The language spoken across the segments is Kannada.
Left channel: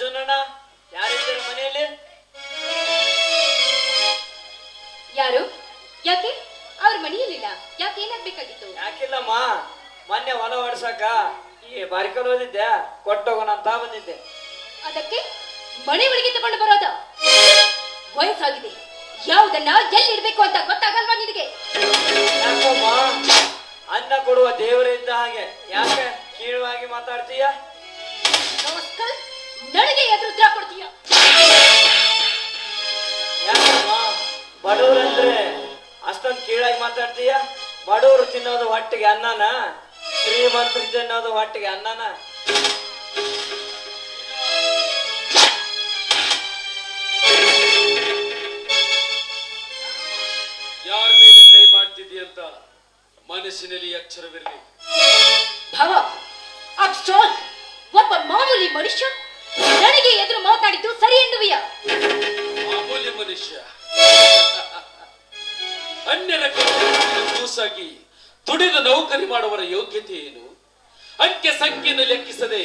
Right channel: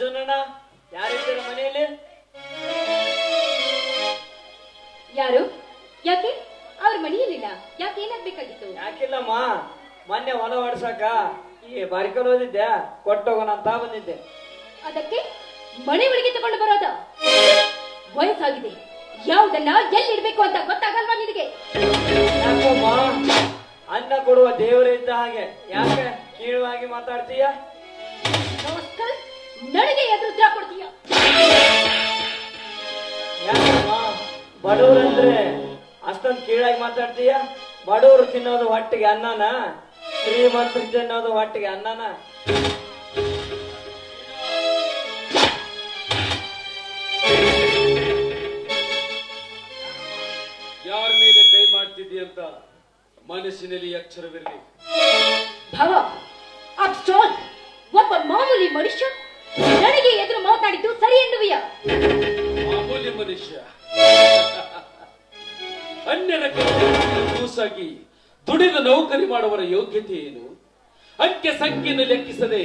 ಅರ್ಜುನಣ್ಣ ಯಾರಿದ್ದೀರ ಮನೆಯಲ್ಲಿ? ಯಾರು? ಯಾಕೆ ಅವ್ರ ಮನೆಯಲ್ಲಿಲ್ಲ? ಯಾಕೆ ಏನಾಗ್ಬೇಕಾಗಿತ್ತು? ಯಾಕಿಲ್ಲಮ್ಮ, ಮೊನ್ನೆ ಹೊಲ ಹೊಡ್ಸಕ ಈ ಬಾರಿಕಲ್ ಓದಿದ್ದೆ, ಕೊಟ್ಟೋಗೋಣ ಅಂತ ಬಂದಿದ್ದೆ. ಅದಕ್ಕೆ ಮನೆ ಒಳಗೆ ತಗೊಂಡು ಬರೋದ? ವಯಸ್ಸಾಗಿದೆ, ಯಾವುದನ್ನ ಎಲ್ಲಿಡ್ಬೇಕು ಅಂತ ಗೊತ್ತಾಗಲ್ವಾ ನಿನಗೆ? ಯಾಕಮ್ಮ, ಅನ್ನ ಕೊಡುವ ದೇವರೇ ಇದ್ದ ಹಾಗೆ ಯಾಕೆ ಕೀಳವಾಗಿ ಮಾತಾಡ್ತೀಯ? ನಮಸ್ಕಾರ, ನನಗೆ ಎದುರು ಉತ್ತರ ಕೊಡ್ತೀಯ? ಯಾಕಮ್ಮ, ಬಡವರಂದ್ರೆ ಅಷ್ಟೊಂದು ಕೀಳಾಗಿ ಮಾತಾಡ್ತೀಯ? ಬಡವರು ತಿನ್ನೋದು ಹೊಟ್ಟಿಗೆ ಅನ್ನನ, ಶ್ರೀಮಂತರು ತಿನ್ನೋದು ಹೊಟ್ಟಿಗೆ ಅನ್ನನ. ಯಾರ ಮೇಲೆ ಕೈ ಮಾಡ್ತಿದ್ದೀಯಂತ ಮನಸ್ಸಿನಲ್ಲಿ ಅಕ್ಷರವಿರಲಿ. ಭವ, ಅಬ್ಸ್ಟಾಲ್, ಒಬ್ಬ ಮಾಮೂಲಿ ಮನುಷ್ಯ ನನಗೆ ಎದುರು ಮಾತಾಡಿದ್ದು ಸರಿ ಎನ್ನುವಿಯ? ಮಾಮೂಲಿ ಮನುಷ್ಯ ಅನ್ಯರ ಕೂಸಾಗಿ ದುಡಿದ ನೌಕರಿ ಮಾಡುವರ ಯೋಗ್ಯತೆ ಏನು? ಅಂಕೆ ಸಂಖ್ಯೆಯನ್ನು ಲೆಕ್ಕಿಸದೆ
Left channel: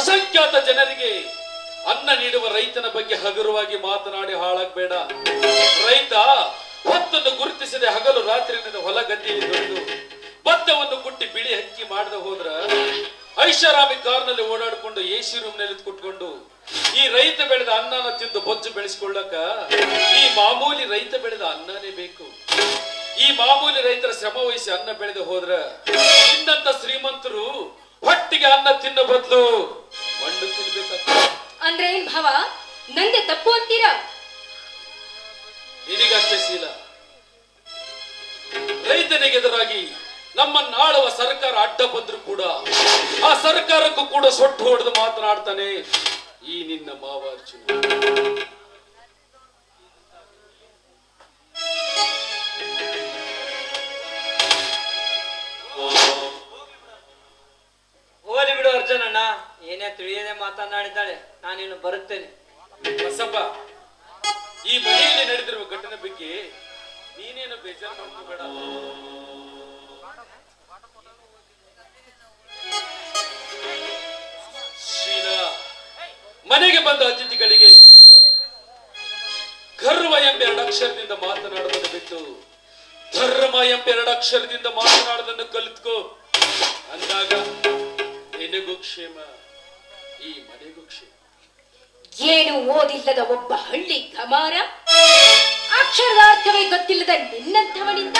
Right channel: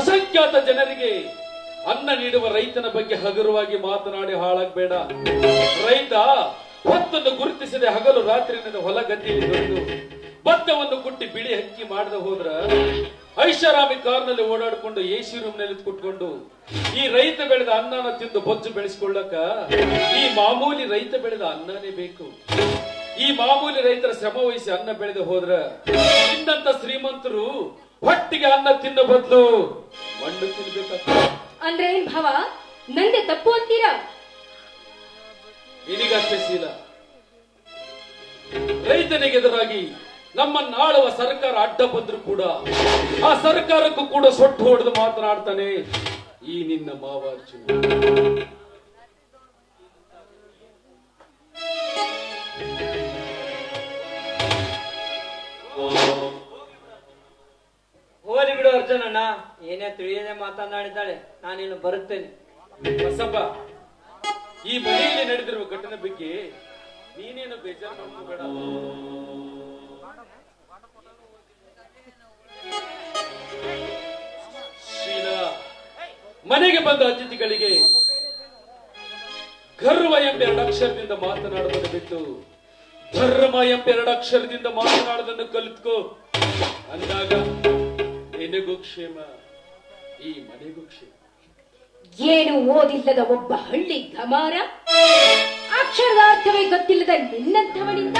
ಅಸಂಖ್ಯಾತ ಜನರಿಗೆ ಅನ್ನ ನೀಡುವ ರೈತನ ಬಗ್ಗೆ ಹಗುರವಾಗಿ ಮಾತನಾಡಿ ಹಾಳಾಗಬೇಡ. ರೈತ ಹೊತ್ತನ್ನು ಗುರುತಿಸದೆ ಹಗಲು ರಾತ್ರಿ ಹೊಲ ಗದ್ದೆಯಲ್ಲಿ ದುಡಿದು ಭತ್ತವನ್ನು ಕುಟ್ಟಿ ಬಿಳಿ ಹಕ್ಕಿ ಮಾಡದೆ ಹೋದ್ರ ಐಷಾರಾಮಿ ಕಾರ್ನಲ್ಲಿ ಓಡಾಡಿಕೊಂಡು ಎಸಿ ರೂಮ್ ನಲ್ಲಿ ಕುಟ್ಕೊಂಡು ಈ ರೈತ ಬೆಳೆದ ಅನ್ನನ ತಿಂದು ಬೊಜ್ಜು ಬೆಳೆಸಿಕೊಳ್ಳಕ ಈ ಮಾಮೂಲಿ ರೈತ ಬೆಳೆದ ಅನ್ನನೇ ಬೇಕು. ಈ ಮಾಮೂಲಿ ರೈತರ ಶ್ರಮ ವಹಿಸಿ ಅನ್ನ ಬೆಳೆದು ಹೋದ್ರ ಇನ್ನಂತ ಶ್ರೀಮಂತರು ಹೊಟ್ಟಿಗೆ ಅನ್ನ ತಿನ್ನ ಬದಲು ಮಣ್ಣು ತಿನ್ಬೇಕಾಗ್ತದೆ. ಅಂದ್ರೆ ಏನ್ ಭಾವ, ನಂದೆ ತಪ್ಪು ಅಂತೀರಾ? ನಿನಗಷ್ಟೇ ಶೀಲ. ರೈತನಿಗೆದುರಾಗಿ ನಮ್ಮನ್ನಾಳುವ ಸರ್ಕಾರ ಅಡ್ಡ ಬಂದ್ರು ಕೂಡ ಆ ಸರ್ಕಾರಕ್ಕೂ ಕೂಡ ಸೊಟ್ಟು ಹೊಡೆದು ಮಾತನಾಡ್ತಾನೆ ಈ ನಿನ್ನ ಮಾವ ಅರ್ಜುನ. ಹೋಲಿ ಬಿಡು ಅರ್ಜುನಣ್ಣ, ಏನೇ ತಿಳಿಯದೆ ಮಾತನಾಡಿದ್ದಾಳೆ, ನಾನಿನ್ನು ಬರುತ್ತೇನೆ. ಬಸಪ್ಪ, ಈ ಮನೆಯಲ್ಲಿ ನಡೆದಿರುವ ಘಟನೆ ಬಗ್ಗೆ ನೀನೇನು ಬೇಜಾರು ಮಾಡ್ಕೋಬೇಡ. ಶೀಲಾ, ಮನೆಗೆ ಬಂದ ಅತಿಥಿಗಳಿಗೆ ಗರ್ವ ಎಂಬ 2 ಅಕ್ಷರದಿಂದ ಮಾತನಾಡುವುದನ್ನು ಬಿಟ್ಟು ಧರ್ಮ ಎಂಬ 2 ಅಕ್ಷರದಿಂದ ಮಾತನಾಡುವುದನ್ನು ಕಲಿತ್ಕೋ. ಅಂದಾಗ ನಿನಗೂ ಕ್ಷೇಮ, ಈ ಮನೆಗೂ ಕ್ಷೇಮ. ಏನು ಓದಿಲ್ಲದ ಒಬ್ಬ ಹಳ್ಳಿ ಗಮಾರ, ಅಕ್ಷರದ ಅರ್ಥವೇ ಗೊತ್ತಿಲ್ಲದ ನಿನ್ನಂಥವನಿಂದ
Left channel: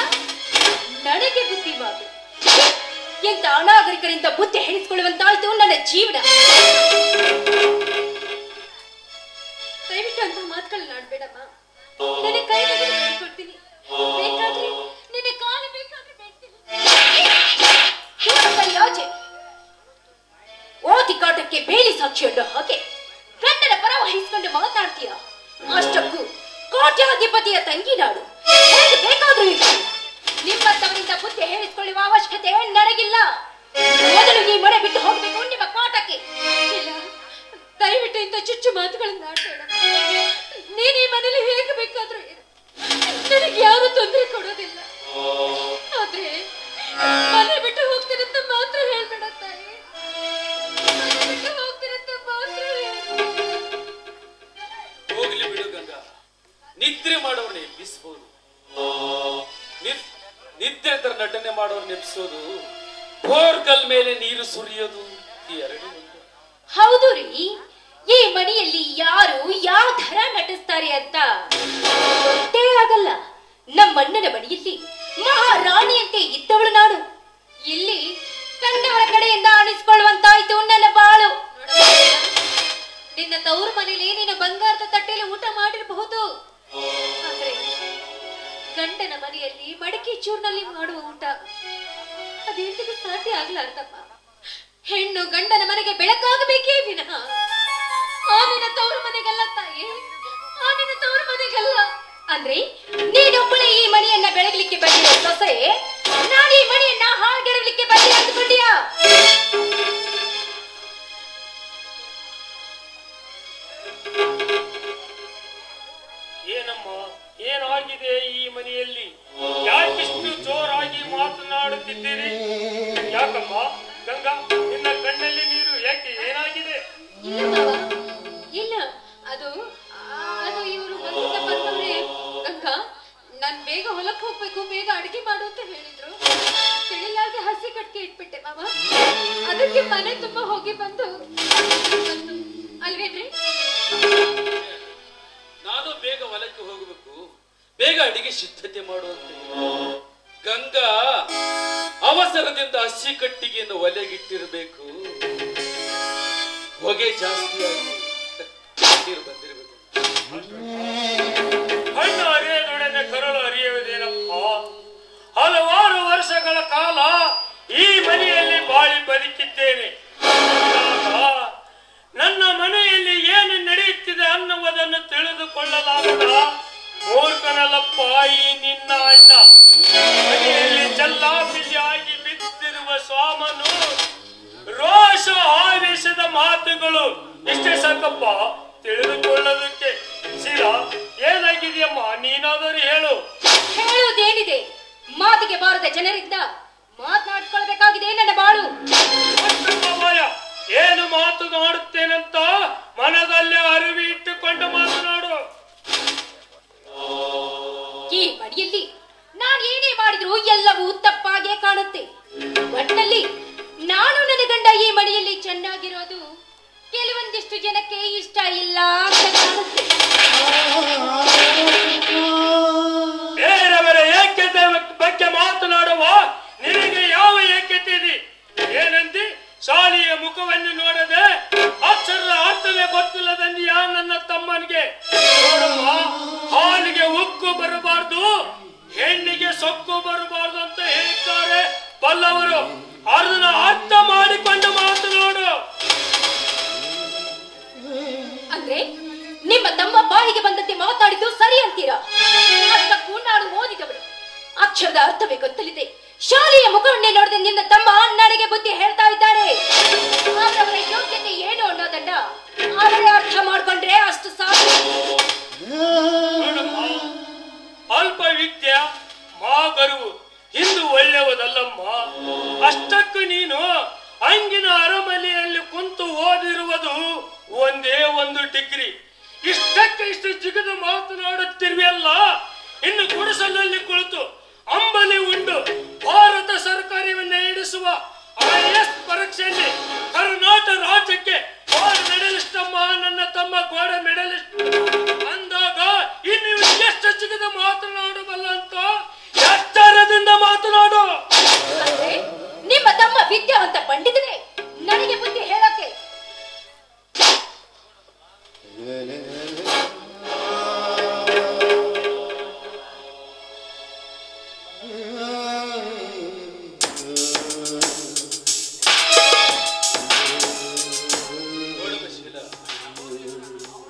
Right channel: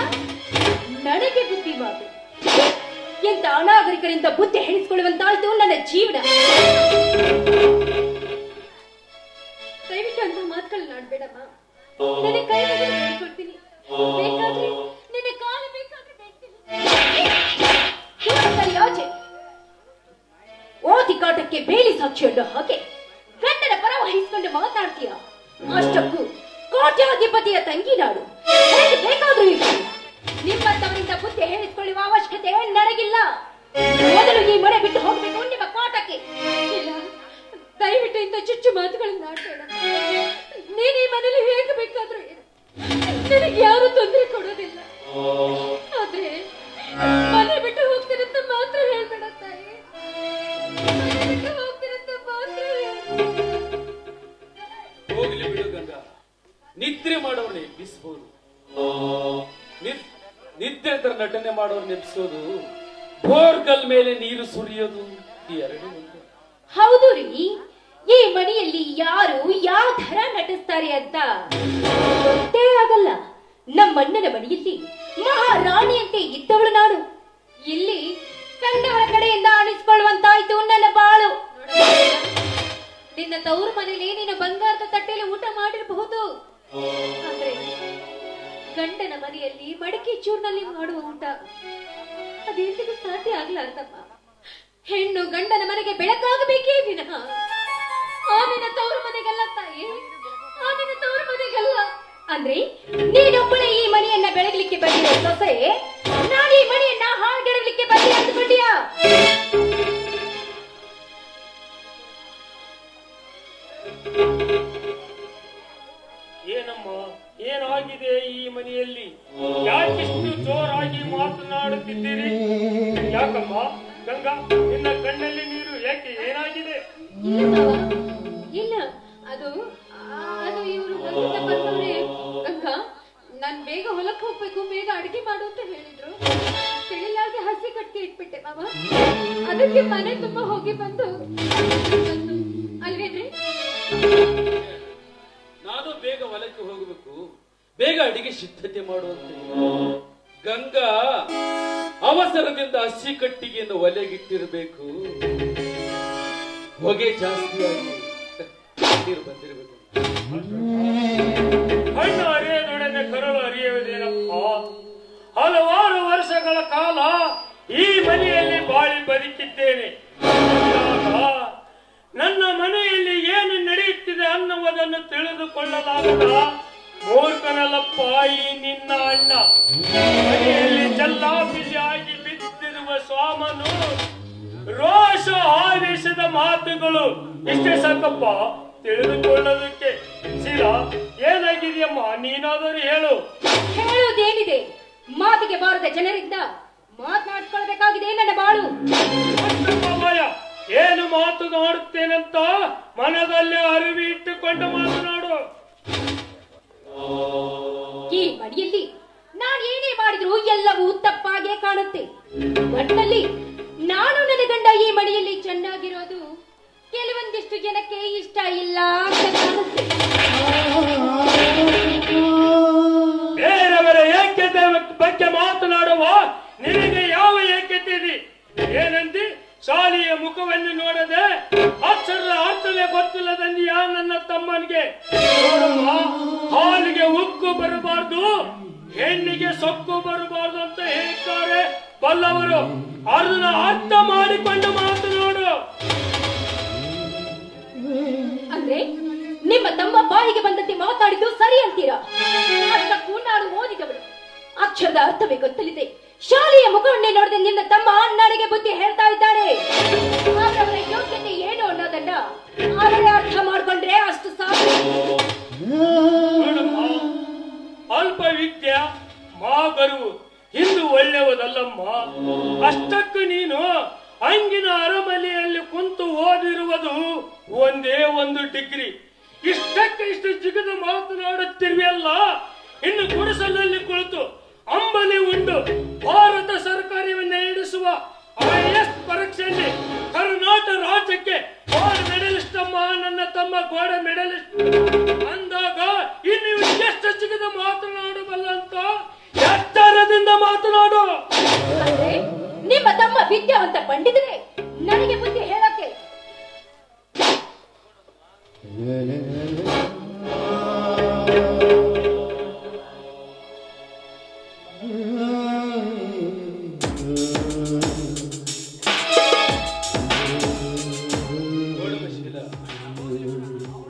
ನನಗೆ ಬುದ್ಧಿ ಮಾತು. ಎಂತ ಅನಾಗರಿಕರಿಂದ ಬುದ್ಧಿ ಹೇಳಿಸಿಕೊಳ್ಳುವಂತಾಯ್ತು ನನ್ನ ಜೀವನ. ದಯವಿಟ್ಟು ಅಂತ ಮಾತುಗಳನ್ನಾಡ್ಬೇಡಮ್ಮ. ನನ್ನ ಕೈ ಕೊಡ್ತೀನಿ, ಬೇಕಾದ್ರೆ ನಿನ್ನ ಕಾಲು ಬೇಕಾದ್ರೆ ಬೇಡ್ತೀನಿ. ಆಚೆ ಓದಿ ಕಾಟಕ್ಕೆ ಬೇಲಿ ಸಾಕ್ಷಿಯನ್ನು ಹಾಗೆ ಗಂಡನ ಪರ ವಹಿಸಿಕೊಂಡು ಮಾತಾಡ್ತೀಯ. ಅಷ್ಟಕ್ಕೂ ಕೋಟ್ಯಾಧಿಪತಿಯ ತಂಗಿ ನಾಡು, ಹೇಗೆ ಬೇಕಾದ್ರೂ ಇರ್ತೀನಿ. ನಿಮ್ಮಂತವರಿಂದ ಬುದ್ಧಿ ಹೇಳಿಸಿಕೊಳ್ಳುವ ಅವಶ್ಯಕತೆ ನನಗಿಲ್ಲ. ಮೊದಲು ಈ ಮನೆ ಬಿಟ್ಟು ಹೋಗ್ಬೇಕು ನಿಮ್ಮ ಕಾಟಕ್ಕೆ. ಇಲ್ಲ, ದಯವಿಟ್ಟು ಇಂಥ ಚುಚ್ಚು ಮಾತುಗಳನ್ನ ಆಡ್ಬೇಡ. ನೀನ್ ಈ ಮನೇಲಿ ಹೇಗೆ ಬೇಕಾದ್ರೂ ನನಗೆ ಯಾರು ತೊಂದರೆ ಕೊಡೋದಿಲ್ಲ. ಆದ್ರೆ ಮನೆ ಬಿಟ್ಟು ಹೋಗ್ತೀರಂತ ಮಾತ್ರ ಹೇಳ್ಬೇಡ ತಾಯಿ. ಹೋಗ್ಲಿ ಬಿಡು ಗಂಗಾ, ನಿದ್ರೆ ಮಾಡೋರ್ನ ಎಬ್ಬಿಸಬಹುದು, ನಿದ್ರೆ ತರ ನಟನೆ ಮಾಡೋರ್ನ ಎಬ್ಬಿಸೋದು, ಬೋರ್ಗಲ್ ಮೇಲೆ ನೀರು ಸುರಿಯೋದು ಈ 2 ಒಂದೇ. ಹೌದು ರೀ, ಈ ಮನೆಯಲ್ಲಿ ಯಾರು ಯಾವ ತರ ನಟಿಸ್ತಾರೆ ಅಂತ ಗೊತ್ತೇ ಆಗಲ್ಲ. ನಮ್ಮಣ್ಣನ ಮನೆಯಲ್ಲಿ ಮಹಾರಾಣಿಯಂತೆ ಇದ್ದವಳು ನಾನು. ಇಲ್ಲಿ ಕಂಡವರ ಕಡೆಯಿಂದ ಅನಿಸ್ಕೊಳ್ಳುವಂತಾಯ್ತು ನನ್ನ ಬಾಳು. ನಿನ್ನ ತವರು ಮನೇಲಿ ನೀನು ಬಂಗಾರದ ತಟ್ಟೆಯಲ್ಲಿ ಊಟ ಮಾಡಿರಬಹುದು, ಆದ್ರೆ ಗಂಡನ ಮನೆಯಲ್ಲಿ ಮಡಿಕೆ ಚೂರ್ನಲ್ಲಿ ಮಾಡುವ ಊಟ ಅದೆಂದಿಗೂ ಸಾಧ್ಯ ಆಗ್ಲಾರ್ದಮ್ಮ. ಹೆಣ್ಣು ಗಂಡನ ಮನೆಗೆ ಬೆಳಕಾಗಬೇಕೇ ವಿನಃ ಆ ನಿನ್ನ ತವರು ಮನೆಗಲ್ಲ ತಾಯಿ, ಆ ನಿನ್ನ ತವರು ಮನೆಗಲ್ಲ. ಅಂದ್ರೆ ನೀನೊಬ್ಬಳೆ ಈ ಮನೆಯನ್ನ ಬೆಳಗಲಿಕ್ಕೆ ಬಂದಿರೋ ಸೊಸೆ, ನಾನು ಈ ಮನೆಯನ್ನ ಹಾಳ್ಗೆಡಲಿಕ್ಕೆ ಬಂದಿ ಅಂದ್ಕೊಂಡಿಯಾ? ಏನಮ್ಮ, ಏನಾಗಿದೆ ಈ ಮನೆಯಲ್ಲಿ? ಯಾಕಿಷ್ಟು ಜೋರಾಗಿ ಮಾತನಾಡುತ್ತಿದ್ದೀರಿ? ಯಾಕಮ್ಮ ಗಂಗಾ, ನಿನ್ನ ಕಣ್ಣಲ್ಲಿ ನೀರು ಯಾಕೆ? ಏನಾಗಿದೆ? ಇಲ್ಲ ಮಾವ, ಅದಕ್ಕೆ ಮನೆ ತುಂಬಾ ಹೋಗಿ ಬಂದು ಅಲ್ವೇನ್ರಿ? ನಾನು ಬೇಗ ಹೊಲಕ್ಕೆ ಹೋಗಬೇಕು, ಬೇಗ ಅಡಿಗೆ ಸಿದ್ಧತೆ ಮಾಡುವಂತೆ. ಗಂಗಾ ಅವಸರದಿಂದ ಹಸಿ ಕಟ್ಟಿಗೆಯನ್ನು ಒಲೆಗಿಟ್ಟಿರಬೇಕು, ಹೊಗೆ ಜಾಸ್ತಿಯಾಗಿ ನೀರು ಬಂದಿರಬೇಕು. ಹಣ್ಣು ಅರಿಯದೊಡನೆ ಕರಳು ಅರಿಯುವುದೇನಪ್ಪ. ಹಲವಾರು ವರ್ಷಗಳ ಕಾಲ ಈ ಮನೆಯಲ್ಲಿ ಬಾಳಿ ಬದುಕಿದ್ದೇನೆ. ನನ್ನ ಮನೆಯಲ್ಲಿ ಏನು ನಡೆಯುತ್ತಿದೆ ಅನ್ನುವುದನ್ನು ತಿಳಿದುಕೊಳ್ಳಲಾಗದ ಮೂರ್ಖನಲ್ಲಪ್ಪ ಈ ನಿನ್ನ ಅಣ್ಣ. ಮನೆಯಲ್ಲಿ ಚಲ್ಲಾಪಿಲ್ಲಿಯಾಗಿ ಬಿದ್ದಿರುವ ಸ್ವಾಮನು ರೋಷ ಆವೇಶದ ಮಾತುಗಳು ಇಷ್ಟೇ ಸಾಕಪ್ಪ ತಿಳಿದುಕೊಳ್ಳೋದಕ್ಕೆ. ಶಿಲಾ, ಏನಾಗಿದೆಯಮ್ಮ? ನೀನಾದರೂ ಹೇಳು. ಹೇಳುವುದೇನಿದೆ? ಮಾತಿಗೆ ಬಾರದ ಜನರಿಂದ ಮಾತನಾಡಿಸ್ಕೊಳ್ಬೇಕಾಗಿದೆ ನನ್ನ ಬಾಳು. ಏನು ಮಾತನಾಡುತ್ತೇನಂತ ಮನದಲ್ಲೇ ಅರಿವಿ ಇಟ್ಟುಕೊಂಡು ಮಾತನಾಡು. ಈ ಮನೆಯಲ್ಲಿ ನಾನು ಏನೇ ಮಾಡಿದ್ರು ಎಲ್ಲವೂ ತಪ್ಪಾಗೆ ಕಾಣುತ್ತೆ. ಒಟ್ಟಿನಲ್ಲಿ ನಾನು ನನ್ನ ಗಂಡ ಈ ಮನೆಯಲ್ಲಿ ಚೆನ್ನಾಗಿರೋದು ಕೆಲವೊಂದಿಷ್ಟು ಜನಕ್ಕೆ ಇಷ್ಟ ಇಲ್ಲ ಅಂತ ಕಾಣುತ್ತೆ. ಬೇರೆಯವರ ಏಕ್ಯತೆ ಬಗ್ಗೆ ಮಾತನಾಡುವ ನಿನಗೆ ಯಾವ ಏಕ್ಯತೆ ಇದೆ? ಏನಂದಿ? ಶಾಲೆಯ ಮುಖವನ್ನು ನೋಡದೆ ಅಕ್ಷರದ ಅರ್ಥವೇ ಗೊತ್ತಿಲ್ಲದಂದಿಯಾ ನನ್ನ ತಮ್ಮನಿಗೆ? ನೋಡಮ್ಮ, ಹಾಲಿಗೆ ಉಕ್ಕು ಬರಬಾರ್ದು, ಹೆಣ್ಣಿಗೆ ಸೊಕ್ಕು ಬರಬಾರ್ದು ಅಂತ ಹೇಳ್ತಾರೆ ಬಲ್ಲವರು. ಅದನ್ನ ಅರ್ಥ ಮಾಡಿಕೊಂಡು ಮಾತನಾಡು. ಅಂದ್ರೆ ನಿಮ್ಮ ತಮ್ಮ ಬಾಯಿಗೆ ಬಂದಂತೆ ಮಾತಾಡಿದ್ದು ಸರಿ ಅಂತೀರಾ? ಅಷ್ಟಕ್ಕೂ ನಾನು ಓದಿದವಳು, ಅಕ್ಷರದ ಅರ್ಥವೇ ಗೊತ್ತಲಿದೆ. ಶಾಲೆಯ ಮುಖವನ್ನೇ ನೋಡದೆ ನಿನ್ನ ತಮ್ಮ ನನಗೆ ಬುದ್ಧಿ ಹೇಳ್ತಾ ಇದ್ದಾನೆ. ಅವರವರ ಯೋಗ್ಯತೆ ಏನು ಅನ್ನೋದನ್ನ ಅವರೇ ಅರ್ಥ ಮಾಡ್ಕೊಂಡ್ರೆ ಅಷ್ಟು ಸಾಕು. ಅಲ್ಪ ವಿದ್ಯೆ ಮಾಗರು ಇಂದು ಒಳ್ಳೆಯದಲ್ಲಮ್ಮ. ಅಷ್ಟಕ್ಕೂ ನೀನು ಅಂಗಿನ ಅರಮನೆಯಲ್ಲಿ ಕುಂತು ಓದಿರುವುದು ಒಂದೇ ಒಂದು ಡಿಗ್ರಿ. ಇಷ್ಟಕ್ಕೆ ಇಷ್ಟು ಜಿಗಿದು ಮಾತನಾಡುತ್ತಿರುವೆಯಲ್ಲ. ಇನ್ನು ಗುಡಿಸಲಲ್ಲಿ ಕುಳಿತು ಅಂಬಲಿ ಉಂಡು ಭಾರತ ಸರ್ಕಾರವನ್ನು ನಡೆಸುವ IAS ಪರೀಕ್ಷೆಯಲ್ಲಿ ಕರ್ನಾಟಕ ರಾಜ್ಯಕ್ಕೆ ಗೋಲ್ಡ್ ಮೆಡಲಿಸ್ಟ್ ಅಮ್ಮ ನನ್ನ ತಮ್ಮ ಗೋಲ್ಡ್ ಮೆಡಲಿಸ್ಟ್ ಅಂದಾಗ ಇನ್ನು ಎಷ್ಟು ಜಿಗಿದು ಮಾತನಾಡಬಲ್ಲ ಅಂತ ಎತ್ತರದಿಂದ ಮಾತನಾಡು. ನಿಮ್ಮ ತಮ್ಮ ವಿದ್ಯಾವಂತ ಪಂಡಿತನೇ, ನನಗೆ ಬುದ್ಧಿ ಹೇಳಕ್ಕೆ.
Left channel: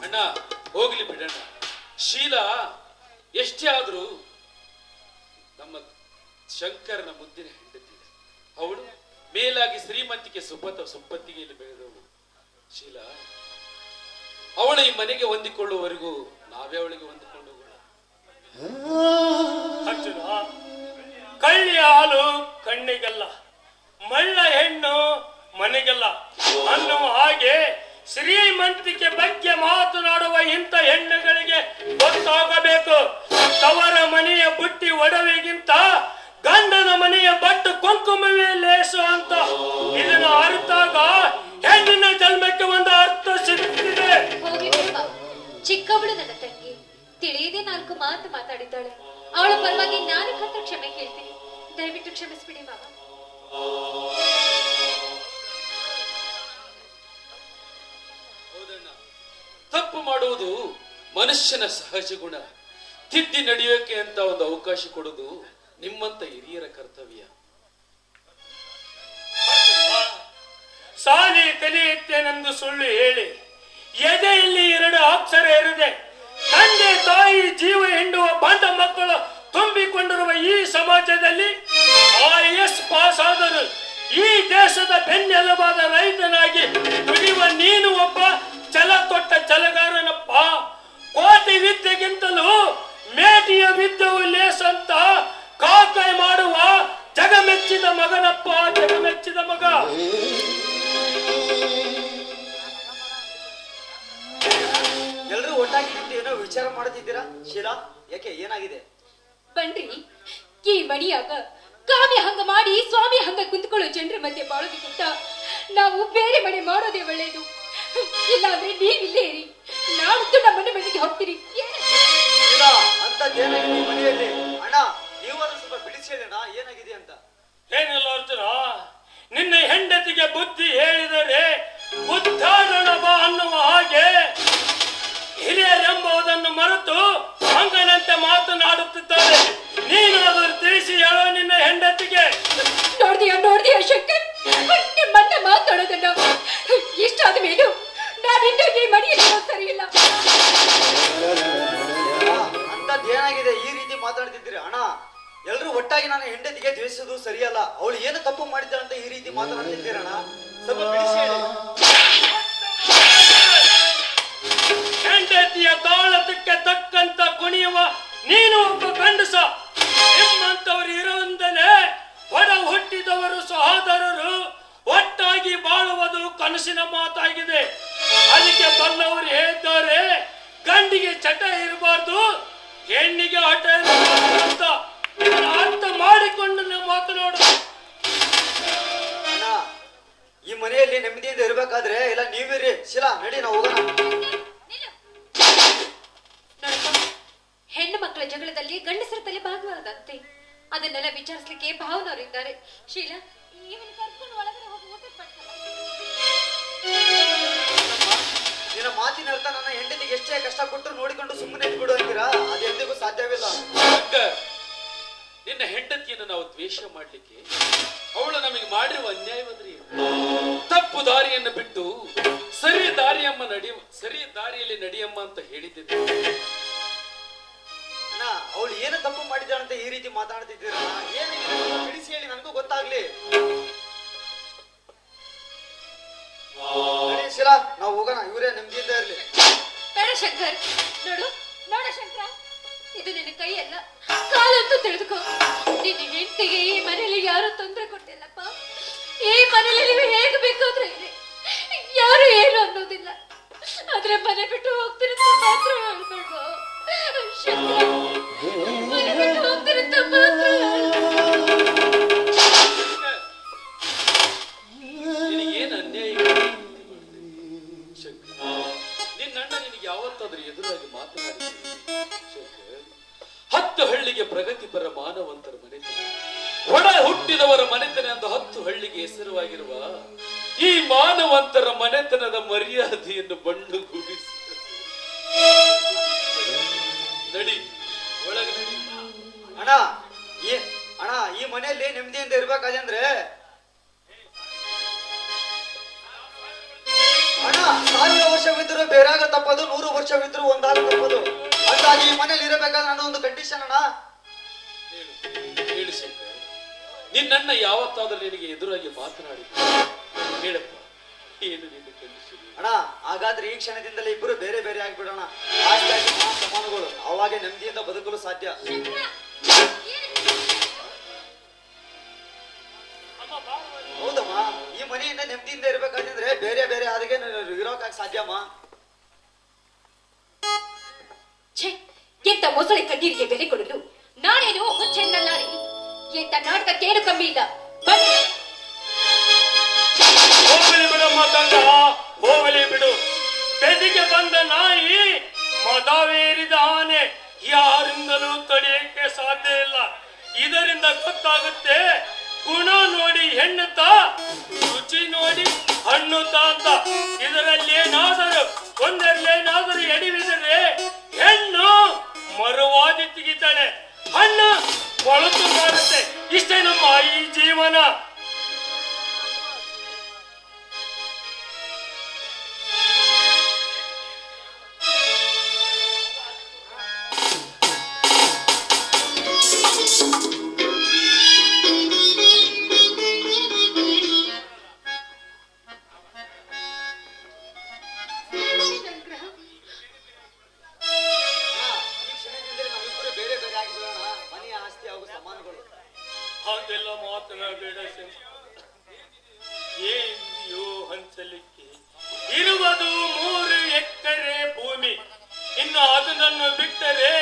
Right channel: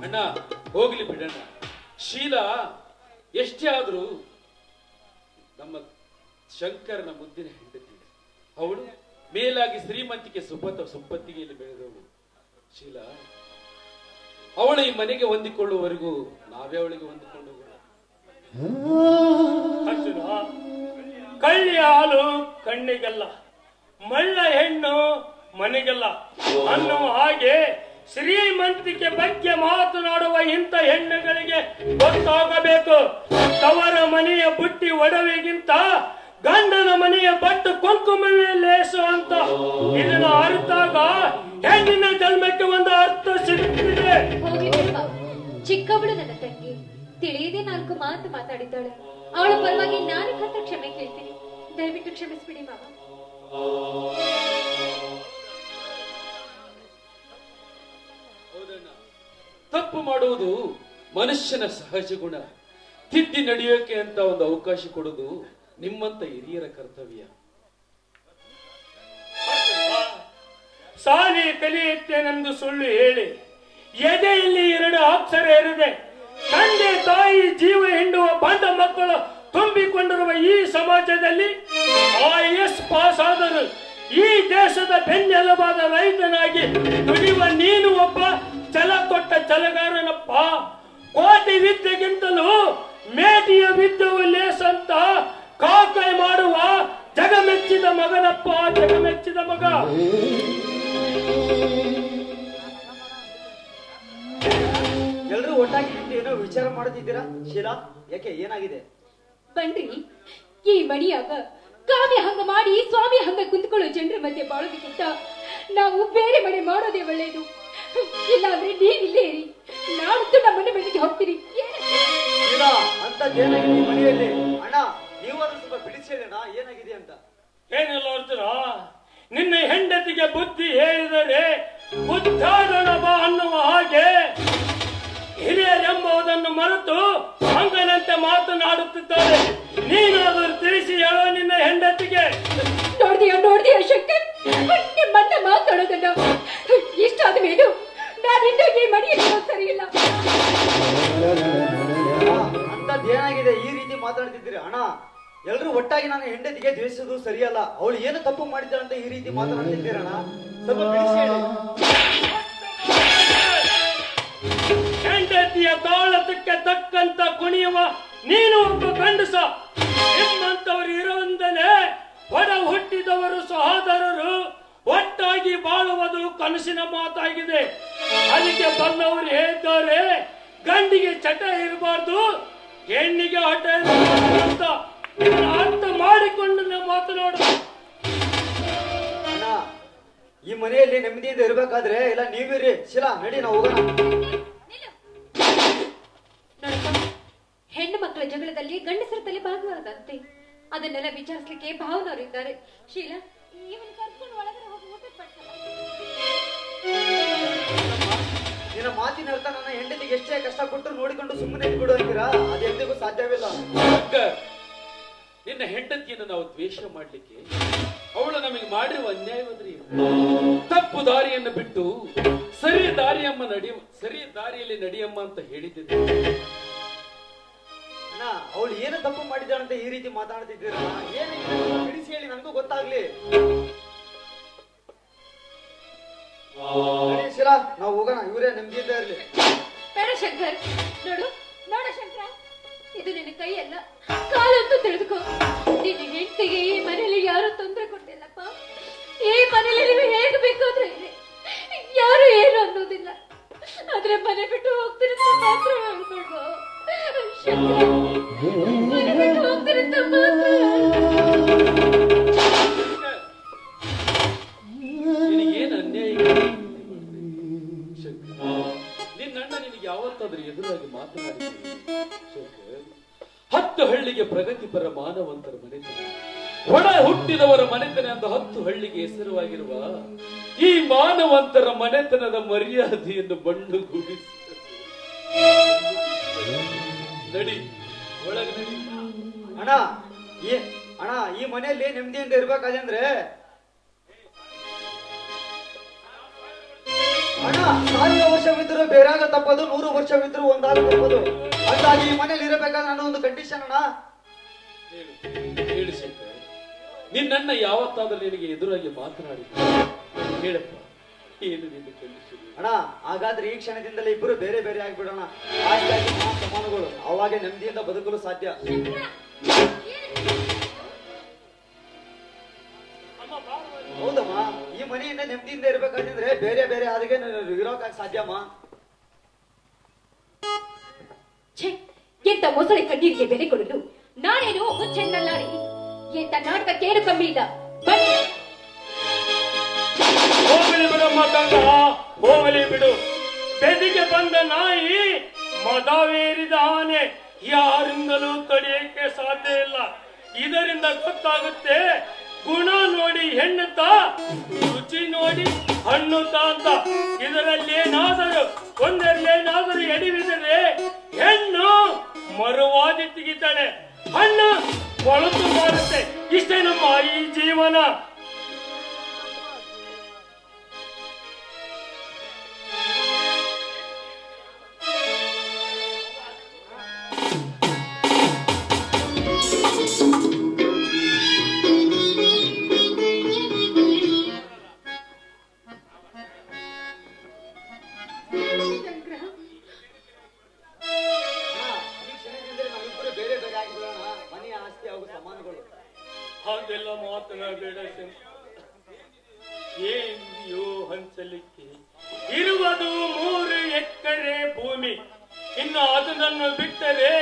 ಅಣ್ಣ ಹೋಗ್ಲಿ ಬಿಡಣ್ಣ. ಶೀಲಾ ಎಷ್ಟೇ ಆದ್ರೂ ನಮ್ಮ ಶಂಕರನ ಮುದ್ದಿನ ಹೆಂಡತಿ. ಅವಳು ಮೇಲಾಗಿ ಶ್ರೀಮಂತಿಕೆ ಸುಪ್ಪತ್ತಿಗೆಯಲ್ಲಿ ಬೆಳೆದವಳು. ಶೀಲಾ ಅವಳು ಈ ಮನೆಗೆ ಹೊಂದಿಕೊಳ್ಳುವವರೆಗೂ ನಾವೇ ಅವಳಿಗೆ ಹೊಂದಿಕೊಂಡು ಹೋಗೋಣ. ಅರ್ಜುನ, ಕಳ್ಳಿಯ ಹಾಲು ಕಣ್ಣಿಗಲ್ಲ, ಮಳ್ಳ ಹೆಣ್ಣು ಮನೆಗಲ್ಲ ಅನ್ನುವ ಹಾಗೆ ಶ್ರೀಮಂತಿಕೆ ಬಗ್ಗೆ ಮಾತನಾಡುವ ಇಂಥ ಹೆಣ್ಣುಗಳಿಗೆ ಗೊತ್ತಾಗಬೇಕು. ತವರ ಮನೆಯ ಬುಟ್ಟಿ ಒಡವೆಗಿಂತ ಗಂಡನ ಮನೆಯ ಬಟ್ಟು ಕುಂಕುಮವೇ ಲೇಸು ಅಂತ. ಇದನ್ನ ಅರ್ಥಾಗ ಹೆಣ್ಣಿನ ಜನ್ಮಕ್ಕೆ ಒಂದು ಅರ್ಥ ಸಿಗುತ್ತಿದೆ. ಚಿಕ್ಕವಳು ನನ್ನ ತಂಗಿ, ತಿಳಿಯದೆ 4 ಮಾತು ಮಾತಾಡಿದ್ದಾಳೆ. ಅವಳ ಪರವಾಗಿ ನಾನು ಹತ್ರ ಕ್ಷಮೆ ಕೇಳ್ತೀನಿ. ದಯವಿಟ್ಟು ಕ್ಷಮಿಸ್ಬಿಡಿ ಮಾವ. ತಪ್ಪು ಮಾಡುವುದು ಮನುಷ್ಯನ ಸಹಜ ಗುಣ. ತಿದ್ದಿ ನಡೆಯೋಕೆ ಅಂತ ಒಂದು ಅವಕಾಶ ಕೊಡುವುದು ನಿಮ್ಮಂತ ಹಿರಿಯರ ಕರ್ತವ್ಯ. ಸಾಲಿ ಕಲಿಯುತ್ತೇನೆಂದು ಸುಳ್ಳು ಹೇಳಿ ಎದೆಯಲ್ಲಿ 2 ಅಕ್ಷರ ಇರದೆ ತಂದೆ ತಾಯಿ ಜೀವ ಹಿಂಡುವ ಬಂದ ಮಕ್ಕಳು ತುಂಬಿಕೊಂಡಿರುವ ಈ ಸಮಾಜದಲ್ಲಿ IAS ಪಾಸ್ ಆದರೂ ಈ ದೇಶದ ಬೆನ್ನೆಲುಬಾದ ರೈತನಾಗಿ ದುಡಿಯುವ ನೀನು ಒಬ್ಬ ಛಲ ತೊಟ್ಟ ಛಲಗಾರನಪ್ಪ. ಕೋಟಿ ವಿದ್ಯೆಗಿಂತಲೂ ಮೇಟಿಯ ವಿದ್ಯೆವು ಲೇಸಂತ ಕಾಕಾಯಿ ಮಾಡುವ ಜಗಮೆಚ್ಚಿದ ಮಗನಪ್ಪ, ಜಗಮೆಚ್ಚಿದ ಮಗ. ಎಲ್ರೂ ಒಟ್ಟಾಗಿ ಏನೋ ವಿಚಾರ ಮಾಡುತ್ತಿದ್ದೀರಾ? ಶೀಲಾ, ಯಾಕೆ ಏನಾಗಿದೆ? ಬನ್ರಿ, ಈ ಮಣಿಯಾಗ ಕಾವ್ಯ ಹಂಗ ಮಾಡಿ ಸ್ವಾಮಿ ಹಂಗ ಕುಂತ್ಕೊಳ್ಳೋ ಜನರ ಮಧ್ಯೆ ಬಾಳೋದಕ್ಕಿಂತ ನಾವು ಬೇರೆ ಮನೆ ಮಾಡೋದೇ ಒಳ್ಳೆಯದು. ಇಲ್ಲಾಂದ್ರೆ ನೀವಿಲ್ಲೇ ಇರಿ, ನಾನಂತೂ ನಮ್ಮ ಮನೆಗೆ ಹೋಗ್ತೀರಿ. ಇಲ್ಲ ಅಂತದ್ದೇನಾಗಿದೆ ಈ ಮನೆಯಲ್ಲಿ? ಅಣ್ಣ ನೀವಾದ್ರೂ ಸ್ವಲ್ಪ ಬಿಡಿಸಿ ಹೇಳೋಣ ಏನಾಗಿದೆ ಅಂತ. ಏನಿಲ್ಲ ಅರ್ಜುನ, ನಿನ್ನ ಹೆಂಡತಿಗೆ ಬುದ್ಧಿ ಹೇಳಿದರೆ ಬುದ್ಧಾಡಣ ಬಾ ಅನ್ನುವ ಹಾಗೆ ಹಿರಿಯರೆಂಬುದನ್ನು ಮರೆತು ಹಂಗನಂತೆ ಮಾತನಾಡುತ್ತಿದ್ದಾರೆ. ನೀನಾದರೂ ತಿಳಿಸಿ ಹೇಳೋ ನಿನ್ನ ಹೆಂಡತಿಗೆ. ನೋಡ್ದಿಯಾ ಶಂಕರ್, ನಿಮ್ಮನ್ನ ಮಾತಾಡೋದನ್ನ ಇಷ್ಟಾದ ಮೇಲೂ ನಾನಿಂದು ಈ ಮನೆಯಲ್ಲಿ ಸರಿ ಇಲ್ಲ. ಅಂತದ್ದೇನಾಗಿದೆ ಈ ರೀತಿ ಮಾತಾಡ್ತಿದ್ದೀರಿ? ಅಣ್ಣ ಎಲ್ರು ಒಟ್ಟಾಗಿ ನಾನು ಹೆಂಡತಿಗೆ ದ್ವೇಷಿಸೋದು ಸರಿಯಲ್ಲ. ಅವಳು ಏನು ತಪ್ಪು ಮಾಡಿದ್ದಾಳೆ ಅಂತ ಈ ರೀತಿ ಮಾತನಾಡ್ತಿದ್ದೀರಣ್ಣ, ಸ್ವಲ್ಪ ಬಿಡಿಸಿ ಹೇಳಿ. ಹೆಂಡತಿಯ ತಾಳತಕ್ಕೆ ತಕ್ಕಂತ ಕುಣಿಯುವ ನೀನು ಒಬ್ಬ ಗಂಡಸ. ನಿಮ್ಮಂತವರು ಇರುವಂದನೆ ಹೊರ ಹುಟ್ಟಿದವರು ಸಹೋದರರು ಒಟ್ಟಾಗಿ ಬಾಳುವುದು ಕನಸಿನ ಮಾತಾಗಿದೆ. ಅದಕ್ಕೆ ಬಲ್ಲವರು ಹೇಳ್ತಾರೆ, ಗಂಡಿಗೆ ಚಟ ಇರಬಾರ್ದು, ಹೆಣ್ಣಿಗೆ ಹಠ ಇರಬಾರ್ದು ಅಂತ. ಇದನ್ನ ಅರ್ಥ ಮಾಡಿಕೊಂಡು ನೀವು ಮಾತನಾಡು. ಅಣ್ಣ ಈ ಮನೆಯಲ್ಲಿ ನೆಮ್ಮದಿಯಿಂದ ಇರ್ಬೇಕಾದ್ರೆ ಇಲ್ಲ ನೀವಿರಿ. ಶಿಲಾ ನಡಿ ನಾವು ಹೋಗೋಣ. ಹೆಣ್ಣು ಮಕ್ಕಳ ಜಗಳದಲ್ಲಿ ಗಂಡಸರ ತಲೆ ಭಾಗವಾದಂತೆ ಅದನ್ನೆಲ್ಲ ವಿಚಾರಿಸಲಿಕ್ಕೆ ಭಾವನವರು ಇದ್ದಾರೆ. ಶೀಲಾ, ಇವನು ಕರ್ಕೊಂಡು ಒಳಗಡೆ ಹೋಗಿ ಊಟ ನಿನ್ನ ಮಾತಿನ ಅರ್ಥ ನನ್ನ ಹೆಂಡತಿಗೆ ಎಷ್ಟೇ ಕಷ್ಟ ಕೊಟ್ಟರು ನೋಡಿಕೊಂಡು ಸುಮ್ಮನೆ ಬಿಡು ಅಂತೀರಾ? ಅದು ಎಂದಿಗೂ ಸಾಧ್ಯವಿಲ್ಲ. ನಿನ್ನ ಹೆಂಡತಿಯನ್ನು ನಾವು ದ್ವೇಷ ಮಾಡ್ಲಿಕ್ಕೆ ಅವಳು ನಮಗೆ ಮಾಡಿರುವ ಅನ್ಯಾಯವಾದ್ರಿ. ತಪ್ಪು ದಾರಿಯನ್ನು ಬಿಟ್ಟು ಸರಿ ದಾರಿಯಲ್ಲಿ ನಡೆಯಮ್ಮ ಅಂತ ಹೇಳಿದ್ದೆ. ಅಣ್ಣ ಅವಳು ಏನು ತಪ್ಪು ಮಾಡಿದ್ದಾಳೆ ಅಂತ ಈ ರೀತಿ ಮಾತಾಡ್ತಿದ್ದೀರಣ್ಣ, ಏನು ತಿಳಿಸಿ ಹೇಳಿ, ನನಗೂ ಗೊತ್ತಾಗ್ಲಿ. ಶಿಲಾ ನಾವು ಹೋಗೋಣ, ಇವರೇ ನೆಮ್ಮದಿಯಿಂದ ಇರ್ಲಿ. ಬೇಡ ಶಂಕರ್, ನೋಡ ಶಂಕರ, ಇದು ನಿನ್ನ ಕೈಯಲ್ಲ ಕಾಲಂತೂ ತಿಳಿದುಕೋ. ನಿನ್ನ ಹೆಂಡತಿಗೆ ಈ ಮನೇಲಿ ಯಾರು ತೊಂದರೆ ಕೊಟ್ಟಿಲ್ಲಪ್ಪ. ಈ ಮನೇಲಿ ನೀವು ಹೇಗೆ ಬೇಕಾದ್ರೆ ಯಾರು ಏನು ಅನ್ನೋದಿಲ್ಲ. ಆದ್ರೆ ಮನೆ ಬಿಟ್ಟು ಹೋಗ್ತಿರಂತ ಮಾತ್ರ ಹೇಳ್ಬೇಡ್ವ ಶಂಕರ, ಮನೆ ಬಿಟ್ಟು ಹೋಗ್ತಿರಂತ ಮಾತ್ರ. ನಿನಗೇನು ಅನ್ಯಾಯ ನಿನ್ನಣ್ಣ ನಿನಗೆ ಯಾವತ್ತಾದ್ರೂ ಎದುರಾಗಿ ಮಾತನಾಡಿದ್ದೀವಿ? 10 ಹಳ್ಳಿಗೆ ಪ್ರಗತಿಪರ ಮಾನವಂತರ ಮನೆತನ, ಒಡ ಹುಟ್ಟಿದವರ ಮನೆತನ ಅಂತ 10 ಹಳ್ಳಿಗೆ ಹೆಸರುವಾಗಿರುವ ಈ ಮಾನವಂತರ ಮನೆತನದ ಮರ್ಯಾದೆಯನ್ನು ಬಣ್ಣಗೂಡಿಸಿ ನಡಿ, ಒಳಗೆ ನಡಿ. ಅಣ್ಣ ಈ ಮನೆಯಲ್ಲಿ ನೆಮ್ಮದಿಯಿಂದ ಇರ್ಬೇಕಾದ್ರೆ ಅಣ್ಣ 1000 ವರ್ಷವಿದ್ರು ಬೇರಾಗ ತಪ್ಪದು, 100 ವರ್ಷವಿದ್ರು ಒಂದಾಗ ತಪ್ಪದು. ಹಾಗಾಗಿ ಈ ಮನೇಲಿ ಇರಬೇಕಾದ್ರೆ ನನ್ನ ಒಂದು ಕಂಡೀಷನ್ ಅಣ್ಣ. ಹೇಳು ಶಂಕರ್, ನಿನ್ನಣ್ಣ ಯಾವತ್ತಾದ್ರೂ ನಿನಗೆ ಎದುರಾಗಿ ಮಾತನಾಡಿ ಹೇಳಪ್ಪ, ಏನು ನಿನ್ನ ಕಂಡೀಷನ್? ಅಣ್ಣ ಹಾಗಾದ್ರೆ ಈ ಕ್ಷಣದಿಂದಲೇ ಇಬ್ಬರು ಬೇರೆ ಬೇರೆ ಆಗ್ಬಿಡೋಣ. ಆಸ್ತಿಯಾಗಿ ಸಮಾನಗಳು, ಅವಾಗೆ ನೆಮ್ಮದಿಯಿಂದ ಬದುಕಲು ಸಾಧ್ಯ. ಹೌದಮ್ಮ, ಈ ಮನೆಯಿಂದ ನೆಮ್ಮದಿಯಿಂದ ಇರ್ಬೇಕಾದ್ರೆ ಬೇರೆ ಬೇರೆ ಆದ್ರೆ ಇರೋಕಾಗ ಸಾಧ್ಯಮ್ಮ. ಎಂತ ಮೊಸಳೆ ಕಣ್ಣೀರಿಗೆ ಬೆಲೆ ಕೊಡಲು ನಾನೇನು ಹುಚ್ಚೆನ್ನಲ್ಲ ರೀ. ಎಂತ ನಾಟಕಕ್ಕೇನು ಕಮ್ಮಿ ಇಲ್ಲ. ಹೋಗಲಿ ಬಿಡಮ್ಮ ತಂಗ, ಹೋಗಲಿ ಬಿಡು. ಬೆದಿಗೆ ಬಂದ ನಾಯಿ ಮದವೇರಿದ ಆನೆ ಯಾರಿಂದಲೂ ತಡೆಯಕ್ಕೆ ಸಾಧ್ಯ ಇಲ್ಲ. ಇದರಿಂದ ಗೊತ್ತಾಗುತ್ತೆ ಗುಣ ನೋಡಿ ಹೆಣ್ಣುತ್ತ, ರುಚಿ ನೋಡಿ ಹಣ್ಣುತ್ತ ಅಂತ. ಇದರಲ್ಲಿ ಒಂದರಲ್ಲೇನಾದರೂ ಎಡಿವಿದರೆ ಹೆಣ್ಣು ಮರುವಾದಿ ತೆಗಿತಾಳೆ, ಹಣ್ಣು ಕೊಳತು ಮಾಡುತ್ತೆ. ಇಷ್ಟೇ ನಮ್ಮ ಈ ಜೀವನ. ಹಾಗೆಲ್ಲ ಮಾತನಾಡಬೇಡ. ಏನಿದೆಯೋ ಹಂಚಲಿಕ್ಕೆ ಇರುವುದು 3 ಎಕರೆ ಭೂಮಿ. ಇನ್ನು ಅದನ್ನು ಬಿಟ್ಟರೆ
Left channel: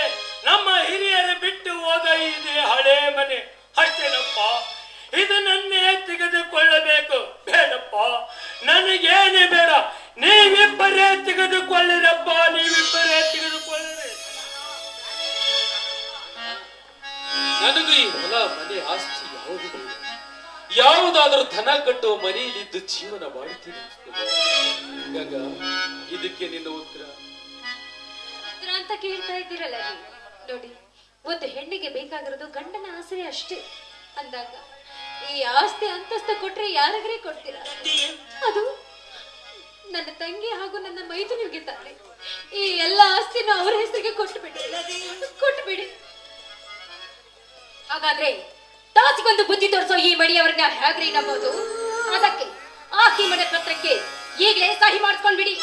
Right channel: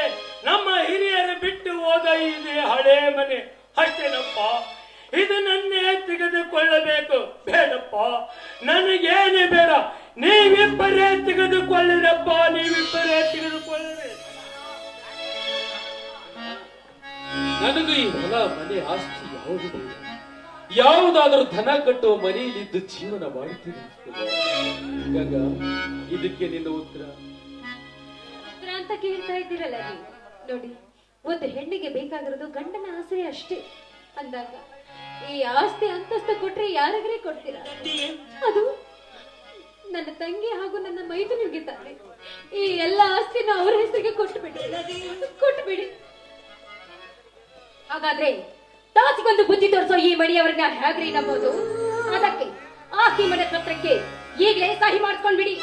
ನಮ್ಮ ಹಿರಿಯರು ಬಿಟ್ಟು ಹೋದ ಇದೆ ಹಳೆ ಮನೆ. ಅಷ್ಟೇನಪ್ಪ, ಇದನ್ನೇ ತೆಗೆದುಕೊಳ್ಳಬೇಕು. ಬೇಡಪ್ಪ, ನನಗೇನೇ ಬೇಡ, ನೀವಿಬ್ಬರೇ ತೆಗೆದುಕೊಳ್ಳಿರಪ್ಪ, ನೀವಿಬ್ಬರೇ ತೆಗೆದುಕೊಳ್ಳಿರಿ. ನನಗೂ ಈ ಹೊಲ ಮನೆ ಆಸ್ತಿ ಯಾವುದು ಬೇಡ. ಯಾವುದಾದ್ರೂ ಧನ ಕಟ್ಟುವ ಮನೆಯಲ್ಲಿದ್ದು ಜೀವನ ಮಾಡ್ತೀನಿ ಗಂಗಾ. ಇದಕ್ಕೆ ನಿನ್ನ ಉತ್ತರ ಅಂತ ಕೇಳ್ತಾ ಇದ್ದೀರಲ್ಲ ನೀವು. ನೋಡಿ, ಒಂದು ಹೆಣ್ಣಿಗೆ ಬೇಕಾಗಿರೋದು ಗಂಡನ ಆಸೆ ಅಷ್ಟೇ ಅಂದಾಗ ಈ ಆಸ್ತಿ ಅಂತಸ್ತು ಕೊಟ್ರೆ ಯಾರಿಗೇ ಕೊಡ್ತೀರಾ? ಅದು ನನ್ನ ತಂಗಿ ಹಾಗೂ ನನ್ನ ಮೈದುನಿಗೆ ತಾನೆ. ಈ ಎಲ್ಲ ಆಸ್ತಿನೂ ಅವರ ಹೆಸರಿಗೆ ಕೊಟ್ಟುಬಿಡಿ. ಹಾಗಾದ್ರೆ ತಾಸಿಗೊಂದು ಬುದ್ಧಿ ತೋರಿಸೋ ಈ ಮಣಿಯವರನ್ನ ಹೇಗ್ರಿ ನಂಬೋದು? ಅದಕ್ಕೆ ಆಸ್ತಿ ಮನೆ ಪತ್ರಕ್ಕೆ ಈಗಲೇ ಸಹಿ ಮಾಡಿಸ್ಕೊಂಡ್ಬಿಡಿ.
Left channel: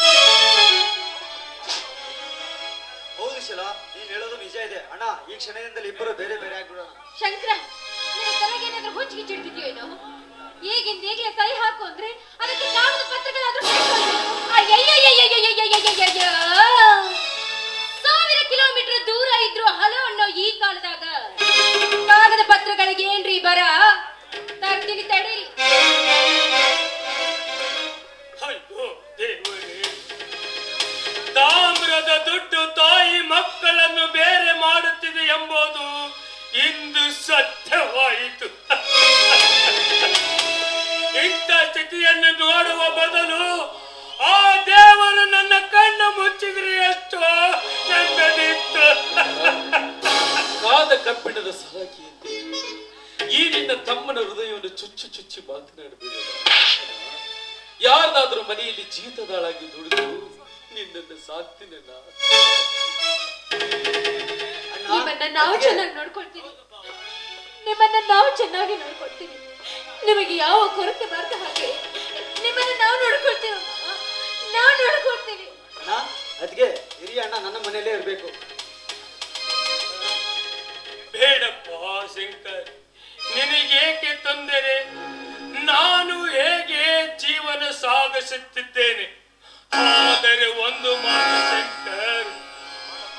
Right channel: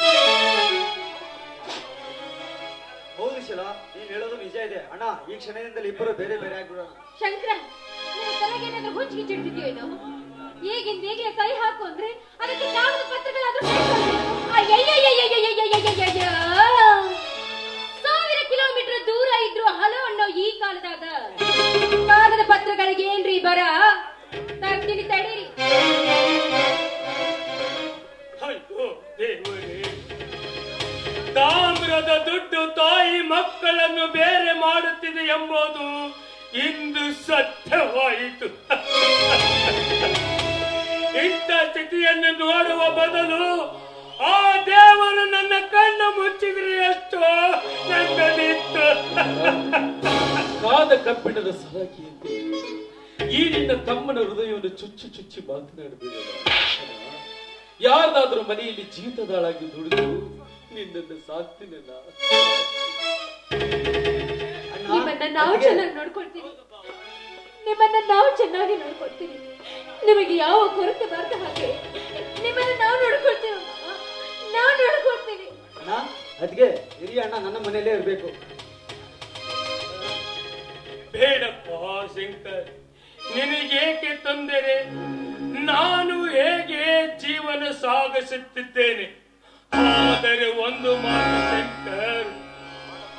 ಹೌದು ಶಿಲಾ, ನೀನ್ ಹೇಳೋದು ನಿಜ ಇದೆ ಅಣ್ಣ. ಈ ಕ್ಷಣದಿಂದಲೇ ಇಬ್ಬರು ಬೇರೆ ಬೇರೆ ಆಗ್ಬಿಡೋಣ. ಶಂಕರ, ನಿನ್ನ ತಲೆಗೇನಾದ್ರೂ ಹುಚ್ಚಿಗೆ ಚಿಡ್ತಿದ್ಯೋ ಏನೋ? ಈಗಿಂದ ಈಗಲೇ ಸಹಿ ಹಾಕು ಅಂದ್ರೆ ಅದಕ್ಕೆ ಕಾಗದ ಪತ್ರಗಳಾದ್ರೂ 1000 ಕಿಲೋಮೀಟರ್ ದೂರ ಇದ್ರು ಹಲೋ ಅನ್ನೋ ಈ ಕಾಲದಾಗ ಕಾಗದ ಪತ್ರಗಳಿಗೆ ಏನ್ರಿ ಬರ? ತರ್ತೀನಿ ತಡೀರಿ. ತಾಮ್ರದ ದುಡ್ಡು ತಾಯಿ ಮಕ್ಕಳನ್ನು ಬೇರೆ ಮಾಡುತ್ತಿದೆ ಎಂಬುದು ಇಂದು ಸತ್ಯವಾಯಿತು. ಇಂಥ ಸ್ಥಿತಿಯನ್ನು ನೋಡುವ ಬದಲು ಆ ದೇವರು ನನ್ನ ಕಣ್ಣು ಮುಚ್ಚಿದ್ರೆ ಎಷ್ಟೋ ನೆಮ್ಮದಿತ್ತು. ಕಾದ ಕಬ್ಬಿಣದ ಸಲಾಕಿಯಂತೆ ಈ ನಿನ್ನ ತಮ್ಮನ ಹೃದಯವನ್ನು ಚುಚ್ಚಿ ಮಾತನಾಡಬೇಡ. ಯಾರ್ದಾದ್ರೂ ಮನೆಯಲ್ಲಿ ಜೀತದಾಳಾಗಿ ದುಡಿದು ನಿನ್ನನ್ನು ಸಾಕ್ತೀನಿ. ನಿಮ್ಮನ್ನ ನಾವು ಚೆನ್ನಾಗಿ ನೋಡ್ಕೊಳ್ತೀವಿ. ನಿಮಗೆ ಯಾವ ಕೊರತೆ ಬಾರ್ದ ಹಾಗೆ ನಿಮ್ಮನ್ನ ನಾವು ನೋಡ್ಕೊಳ್ತೀವಿ. ಅಣ್ಣ, ಅದ್ಗೆ ಹಿರಿಯ ಅಣ್ಣ ನನ್ನ ಮನೆಯಲ್ಲೇ ಇರ್ಬೇಕು. ಬೇಡಪ್ಪ ಶಂಕರ್, ನಿನಗೇಕೆ ತೊಂದರೆ? ನಾನು ಹೇಗೆ ಜೀವನ ಸಾಗಿಸುತ್ತಿದ್ದೇನೆ. ಆದರೆ ಒಂದು ಮಾತು ಶಂಕರ್,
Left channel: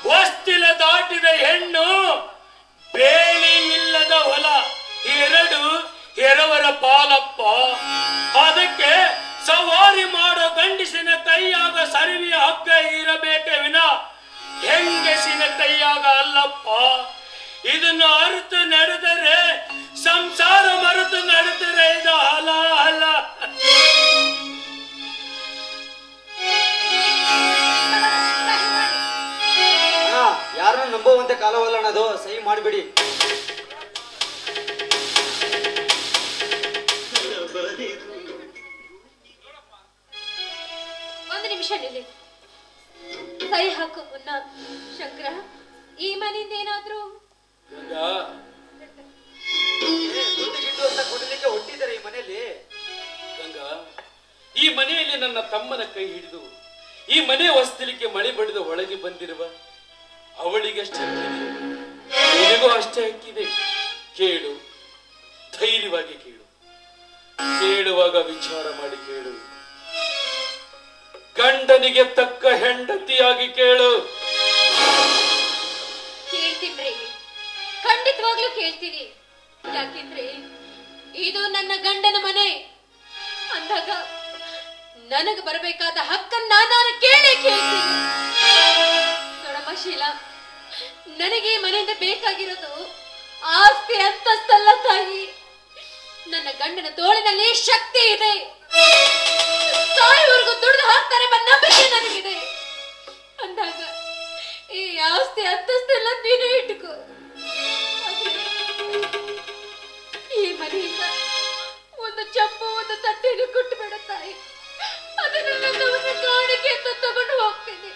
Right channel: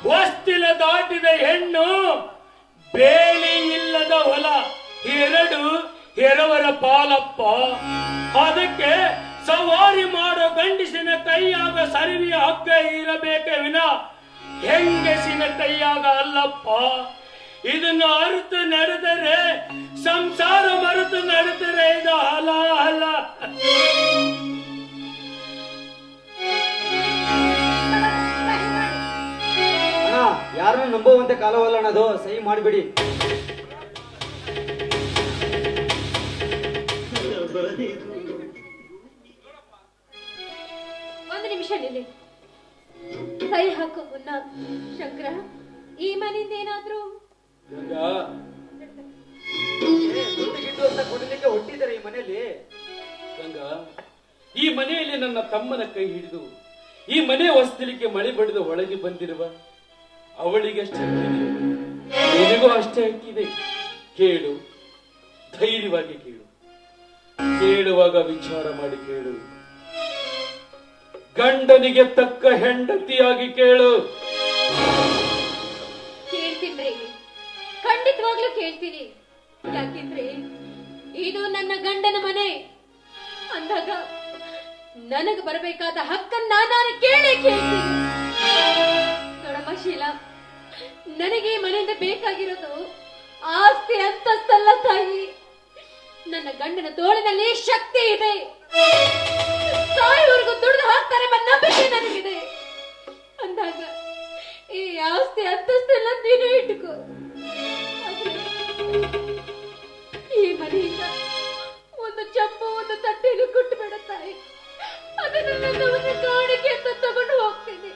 ಹೊಸ್ತಿಲ ದಾಟಿದ ಹೆಣ್ಣು, ಬೇಲಿ ಇಲ್ಲದ ಹೊಲ, ಎರಡು ಎರವರ ಪಾಲಪ್ಪ. ಅದಕ್ಕೆ ಸವಾರಿ ಮಾಡೋ ಗಂಡಸಿನ ಕೈಯಾಗ ಸರಿವಿಯ ಹಗ್ಗ ಇರಬೇಕೆ ವಿನ ಹೆಂಗಸಿನ ಕೈಯಾಗ ಅಲ್ಲಪ್ಪ. ಇದನ್ನು ಅರಿತು ನಡೆದರೆ, ಸಂಸಾರ ಮರೆತು ನಡೆದರೆ ಇದು ಹಲ. ಯಾರನ್ನ ನಂಬುವಂತೆ ಕಾಲವಲ್ಲ ಅನ್ನೋದು, ಸಹಿ ಮಾಡಿಬಿಡಿ. ಒಂದು ನಿಮಿಷ ನಿಲ್ಲಿ. ಸಹಿ ಹಾಕೋ ಮುನ್ನ ಶಂಕರ, ಈ ಮನೆಯಿಂದ ಏನಾದ್ರೂ ದುಡ್ಡು ಅಂತ ಕೊಡಲಿಕ್ಕೆ ಹೊಟ್ಟಿದ್ದಾರೆ ಈ ಮನೆಯಲ್ಲಿ. ಗಂಗಾ, ಈ ಮನೆಯಲ್ಲಿ ನನ್ನ ತಮ್ಮನ ಕೈ ಹಿಡಿದು ಈ ಮನೆ ಹೊಸ್ತಿಲಿಕ್ಕೆ ಮಳೆ ಬಡಿದು ಒಳಗೆ ಬಂದಿರುವ ಅವಳಿಗೆ ಅಷ್ಟೇ ಹಕ್ಕಿದೆ, ನಿನಗೂ ಅಷ್ಟೇ ಹಕ್ಕಿದೆ. ಕೇಳು, ಧೈರ್ಯವಾಗಿ ಕೇಳು. ಕೇಳುವಾಗ ವಿಚಾರ ಮಾಡಿ ಕೇಳು. ಗಂಡನಿಗೆ ತಕ್ಕ ಹೆಂಡತಿಯಾಗಿ ಕೇಳು. ಕೇಳ್ತೀನಿ, ಖಂಡಿತವಾಗ್ಲೂ ಕೇಳ್ತೀನಿ. ಯಾಕೆಂದ್ರೆ ಇದು ನನ್ನ ಗಂಡನ ಮನೆ ಅಂದಾಗ ನನಗೆ ಬರಬೇಕಾದ ಹಕ್ಕನ್ನ ನಾನು ಕೇಳ್ತೀನಿ. ನೋಡಮ್ಮ ಶೀಲಾ, ನನಗೆ ಈ ಮನೆಯಿಂದ ಬೇಕಾಗಿರೋದು ಆಸ್ತಿ ಅಂತಸ್ತಲ್ಲ ತಾಯಿ. ನನ್ನ ಗಂಡನ ತೋಳಿನಲ್ಲಿ ಶಕ್ತಿ ಇದೆ. ತಾಯಿವರೆಗೂ ದುಡಿದು ಹಾಕ್ತಾರೆ ಎಂಬ ನಂಬಿಕೆ ನನಗಿದೆ. ಅಂದಾಗ ಈ ಆಸ್ತಿ ಅಂತಸ್ತೆಲ್ಲ ನೀನೇ ಇಟ್ಟುಕೋ. ಈ ಮನೆಯಿಂದ ಒಂದು ಚಂಪು, ಒಂದು ತಟ್ಟೆಯನ್ನು ಕೊಟ್ಟು ಬೇಡ ತಾಯಿ. ಅದನ್ನು ನನ್ನ ಒಂದು ಕಾಣಿಕೆ ಅಂತ ತಗೊಂಡು ಹೋಗ್ತೀನಿ.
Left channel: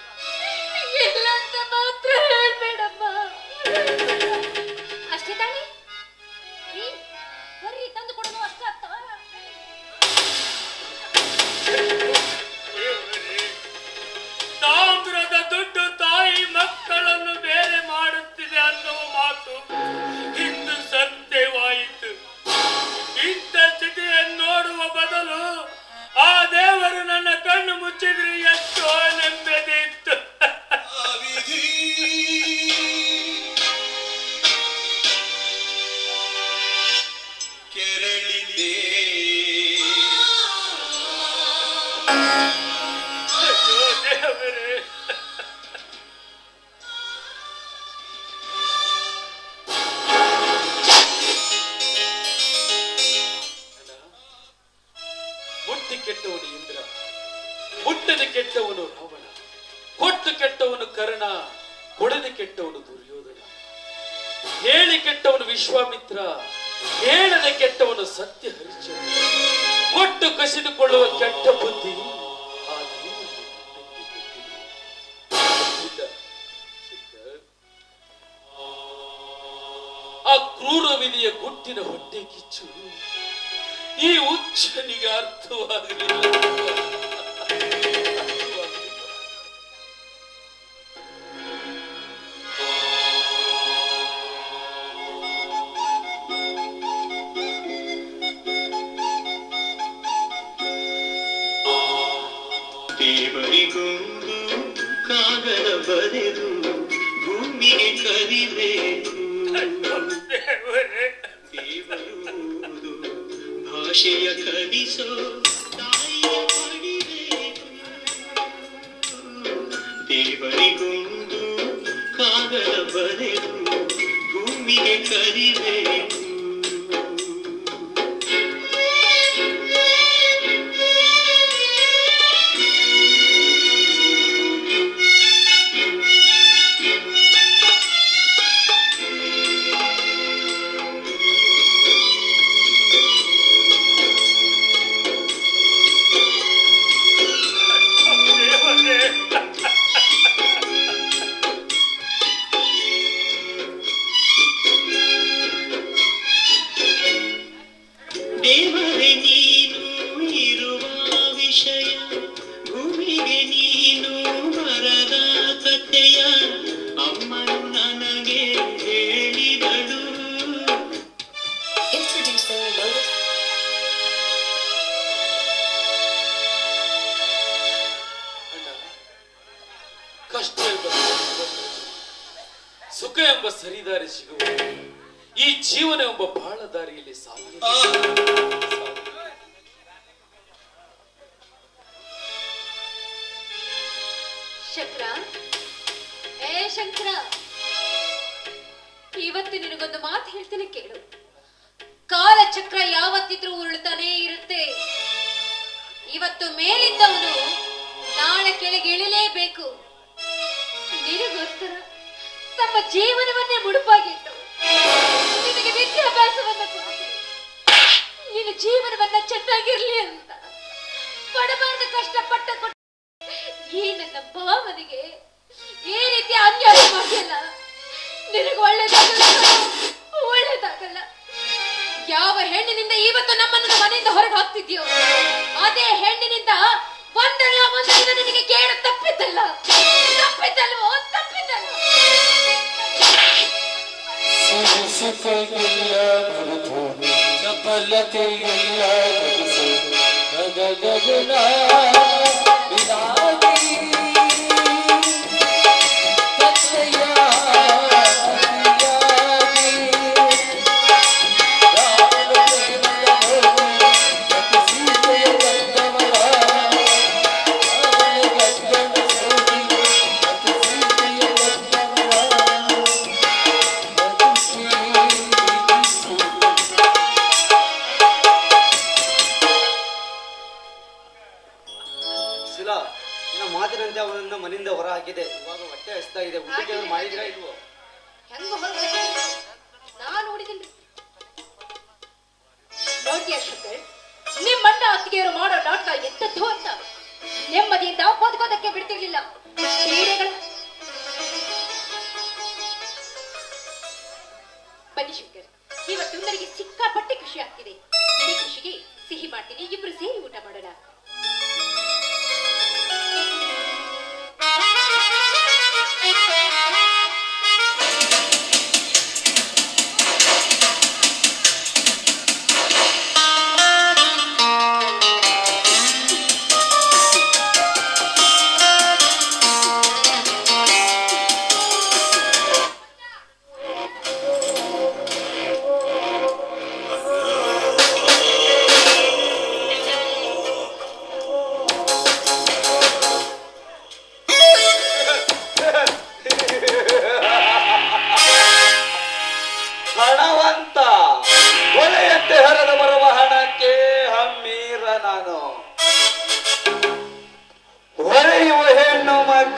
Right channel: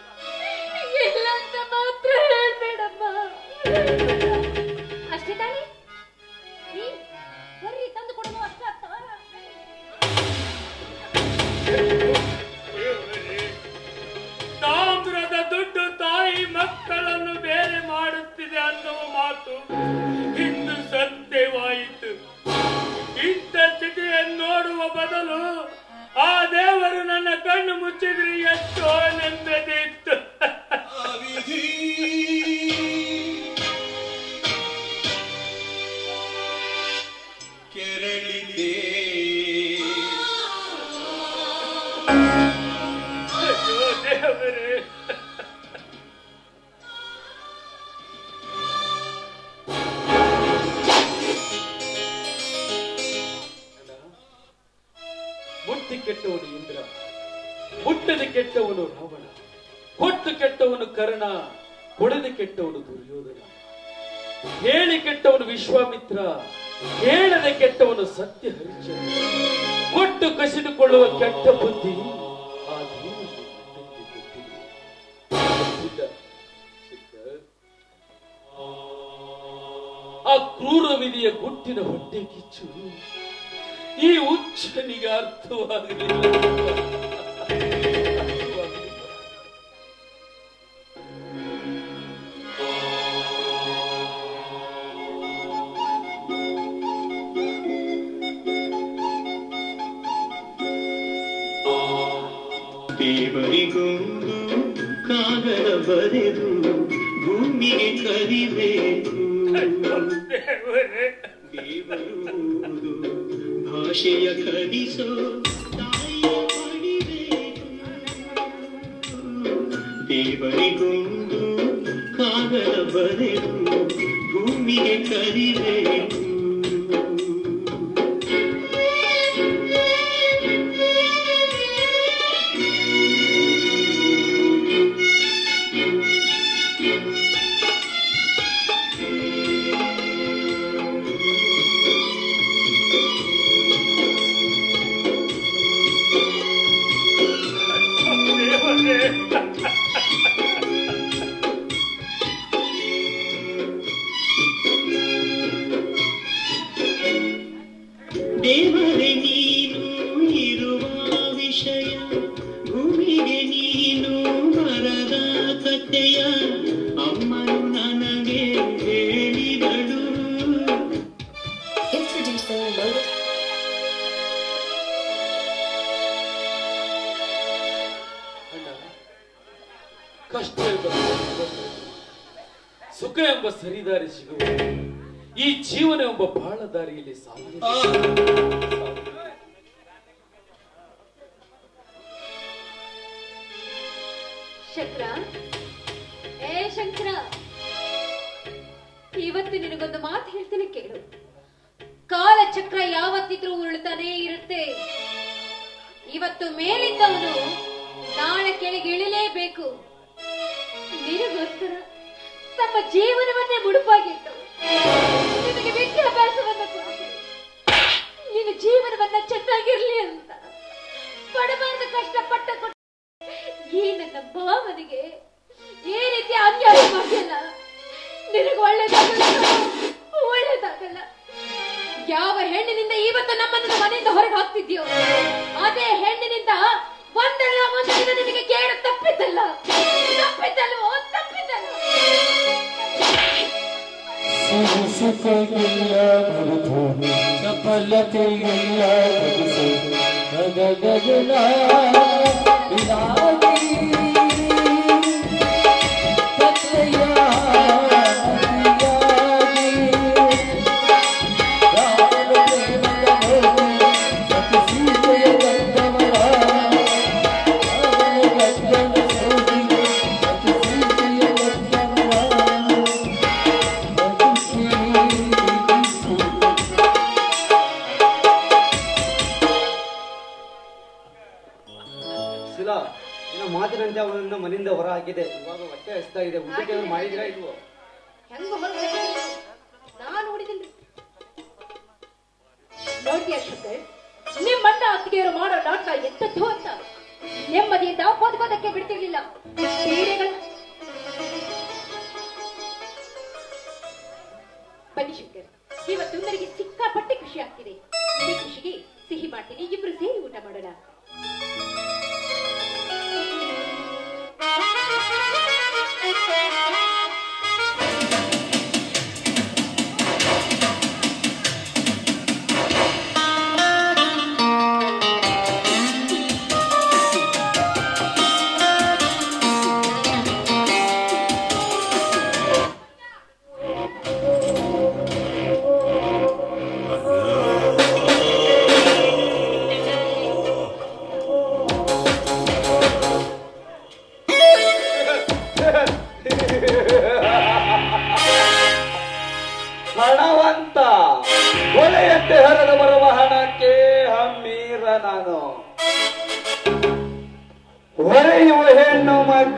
ಇಲ್ಲ ಅಂತ ಮಾತ್ರ ಹೇಳ್ಬೇಡಮ್ಮ. ಅಷ್ಟೇ ತಾನೆ? ಬರ್ರಿ, ತಂದು ಕೊಡೋದು ಅಷ್ಟೇ ಆಗ್ತವ. ತಾಮ್ರದ ದುಡ್ಡು ತಾಯಿ ಮಕ್ಕಳನ್ನು ಬೇರೆ ಮಾಡುತ್ತಿದೆ ಅನ್ನುವ ಮಾತು ಇಂದು ಸತ್ಯವಾಯಿತು. ಇಂಥ ಸ್ಥಿತಿಯನ್ನು ನೋಡುವ ಬದಲು ಆ ದೇವರು ನನ್ನ ಕಣ್ಣು ಮುಚ್ಚಿದ್ರೆ ಎಷ್ಟೋ ನೆಮ್ಮದಿ ಇತ್ತು. ದೇವರೇ. ಮುಟ್ಟಿ ಕೆಟ್ಟವನು ಇಂದ್ರ, ಮುಟ್ಟದೆ ಕೆಟ್ಟವನು ರಾವಣ, ಕೊಟ್ಟು ಕೆಟ್ಟವನು ಕರ್ಣ, ಕೊಡದೆ ಕೆಟ್ಟವನು ದುರ್ಯೋಧನ, ಹೇಳಿ ಕೆಟ್ಟವನು ವಿಶ್ವಾಮಿತ್ರ, ಹೇಳದೆ ಕೆಟ್ಟವನು ಸತ್ಯ ಹರಿಶ್ಚಂದ್ರ, ಕೊಟ್ಟು ಕಸಿದುಕೊಳ್ಳುವ ಕೆಟ್ಟ ಬುದ್ಧಿ ಆ ದೇವರಿಗೆ ಗೊತ್ತಿಲ್ಲ. ಆ ಕ್ರೂರ ವಿಧಿಯ ಗುಟ್ಟಿನ ಹೊಟ್ಟೆ ಕಿಚ್ಚು ಈ ಹುಚ್ಚನಿಗೆ ಅರ್ಥವಾಗಲಿಲ್ಲ. ದೇವರಿಗೊಂದು ಕಾಗದ ಬರೆದು ಭೂಮಿಗೆ ಕರಿಬೇಕು. ದೇವರು ಭಾಷೆಯ ಕಲಿಸೋ ತಾಯಿಯ ಪಡಿಬೇಕು. ದೇವರಿಗೊಂದು ಕಾಗದ ಬರೆದು ಭೂಮಿಗೆ ಕರಿಬೇಕು. ದೇವರೇ ನೀನು ಇರುವ ವಿಷಯ, ಭೂಮಿಗೆ ನೀನು ಬರದ ಕಥೆಯ ಅಮ್ಮನು ನನಗೆ ಹೇಳಿದಳು. ಕಷ್ಟ ಎಂಬ ಸುಖ ಎಂಬ ಸರಿದಾರಿ ಸಿಗುವ ಈ ಜೀವನ ಎಂಬ ಬಾಳ ದಾರಿಯಲ್ಲಿ ಸಾಲ. ಶಂಕರ, ಶಂಕರ, ಇವತ್ತು ನಿನಗೊಂದು ಮಾತು ಹೇಳ್ತೀನಿ ಕೇಳು. ಕಾಲಚಕ್ರ ಯಾವತ್ತಿದ್ರೂ ಉರುಳ್ತಾನೇ ಇರುತ್ತೆ. ಇವತ್ತು ಮೇಲಿದ್ದವನು ನಾಳೆ ಕೆಳಗೆ ಇಳಿಲೇಬೇಕು. ನಿನಗೋಸ್ಕರ ತಮ್ಮ ಜೀವನವನ್ನೇ ಮುಡುಪಾಗಿಟ್ಟು ನಿನಗೆ ವಿದ್ಯಾಭ್ಯಾಸವನ್ನು ಕೊಡಿಸಿ ನಿನ್ನ ಜೀವನವನ್ನ ಚೆನ್ನಾಗಿರ್ಲಿ ಅಂತ ಪಡಬಾರ್ದು ಕಷ್ಟಪಟ್ಟ ಕೊಟ್ಟ ಈ ನನ್ನ ಭಾವನೆಗೆ ಈ ರೀತಿ ಅನ್ಯಾಯ ಮಾಡಿಲ್ಲ. ನಿನಗೆ ಒಳ್ಳೇದಾಗಲ್ಲ, ಒಳ್ಳೇದಾಗಲ್ಲ. ಯಾವ ಹೆಣ್ಣಿನಿಂದ ಇವತ್ತು ನಮ್ಮನ್ನು ಮನೆಯಿಂದ ಹೊರಗೆ ಹಾಕ್ತಿದ್ಯೋ ಅದೇ ಹೆಣ್ಣಿನಿಂದ ಒಂದಲ್ಲ ಒಂದು ದಿನ ನಿನಗೆ ಕೇಳು ತಪ್ಪಿದ್ದಲ್ಲ. ತಪ್ಪಿದ್ದಲ್ವೋ? ತಪ್ಪಿದ್ದಲ್ಲ. ಸರಸತೆಗೆಲ್ಲ ಮರೆತು ಚಪಲತೆಗೆಲ್ಲ ಬಗೆಸು ಗಗಗಗನ ವಿನಾಗಿ ತತ್ತೆಯ ಮಾತಿನಂತೆ ಅವನನ್ನ ಮನೆಯಿಂದ ಹೊರ ಹಾಕಿದೆ. ಇವಾಗ ಹೊಟ್ಟೆ ಹಸ್ತಾ ಇದೆ. ಊಟಕ್ಕೆ ಮಾಡಿದ್ರಾ ಇಲ್ವೋ? ಹೆಂಗ ಹೊರಗೆ ನಾನು ನೋಡಿದ್ದೀನಿ. ನೋಡ್ತೀಯ ಶಂಕರ್, ನಿಮ್ಮಣ್ಣ ಅತ್ತಿಗೆಯವರು ಮಾಡೋ ನಾಟಕ ಎಂತದ್ದು ಅಂತ ನೆಮ್ಮದಿಯಿಂದ ಓದ್ಕೋದಕ್ಕೆ ಬಿಡ್ತಿರ್ಲಿಲ್ಲ. ಬನ್ನಿ ಶಂಕರ್, ಇವತ್ತು ನನಗೆ ಸಿಕ್ಕಾಪಟ್ಟೆ ಖುಷಿ ಆಗ್ತಿದೆ. ಈ ಖುಷಿಗೆ ಸಿಹಿ ಮಾಡ್ತೀನಿ, ಇಬ್ರು ಸೇರಿ ಊಟ ಮಾಡೋಣ.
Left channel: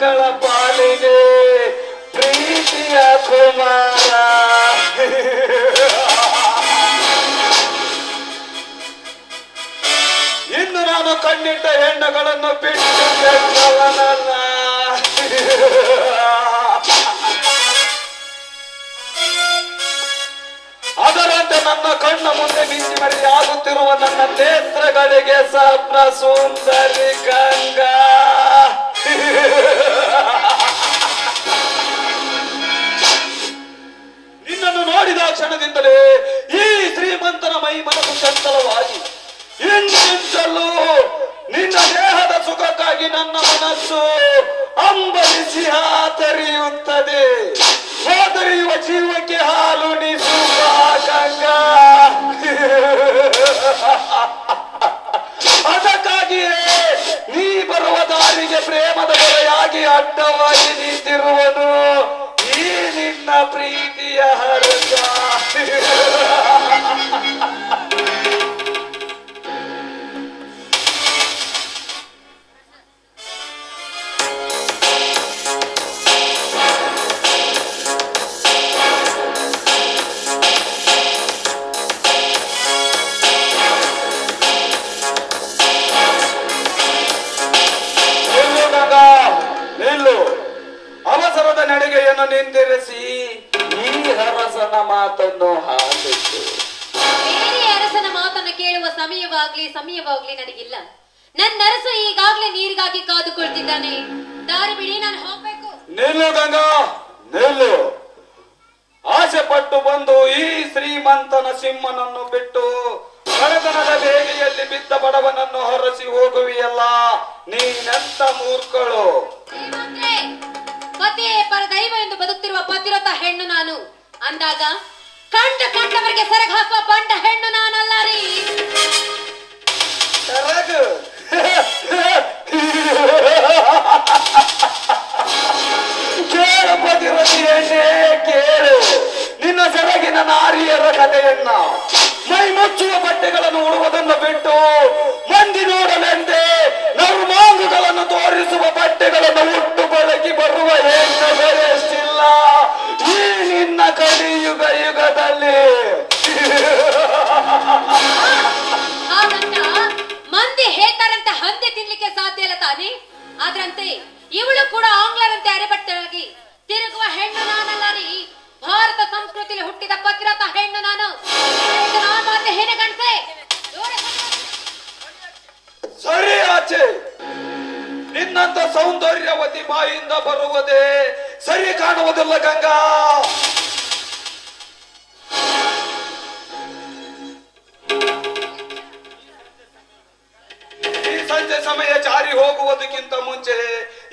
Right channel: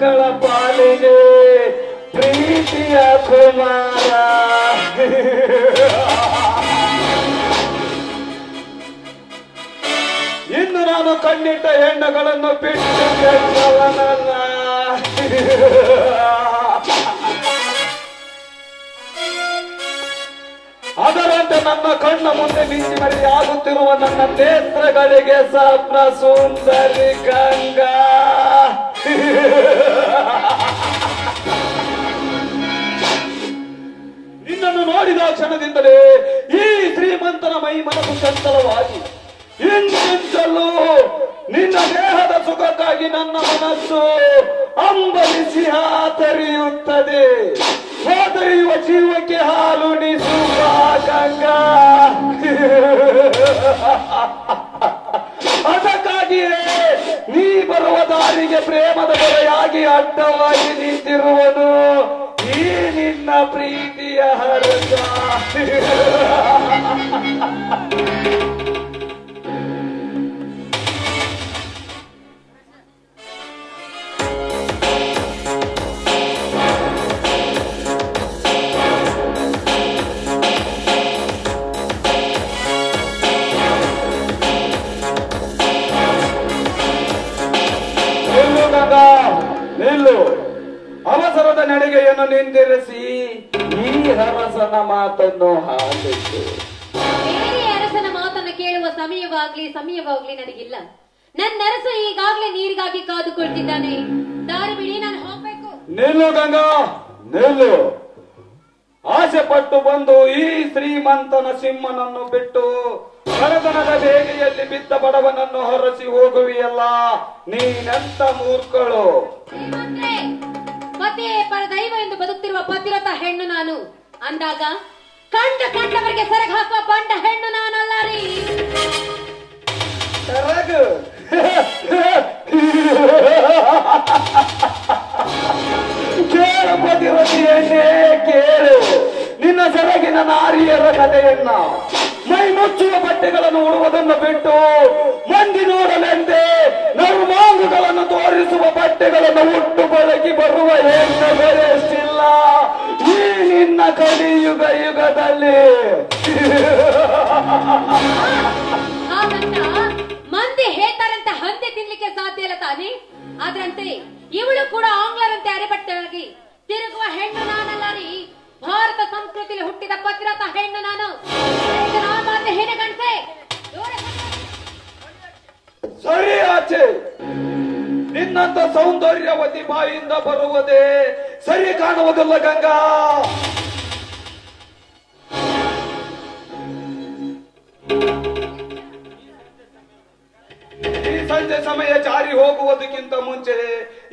ಮಗಳ ಪಾಲಿಗೆ ಪ್ರೀತಿಯ ಕುಮಾರ. ಇನ್ನು ನಾನು ಕಣ್ಣಿಟ್ಟ ಹೆಣ್ಣುಗಳನ್ನು ಬಿಟ್ಟು ಬೆಟ್ಟವನಲ್ಲ. ಅದರಂತೆ ನನ್ನ ಕಣ್ಣ ಮುಂದೆ ಮಿಂಚಿ ಮರೆಯಾಗುತ್ತಿರುವ ನನ್ನ ನೇತ್ರಗಳಿಗೆ ಸ್ವಪ್ನ ಸುಂದರಿ ಗಂಗಾ. ನಿನ್ನನ್ನು ನೋಡಿದ ಕ್ಷಣದಿಂದಲೇ ಈ ಶ್ರೀಮಂತನ ಮೈ ಮನಸ್ಸು ಚಂಚಲವಾಗಿ ಇಂಚಿಂಚಲ್ಲೂ ನಿನ್ನ ದೇಹದ ಸುಖಕ್ಕಾಗಿ ನನ್ನ ಮನಸ್ಸು ಅಂಬಲಿಸಿ ಹಾತರಿಯುತ್ತದೆ. ಹಾತರಿಯುವ ಜೀವಕ್ಕೆ ಹಾಲು ನಿಸುವ ಗಂಗಾ. ಅದಕ್ಕಾಗಿಯೇ ನೀ ಬರುವ ದಾರಿಗೆ ಪ್ರೇಮದ ಬರೆಯಾಗಿ ಅಡ್ಡವಾಗಿ ನಿಂತಿರುವನು ಈ ನಿನ್ನ ಪ್ರೀತಿಯ ಹರಸ. ನಿಲ್ಲು. ಅವಸರದ ನಡಿಗೆಯನ್ನು ನಿಂದಿರಿಸಿ ಈ ಅರಸನ ಮಾತನ್ನು ಹಾಲಿಟ್ಟು. ಬೇರೆ ಅರಸನ ಮಾತನ್ನು ಕೇಳುವ ಸಮಯವಾಗ್ಲಿ ನನಗಿಲ್ಲ. ನನ್ನ ಅರಸ ಈಗಾಗ್ಲೇ ನೀರಿಗಾಗಿ ಕಾದುಕೊಳ್ತಿದ್ದಾನೆ. ದಾರಿ ಬಿಡಿ, ನಾನು ಹೋಗ್ಬೇಕು. ನಿಲ್ಲು ಗಂಗಾ, ನಿಲ್ಲು. ಆಸೆ ಪಟ್ಟು ಬಂದು ಈ ಶ್ರೀಮಂತನ ಸಿಂಹನನ್ನು ಬಿಟ್ಟು ಕಳತನದ ಬೇಗೆಯಲ್ಲಿ ಬಿದ್ದ ಬಡವನನ್ನು ಹೊರಸಿ ಹೋಗುವಿಯಲ್ಲ, ನೀನೆಂತ ಮೂರ್ಖಳು. ಪತಿಯೇ ಪರದೈವ ಎಂದು ಬದುಕ್ತಿರುವ ಪತಿರಥ ಹೆಣ್ಣು ನಾನು ಅಂದಾಗ ಕಂಡವರಿಗೆ ಸೆರಗ ಹಾಕುವ ಬಂಡ ಹೆಣ್ಣು ನಾನಲ್ಲ ರೀ. ಸೆರಗು ಕೇಳು ಪತಿರಥಿ ಹೆಣ್ಣೆ, ಕೇಳು ನಿನ್ನ ಸೆರಗಿನ ನಾರಿಯರ ಕಥೆಯನ್ನ. ಮೈ ಮುಚ್ಚುವ ಬಟ್ಟೆಗಳನ್ನು ಉಡುವುದನ್ನು ಬಿಟ್ಟು ಮಂದಿ ನೋಡಲೆಂದೇ ನರ್ಮಾಂಗಗಳನ್ನು ತೋರಿಸುವ ಬಟ್ಟೆಗಳನ್ನು ಉಟ್ಟು ಬಳಗಿ ಬರುವ ಹೆಣ್ಣುಗಳೆಷ್ಟಿಲ್ಲ ಈ ನಿನ್ನ ಕಲಿಯುಗ ಯುಗದಲ್ಲಿ. ಹಾಗಂತ ಮಂದಿ ಹೇಳ್ತಾರಂತ ಹಂದಿ ತಿನ್ಲಿಕ್ಕೆ ಸಾಧ್ಯ ಇಲ್ಲ ತಾನೇ. ಆದ್ರಂತೆ ಇವಳು ಕೂಡ ಆಂಗ್ಲರಂತೆ ಅರೆಬಟ್ಟೆಯಾಗಿ ತಿರುಗುವ ಹೆಣ್ಣು ನಾನಲ್ಲ ರೀ. ಭಾರತ ಸಂಸ್ಕೃತಿಯಲ್ಲಿ ಹುಟ್ಟಿದ ಪತಿರಥ ಹೆಣ್ಣು ನಾನು. ಸರಿ ಆಚೆ. ನಿನ್ನಂತ ಸೌಂದರ್ಯವತಿ ಬಾಯಿಂದ ಬರುವುದೇ ಸರಿ ಕಾಣುವುದಿಲ್ಲ ಗಂಗಾ. ಈ ಸಂಜೆ ಸಮಯ ಜಾರಿ ಹೋಗುವುದಕ್ಕಿಂತ ಮುಂಚೆ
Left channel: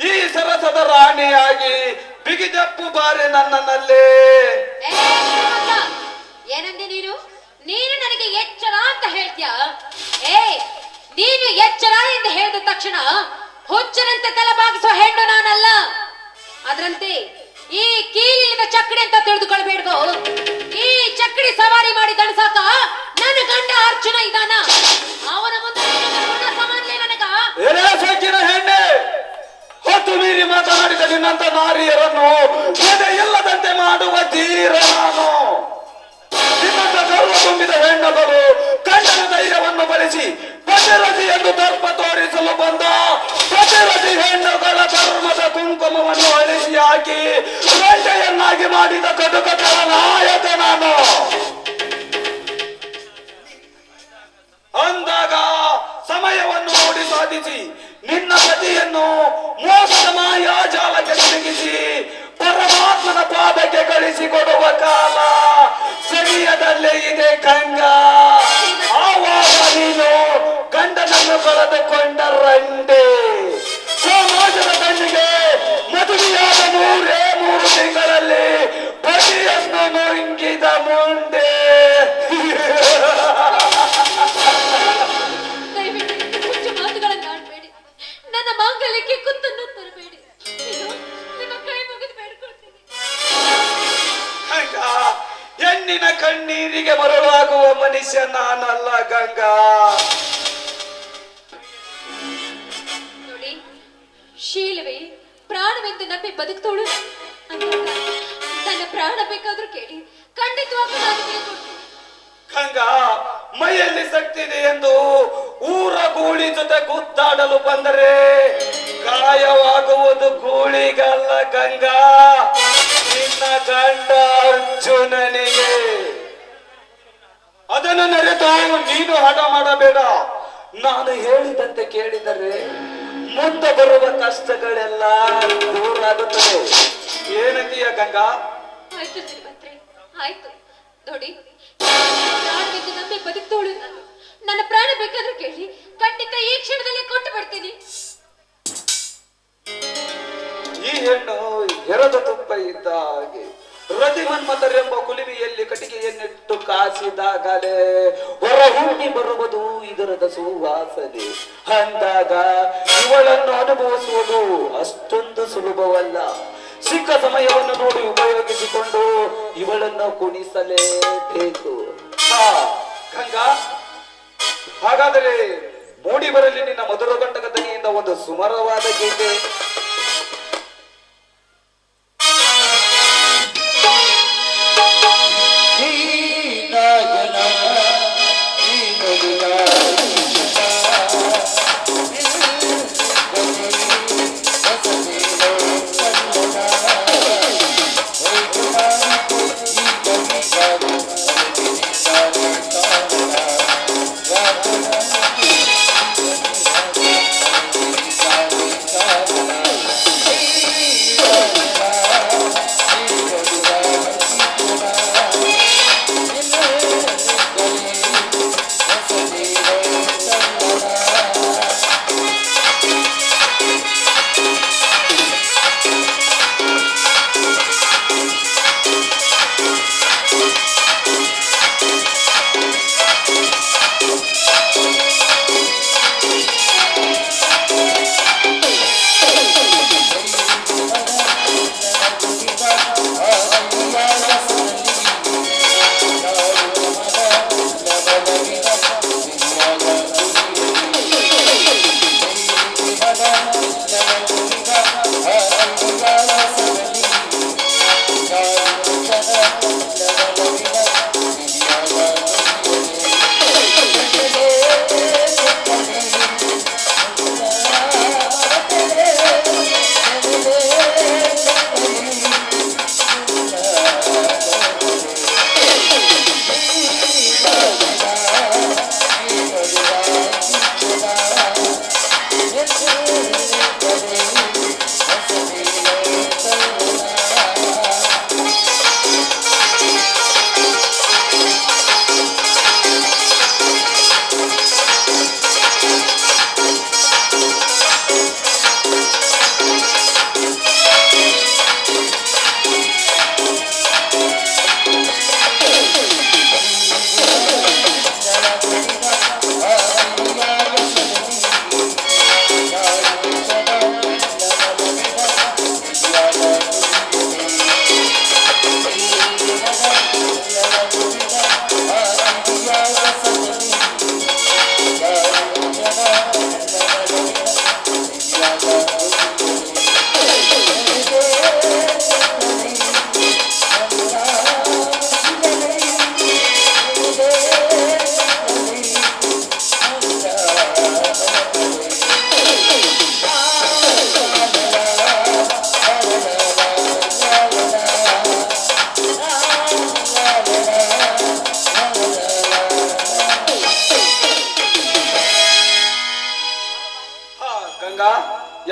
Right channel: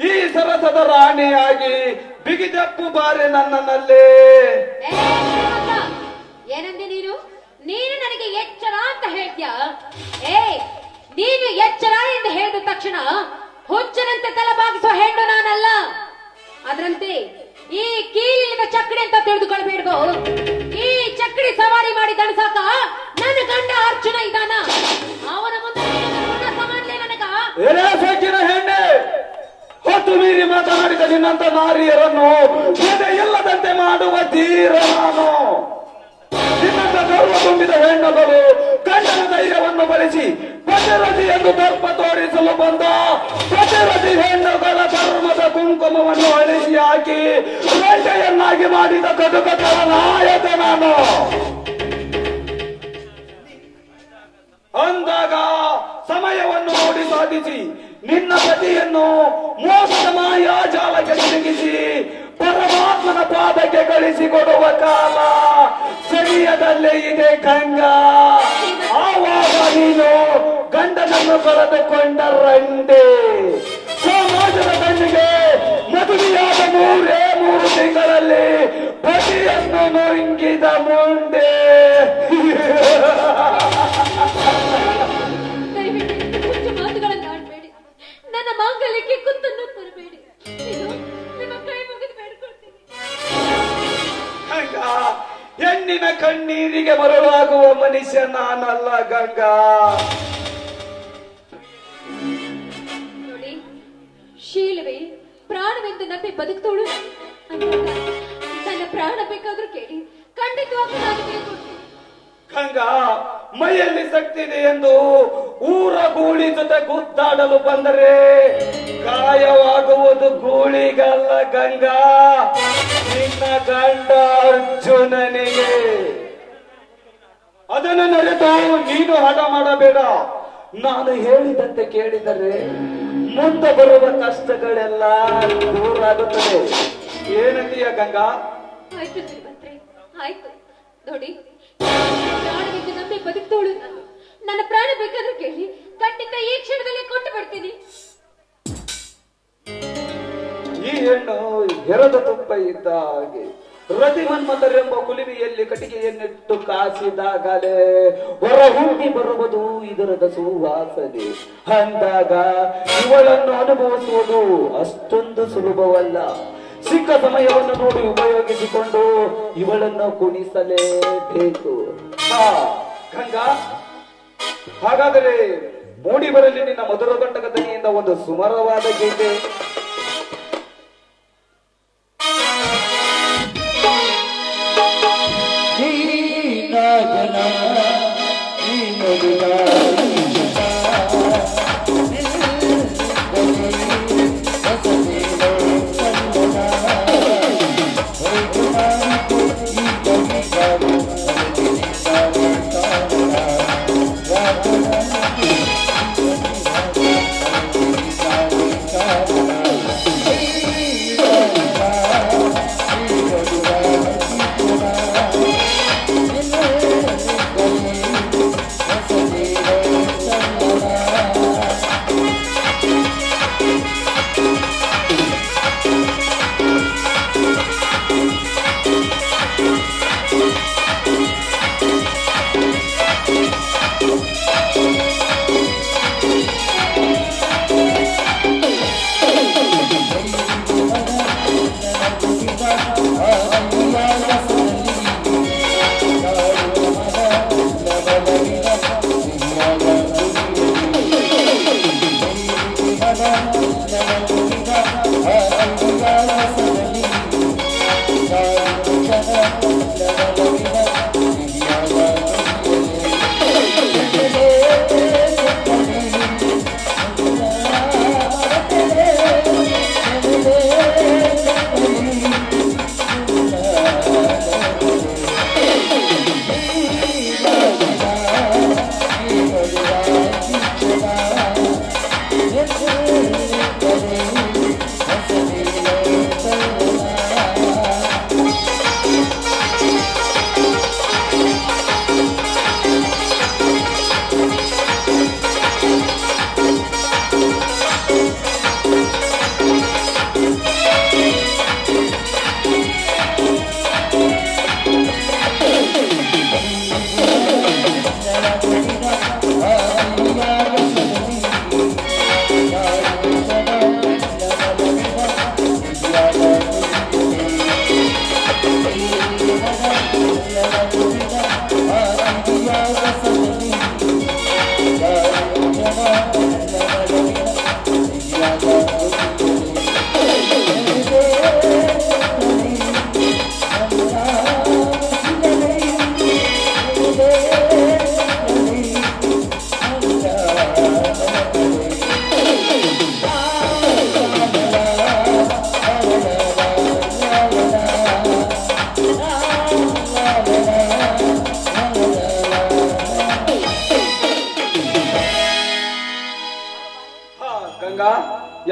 ಈ ಸರಸದ ರಾಣಿಯಾಗಿ ಬಿಗಿದೆಪ್ಪು ಬಾರೆ ನನ್ನಲ್ಲೇ. ಏನಂದೆ ನೀನು ನನಗೆ ಎಚ್ಚರ ಅಂತ ಹೇಳ್ತೀಯ? ನೀನು ಎಚ್ಚರ ಎಂದು ಹೇಳಿದ ತಕ್ಷಣ ಹುಚ್ಚರಂತೆ ತಲೆಬಾಗಿಸುವ ಹೆಣ್ಣು ನಾನಲ್ಲ. ಅದರಂತೆ ಈ ಕೀಲಿನ ಚಕ್ಕಡಿ ಅಂತ ತಿಳಿದುಕೊಳ್ಬೇಡ್ಗೋ. ಈ ಚಕ್ಕಡಿ ಸವಾರಿ ಮಾಡಿ ದಣಸಾಕ ನನ್ನ ಗಂಡ ಅರ್ಜುನ ಇದಾನ. ಅವನ ಮುಂದೆ ಸಮಾನ್ಲೇ ನನಗ. ಸೊಕ್ಕಿನ ಹೆಣ್ಣೆ, ಹೊತ್ತು ಮೀರಿ ಮಾತನಾಡಿದ ನಿನ್ನಂತ ನಾರಿಯರನ್ನು ಎದೆ ಇಲ್ಲದಂತೆ ಮಾಡುವ ತೀರ ನಾನು. ನಿನ್ನಂತ ಗರ್ವ ತುಂಬಿದ ಹೆಣ್ಣುಗಳು ಗಂಡನ ಧೈರ್ಯವನ್ನು ಬಳಸಿ ಪತಿರಥಿ ಎಂದು ದರ್ಪ ತೋರಿಸಲು ಬಂದ ಪತಿರಥಿ ಹೆಣ್ಣುಗಳ ಧರ್ಮದ ಕುಂಕುಮವನ್ನು ಅಳಿಸಿ ಹಾಕಿ ಗಂಟೆಯನ್ನಾಗಿ ಮಾಡಿದ ಕಟುಕಟರ ನಾಯಕ ನಾನು. ಅಂದಾಗ ಸಮಯವನ್ನು ನೋಡಿ ಸಾಧಿಸಿ ನಿನ್ನ ಪತಿಯನ್ನು ಮೋಸದ ಮಾಯಾಜಾಲಕ್ಕೆ ತಿರುಗಿಸಿ ಪರಮಾತ್ಮನ ಪಾದಕ್ಕೆ ಕಳಿಸಿಕೊಡುವ ಕಾಲ ಸಮಯದಲ್ಲೇ ಇದೆ ಗಂಗಾ. ಆವಾಗ ನೀನು ಗಂಡನನ್ನು ಕಳೆದುಕೊಂಡ ರಂಡೆ. ಸಮಾಜದ ಕಣ್ಣಿಗೆ ಮದುವೆಯಾದ 3 ತಿಂಗಳಲ್ಲಿ ಪತಿಯನ್ನು ನುಂಗಿದ ಮುಂದೆ. ಮಾತುಗಳನ್ನಾಡಬೇಡಿ, ನನ್ನ ಮಾಂಗಲ್ಯಕ್ಕೆ ಕುತ್ತನ್ನು ತರಬೇಡಿ. ನಿಮ್ಮ ಕೈ ಮುಗಿದು ಬೇಡ್ಕೊಳ್ತೀನಿ. ಹೆಣ್ಣಿನ ಕಣ್ಣೀರಿಗೆ ಮರಳಾಗುವ ಮನುಷ್ಯ ನಾನಲ್ಲ ಗಂಗಾ. ನೋಡಿ, ಶೀಲವೇ ಪ್ರಾಣ ಪ್ರಾಣವೆಂದು ನಂಬಿ ಬದುಕ್ತೋಳು ಅಂದಾಗ ನನ್ನ ಪ್ರಾಣ ಬೇಕಾದ್ರೂ ಕೇಳಿ ಖಂಡಿತವಾಗ್ಲೂ ನಾನು ಕೇಳ್ಕೊಡ್ತೀನಿ. ಗಂಗಾ, ಮೈಯಲ್ಲಿ ಶಕ್ತಿ ಇದೆ ಎಂದು ಊರ ಗೂಳಿ ಜೊತೆ ಗುದ್ದಾಡಲು ಬಂದರೆ ಗಾಯವಾಗುವುದು ಗೂಳಿಗಲ್ಲ ಗಂಗಾ, ನಿನ್ನ ಗಂಡ ಅರ್ಜುನನಿಗೆ. ಅದನ್ನು ನೆರೆದು ನೀನು ಹಠ ಮಾಡಬೇಡ. ನಾನು ಹೇಳಿದಂತೆ ಕೇಳಿದರೆ ಮುಂದೆ ಬರುವ ಕಷ್ಟಗಳೆಲ್ಲ ದೂರ ಆಗುತ್ತದೆ. ಏನಂತೀಯ ಗಂಗಾ? ಆಯ್ತು ಶ್ರೀಮಂತ್ರೆ, ಆಯ್ತು. ನೋಡಿ, ಪ್ರಾಣವೆಂದು ನಂಬಿ ಬದುಕ್ತೋಳು ನಾನು. ನನ್ನ ಪ್ರಾಣ ಬೇಕಾದ್ರೂ ಕೇಳಿ ಖಂಡಿತ ಈ ಕ್ಷಣದಲ್ಲಿ ಕೊಟ್ಟು ಬಿಡ್ತೀನಿ. ಈ ಹೆಣ್ಣು ಹೆರದ ತುಪ್ಪ ಇದ್ದ ಹಾಗೆ ರತಿಮನ್ಮಥರೆಂಬ ಕುಲಿಮೆಯಲ್ಲಿ ಕಟ್ಟಿಗೆಯನ್ನಿಟ್ಟು ಕಾಸಿದಾಗಲೇ ಹೊರ ಹೋಗಿ ಬರುವುದು ಇದರದ ಸುವಾಸನೆ. ಅಂದಾಗ ಇವಳನ್ನು ಅನುಭವಿಸುವುದು ಅಷ್ಟೊಂದು ಸುಲಭವಲ್ಲ. ಸಿಕ್ಕ ಸಮಯವನ್ನು ನೋಡಿ ಉಪಯೋಗಿಸಿಕೊಂಡು ಇವಳನ್ನು ಕುಣಿಸಲೇಬೇಕು. ಹಾ ಗಂಗಾ, ಹಾಗಾದರೆ ಮೂಡಿ ಬರಲಿ ನಿನ್ನ ಮಧುರ ಗಂಟಕ ದನಿಯಿಂದ ಒಂದು ಸುಮರವಾದ ಗೀತೆ.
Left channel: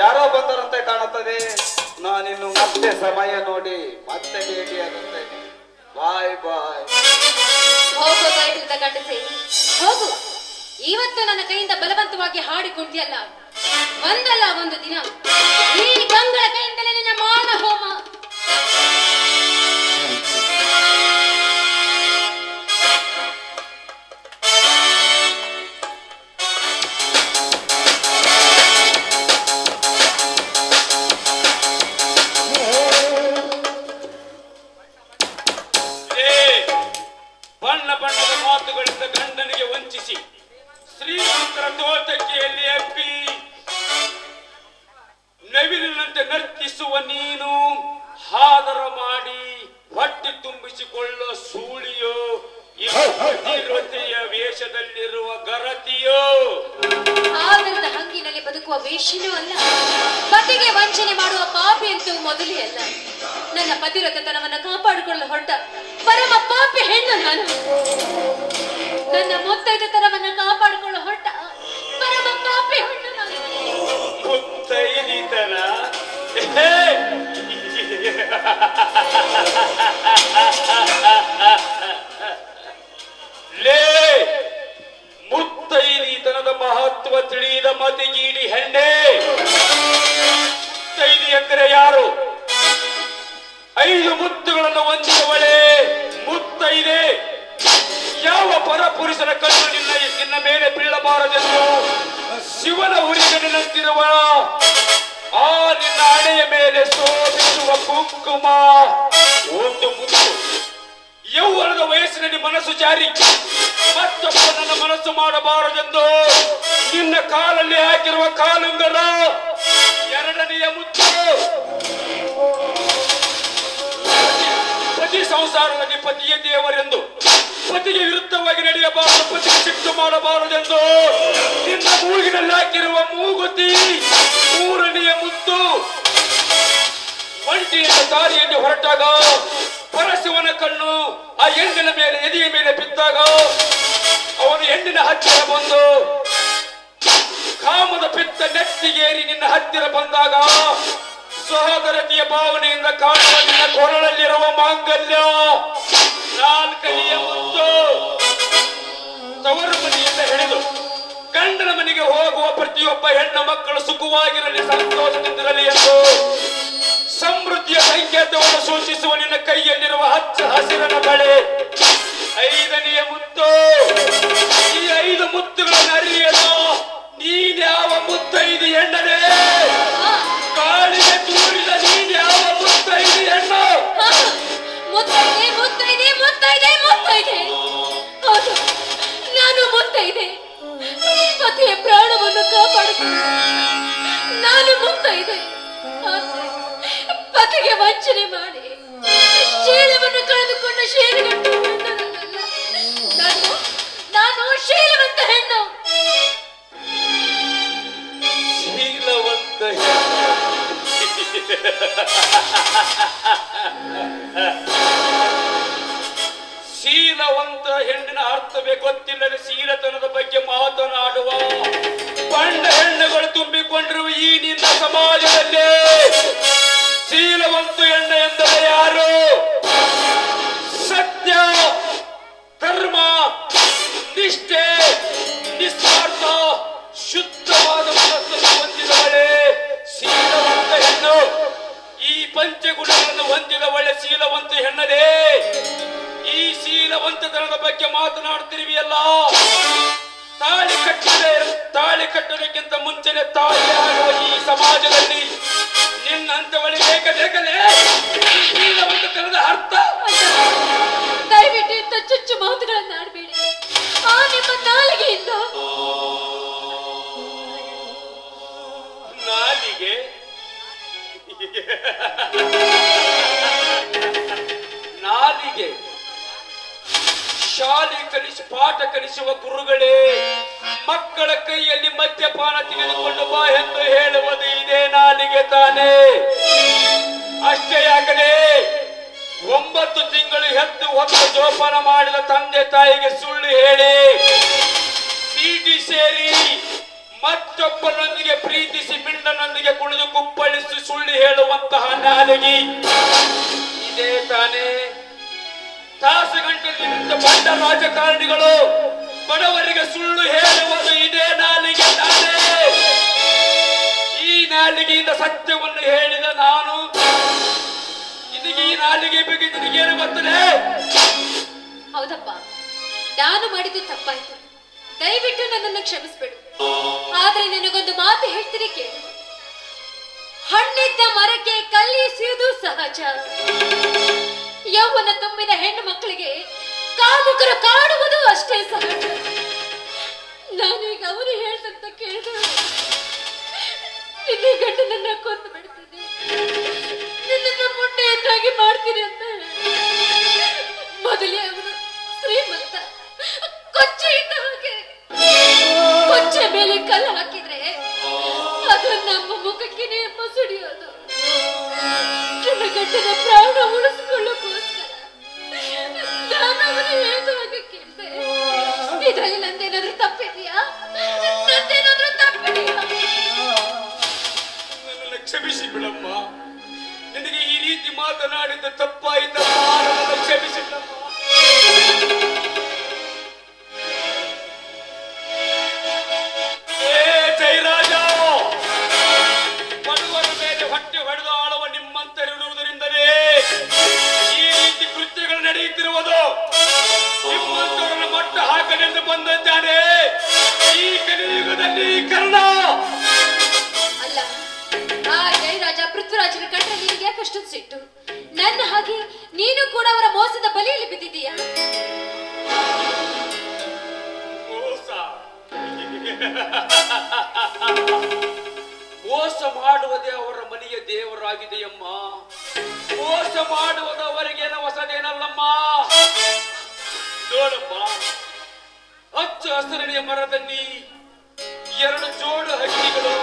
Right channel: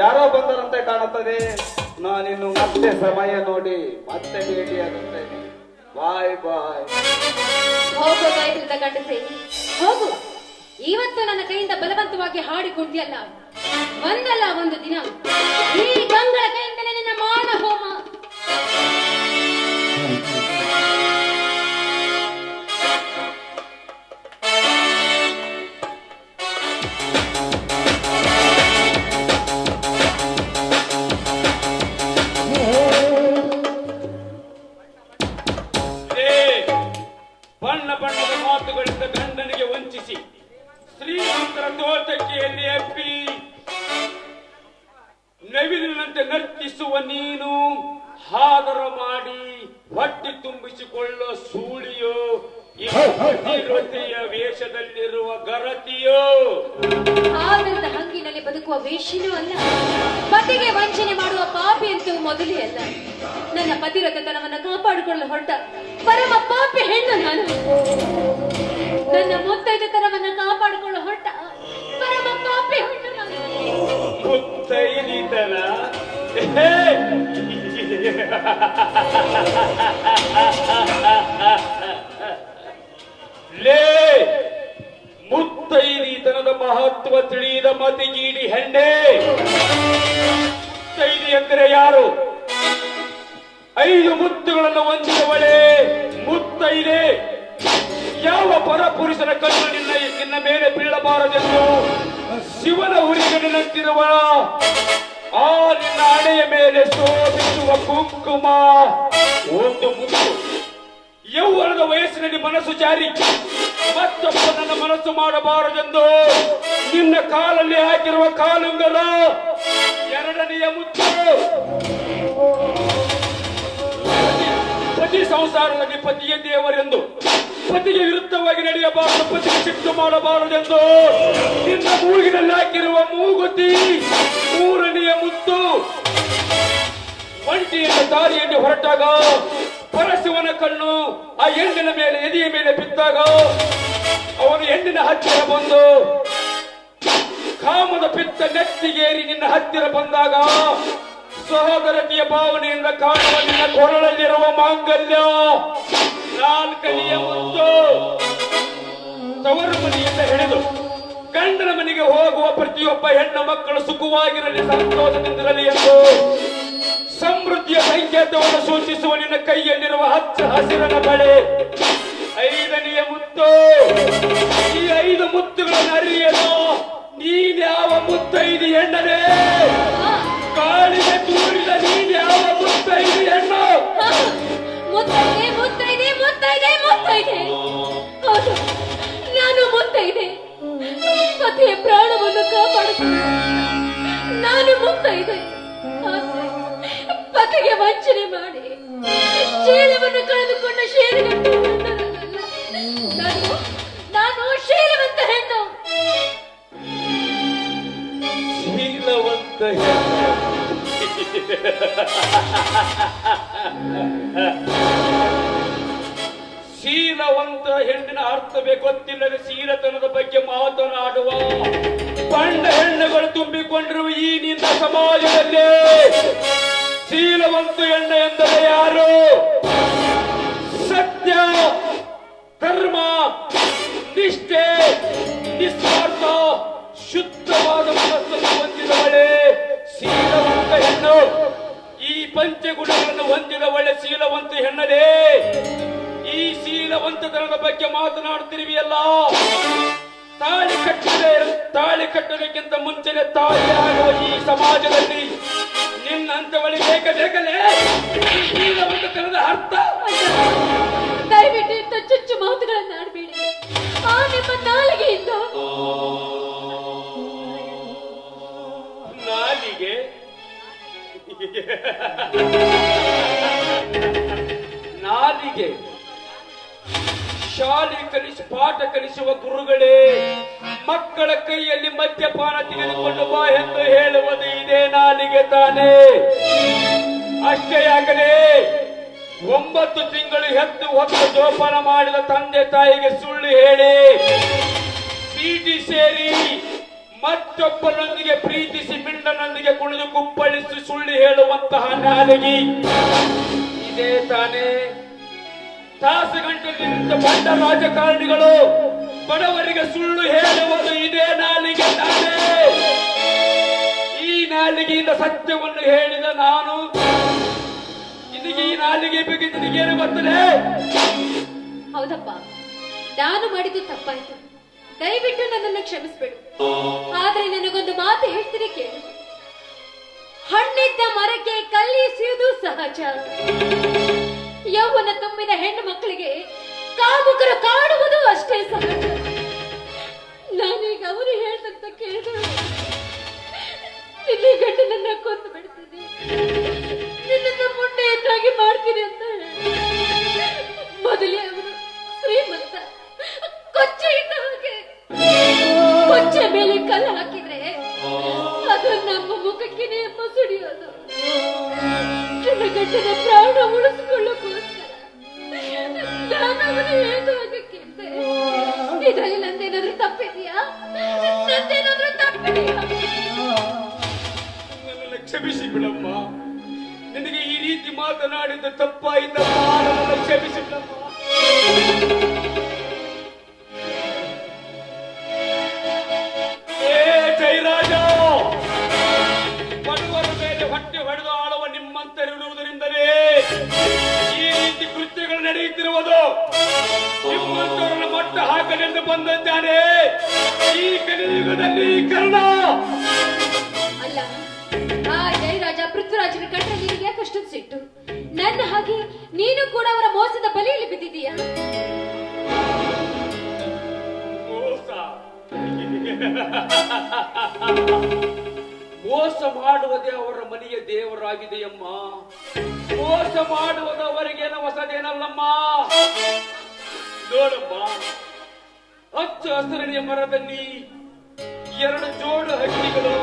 ಯಾರೋ ಬಂದರಂತೆ ಕಾಣುತ್ತದೆ. ನಾನಿನ್ನು ಮತ್ತೆ ಸಮಯ ನೋಡಿ ಮತ್ತೆ ಭೇಟಿಯಾಗುತ್ತೇನೆ. ಬಾಯ್ ಬಾಯ್. ಹೋಗೋದಾಯ್ತು ಗಂಡಸೆ, ಹೋಗು. ಇವತ್ತು ನನ್ನ ಕೈಯಿಂದ ಬಲವಂತವಾಗಿ ಹಾಡಿಕೊಂಡಿಯಲ್ಲ, ಒಂದಲ್ಲ ಒಂದು ದಿನ ಈ ಗಂಗಳ ಕೈಯಿಂದಲೇ ನಿನ್ನ ಮಾನ ಹೋಮ. ಬಣ್ಣ ಬಣ್ಣದ ಮಾತುಗಳಿಂದ ಗಂಡನಿಗೆ ವಂಚಿಸಿ ಶ್ರೀಮಂತರ ತೋಟಕ್ಕಿಯಲ್ಲಿ ಅಪ್ಪಿ ನವಿಲಿನಂತೆ ನರ್ತಿಸುವ ಪ್ರೀತಿಸುವ ನೀನು ಆದರ ಮಾಡಿ ಹೊಟ್ಟೆ ತುಂಬಿಸಿಕೊಳ್ಳೋ ಸೂಳಿಯೋ ವೇಷದಲ್ಲಿರುವ ಗರತಿಯೋ ಆದರದ ಹಂಗಿನಲ್ಲಿ ಬದುಕುವ ವೇಷನೂ ಅಲ್ಲ, ಪತಿಗೆ ವಂಚನೆ ಮಾಡುವ ಪಾಪಿ ಅಂತೂ ಮೊದಲೇ ಅಲ್ಲ. ನನ್ನ ಪತಿರತನವನ್ನು ಕಾಪಾಡಿಕೊಳ್ಳಲು ಹೊರಟ ಪರಮ ಪಾಪಿ ಹೆಣ್ಣು ನಾನು. ನನ್ನ ಮುತ್ತೈದತನವನ್ನು ಕಾಪಾಡಿಕೊಳ್ಳಲು ಹೊರಟ ಪರಮ ಪಾಪಿ ಹೆಣ್ಣು ನಾನು. ಮುತ್ತೈದಿತನ ಲೇ ಮುತ್ತೈದಿತನದ ಮಹತ್ವ ತಿಳಿದ ಮತಿಗೀಡಿ ಹೆಣ್ಣೆ. ಮುತ್ತೈದಿ ಎಂದರೆ ಯಾರು? 5 ಮುತ್ತುಗಳನ್ನು ಹೊಂದಿದವಳೆ ಮುತ್ತೈದೆ. ಯಾವ ಪರಪುರುಷನ ಕಣ್ಣು ನಿನ್ನ ಮೇಲೆ ಬೀಳಬಾರದೆಂದು ಶಿವನ ಹುರಿಗನಿನಂತಿರುವ ಆ ನಿನ್ನ ಹಣೆಯ ಮೇಲೆ ಶೋಭಿಸುವ ಕುಂಕುಮ ಒಂದು ಮುತ್ತು. ಯೌವನದ ವಯಸ್ಸಿನಲ್ಲಿ ಮನಸ್ಸು ಜಾರಿ ಮತ್ತೊಬ್ಬ ನನ್ನ ಮನಸ್ಸು ಮಾಡಬಾರದೆಂದು ನಿನ್ನ ಕಾಲಲ್ಲಿ ಹಾಕಿರುವ ಕಾಲುಂಗರ 2ನೆಯ ಮುತ್ತು. ಪತಿ ಸಂಸಾರದಲ್ಲಿ ಪತಿಯೇ ದೇವರೆಂದು, ಪತಿಗೆ ವಿರುದ್ಧವಾಗಿ ನಡೆಯಬಾರದು, ಪತಿಗೆ ಸಿಟ್ಟು ಮಾಡಬಾರದೆಂದು ನಿನ್ನ ಮೂಗಿನಲ್ಲಿ ಹಾಕಿರುವ ಮೂಗುತಿ 3ನೆಯ ಮುತ್ತು. ಒಂಟಿಯಿಂದ ದಾರಿಯಲ್ಲಿ ಹೊರಟಾಗ ಪರಶಿವನ ಕಣ್ಣು ಆ ಹೆಣ್ಣಿನ ಮೇಲೆ ಎದೆಯ ಮೇಲೆ ಬಿದ್ದಾಗ ಅವನು ಹೆಣ್ಣಿನ ಹತ್ತಿರ ಬಂದು ಕಾಮದ ಪಿತ್ತ ನೆತ್ತಿಗೇರಿ ನಿನ್ನ ಹತ್ತಿರ ಬಂದಾಗ ಸಹೋದರತೆಯ ಭಾವನೆಯಿಂದ ಕಾಣುವ ನಿನ್ನ ಕೊರಳಲ್ಲಿರುವ ಮಾಂಗಲ್ಯ 4ನೆಯ ಮುತ್ತು. ತವರು ಮನೆಯಿಂದ ಹಿಡಿದು ಗಂಡನ ಮನೆಗೆ ಹೋಗುವ ಪ್ರತಿಯೊಬ್ಬ ಹೆಣ್ಣು ಮಕ್ಕಳು ಸುಖವಾಗಿರಲಿ, ಸಂತೋಷದಿಂದಿರಲಿ ಎಂದು ಸಮೃದ್ಧಿಯ ಸಂಕೇತವನ್ನು ಸೂಚಿಸುವ ನಿನ್ನ ಕೈಯಲ್ಲಿರುವ ಹಚ್ಚ ಹಸಿರನ ಬಳೆ 5ನೆಯ ಮುತ್ತು. ಈ 5 ಮುತ್ತುಗಳನ್ನು ಅರಿಯಲು ನೀನ್ಯಾವ ಮುತ್ತೈದು ಹೆಣ್ಣನೇ? ಕಾಲಿಗೆ ತೂರಿದ ನೀನ್ಯಾವ ಮುತ್ತೈದು ಹೆಣ್ಣು? ಮುತ್ತೈದೆ ಮುತ್ತೈದೆ ಮುತ್ತೈದೆ ಮುತ್ತೈದೆ. ಹೌದು, ನಾನು ಮುತ್ತೈದೆ. ಪತಿಯ ಪ್ರಾಣವನ್ನು ಕಾಪಾಡುತ್ತೇನೆ. ನಾನು ಮುತ್ತೈದೆ. ಪತಿಗೆ ವಂಚನೆ ಮಾಡಿ ಶೀಲವನ್ನು ಕಳೆದುಕೊಂಡ ಶೀಲಗಂಟ ನಾನು ಶೀಲವಂತ ಹೆಣ್ಣು. ಶೀಲವಂತ ಶೀಲವಂತ ಹೆಣ್ಣಿನ ಅರ್ಥವೇ ಗೊತ್ತಿಲ್ಲದೆ ಶೀಲತನದ ಬಗ್ಗೆ ಮಾತನಾಡುವ ಬಂಡ ಹೆಣ್ಣುಗಳು ತುಂಬಿಕೊಂಡಿರುವ ಈ ನಿನ್ನ ಸಮಾಜದಲ್ಲಿ ಶೀಲವಂತ ಹೆಣ್ಣು ಎಂದರೆ ಯಾರು? ಸತ್ಯ, ಧರ್ಮ, ನಿಷ್ಠೆ, ನಿಸ್ವಾರ್ಥ, ಶುದ್ಧವಾದ ಮನಸ್ಸನ್ನು ಹೊಂದಿದವಳೆ ಶೀಲವಂತ ಹೆಣ್ಣು. ಈ ಪಂಚಗುಣಗಳನ್ನು ಹೊಂದಿದವಳೆ ಶೀಲವಂತ ಹೆಣ್ಣದೇ. ಈ ಶೀಲವಂತತನದ ಬಗ್ಗೆ ಮಾತನಾಡುತ್ತಿರುವೆಯಲ್ಲ, ತಾಳಿ ಕಟ್ಟೋದಕ್ಕಿಂತ ಮುಂಚೆನೆ ತಾಯಿಯಾಗುವ ಈ ಸಮಾಜದಲ್ಲಿ ನಿನ್ನಂತವಳಿ ಬೇಕಲೇ ಶೀಲವಂತತನದ ಅರ್ಥ. ದಯವಿಟ್ಟು ಇಂಥ ಚುಚ್ಚು ಮಾತುಗಳನ್ನು ಆಡಬೇಡಿ. ಆ ನಿಮ್ಮ ನಾಲಿಗೆಯಿಂದ ನಾಲಿಗೆ ನಾಲಿಗೆ ಶಾಲೆ ಪಾಠ ಕಲಿಸುವ ಗುರುಗಳೇ ಮಕ್ಕಳ ಕೈಯಲ್ಲಿ ಮದ್ಯಪಾನ ತೆಗೆದುಕೊಂಡು ಬಾ ಎಂದು ಹೇಳುವುದು ಇದೇ ನಾಲಿಗೆ ತಾನೇ. ಅಷ್ಟೇ ಆಗಲೇ 9 ತಿಂಗಳು ಹೆತ್ತು ಹೊತ್ತು ಜೋಪಾನ ಮಾಡಿದ ತಂದೆ ತಾಯಿಗೆ ಸುಳ್ಳು ಹೇಳಿ ಚೀಟಿ ಸೇರಿ ಮತ್ತೊಬ್ಬನೊಂದಿಗೆ ಪ್ರೀತಿಸಿ ಮಿಂಡನೊಂದಿಗೆ ಕುಣಿದು ಕುಪ್ಪಳಿಸಿ ಸುಳ್ಳು ಹೇಳುವಂತಹ ನಾಲಿಗೆ ಇದೇ ತಾನೇ. ತಾಸುಗಂಟಲ್ಲಿ ನಿಂತ ಬಂಡ ರಾಜಕಾರಣಿಗಳು ಬಡವರಿಗೆ ಸುಳ್ಳು ಹೇಳುವುದು ಇದೇ ನಾಲಿಗೆ ತಾನೇ. ಈ ನಾಲಿಗೆಯಿಂದ ಸತ್ಯವನ್ನು ಹೇಳಿದ ನಾನು ನಿನಗೆ ಈ ನಾಲಿಗೆ ಬಗ್ಗೆ ನಿನಗೇನು ಗೊತ್ತದೆ? ಹೌದಪ್ಪ, ನಾನು ಮಾಡಿದ್ದು ತಪ್ಪಾಯ್ತು. ದಯವಿಟ್ಟು ನನ್ನನ್ನು ಕ್ಷಮಿಸ್ಬೇಡು. ಆದ್ರೆ ನನಗೊಂದು ಮಾತು ಹೇಳ್ತೀನಿ ಕೇಳು. ಹಣ್ಣಿದ್ದ ಮರಕ್ಕೆ ಕಲ್ಲಿಸುವುದು ಸಹಜ. ಯೌವನ ತುಂಬಿದ ಹೆಣ್ಣು ಮಕ್ಕಳಿಗೆ ಕಾಮುಕರು ಕಾಡುವುದು ಅಷ್ಟೇ ಸಹಜ. ನಾನೀಗ ಅವರು ಹೇಳ್ದಂತ ಕೇಳಿದ್ರು ನಿನ್ನ ಗಂಡನನ್ನ ಕೊಂದು ಬಿಡ್ತೀನಿ. ಮಾಡ್ತೀನಿ ಅಂತ ಮೊದಲೇ ಅವನು ಶ್ರೀಮಂತ ಕೊಚ್ಚೆ ಇದ್ದ ಹಾಗೆ ಕೊಚ್ಚೆ ಮೇಲೆ ಕಲ್ಲು ಹಾಕಿದ್ರೆ ಅದು ನಮ್ಮ ಮುಖಕ್ಕಿನೇ ಮಸುಡಿಯೋದು. ಗಂಟನ ಪ್ರಾಣ ಉಳಿಸಿಕೊಳ್ಳೋಕ್ಕೋಸ್ಕರ ನಾನು ಅವನು ಹೇಳ್ದಾಗ ಕೇಳಿದೆ. ಇದರಲ್ಲಿ ನಂದೇನಾದ್ರೂ ತಪ್ಪಿದೆಯಾ? ನಂದೇನಾದ್ರೂ ತಪ್ಪಿದೆಯಾ? ನನ್ನನ್ನು ಕ್ಷಮಿಸಿ ಬಿಡಮ್ಮ. ನಿನಗೆ ಈ ರೀತಿ ಮಾತನಾಡಿದ ತಪ್ಪಾಯಿತಮ್ಮ. ನನ್ನನ್ನು ಕ್ಷಮಿಸಿ ಬಿಡಮ್ಮ. ಜಯರಾಜ, ಬಡವರ ಮೇಲೆ ಹೊಟ್ಟೆ ಹೊಡೆದು ಆಳುವ ನಿಮ್ಮಂತರಿರುವುದರಿಂದಲೇ ಈ ರೀತಿ ಕೃತ್ಯಗಳು ನಡೆಯುತ್ತಿರುವುದು. ನಿಮ್ಮಂತವರನ್ನು ಮಟ್ಟ ಹಾಕಲೆಂದು ಬಂದಿದ್ದಾನೆ ಈ ಕಲಿಯುಗದಲ್ಲಿ ಕರ್ಣ. ಅಲ್ಲ, ಆ ಜಯರಾಜ ಪೃಥ್ವಿರಾಜನ ಕಂಡ್ರೆ ನಿನಗೆ ಯಾಕಷ್ಟೊಂದು ಸಿಟ್ಟು? ನನ್ನ ಹಾಗೆ ನೀನು ಕೂಡ ಅವರ ಮೋಸದ ಬಲಿಯಲ್ಲಿ ಬಿದ್ದಿದೀಯಾ? ಮೋಸ ಮಾಡುವುದೇ ಅವರ ಮನೆಯ ದೇವರಾಗಿದೆಯಮ್ಮ. ಮೋಸ ಮಾಡುವುದು ಅವರಿಗೇನ ಹೊಸದೇನಲ್ಲಮ್ಮ. ನೋಡಮ್ಮ, ಹಚ್ಚ ಹಸಿರಿನ ಮರದಲ್ಲಿ 2 ಜೋಡು ಹಕ್ಕಿಗಳು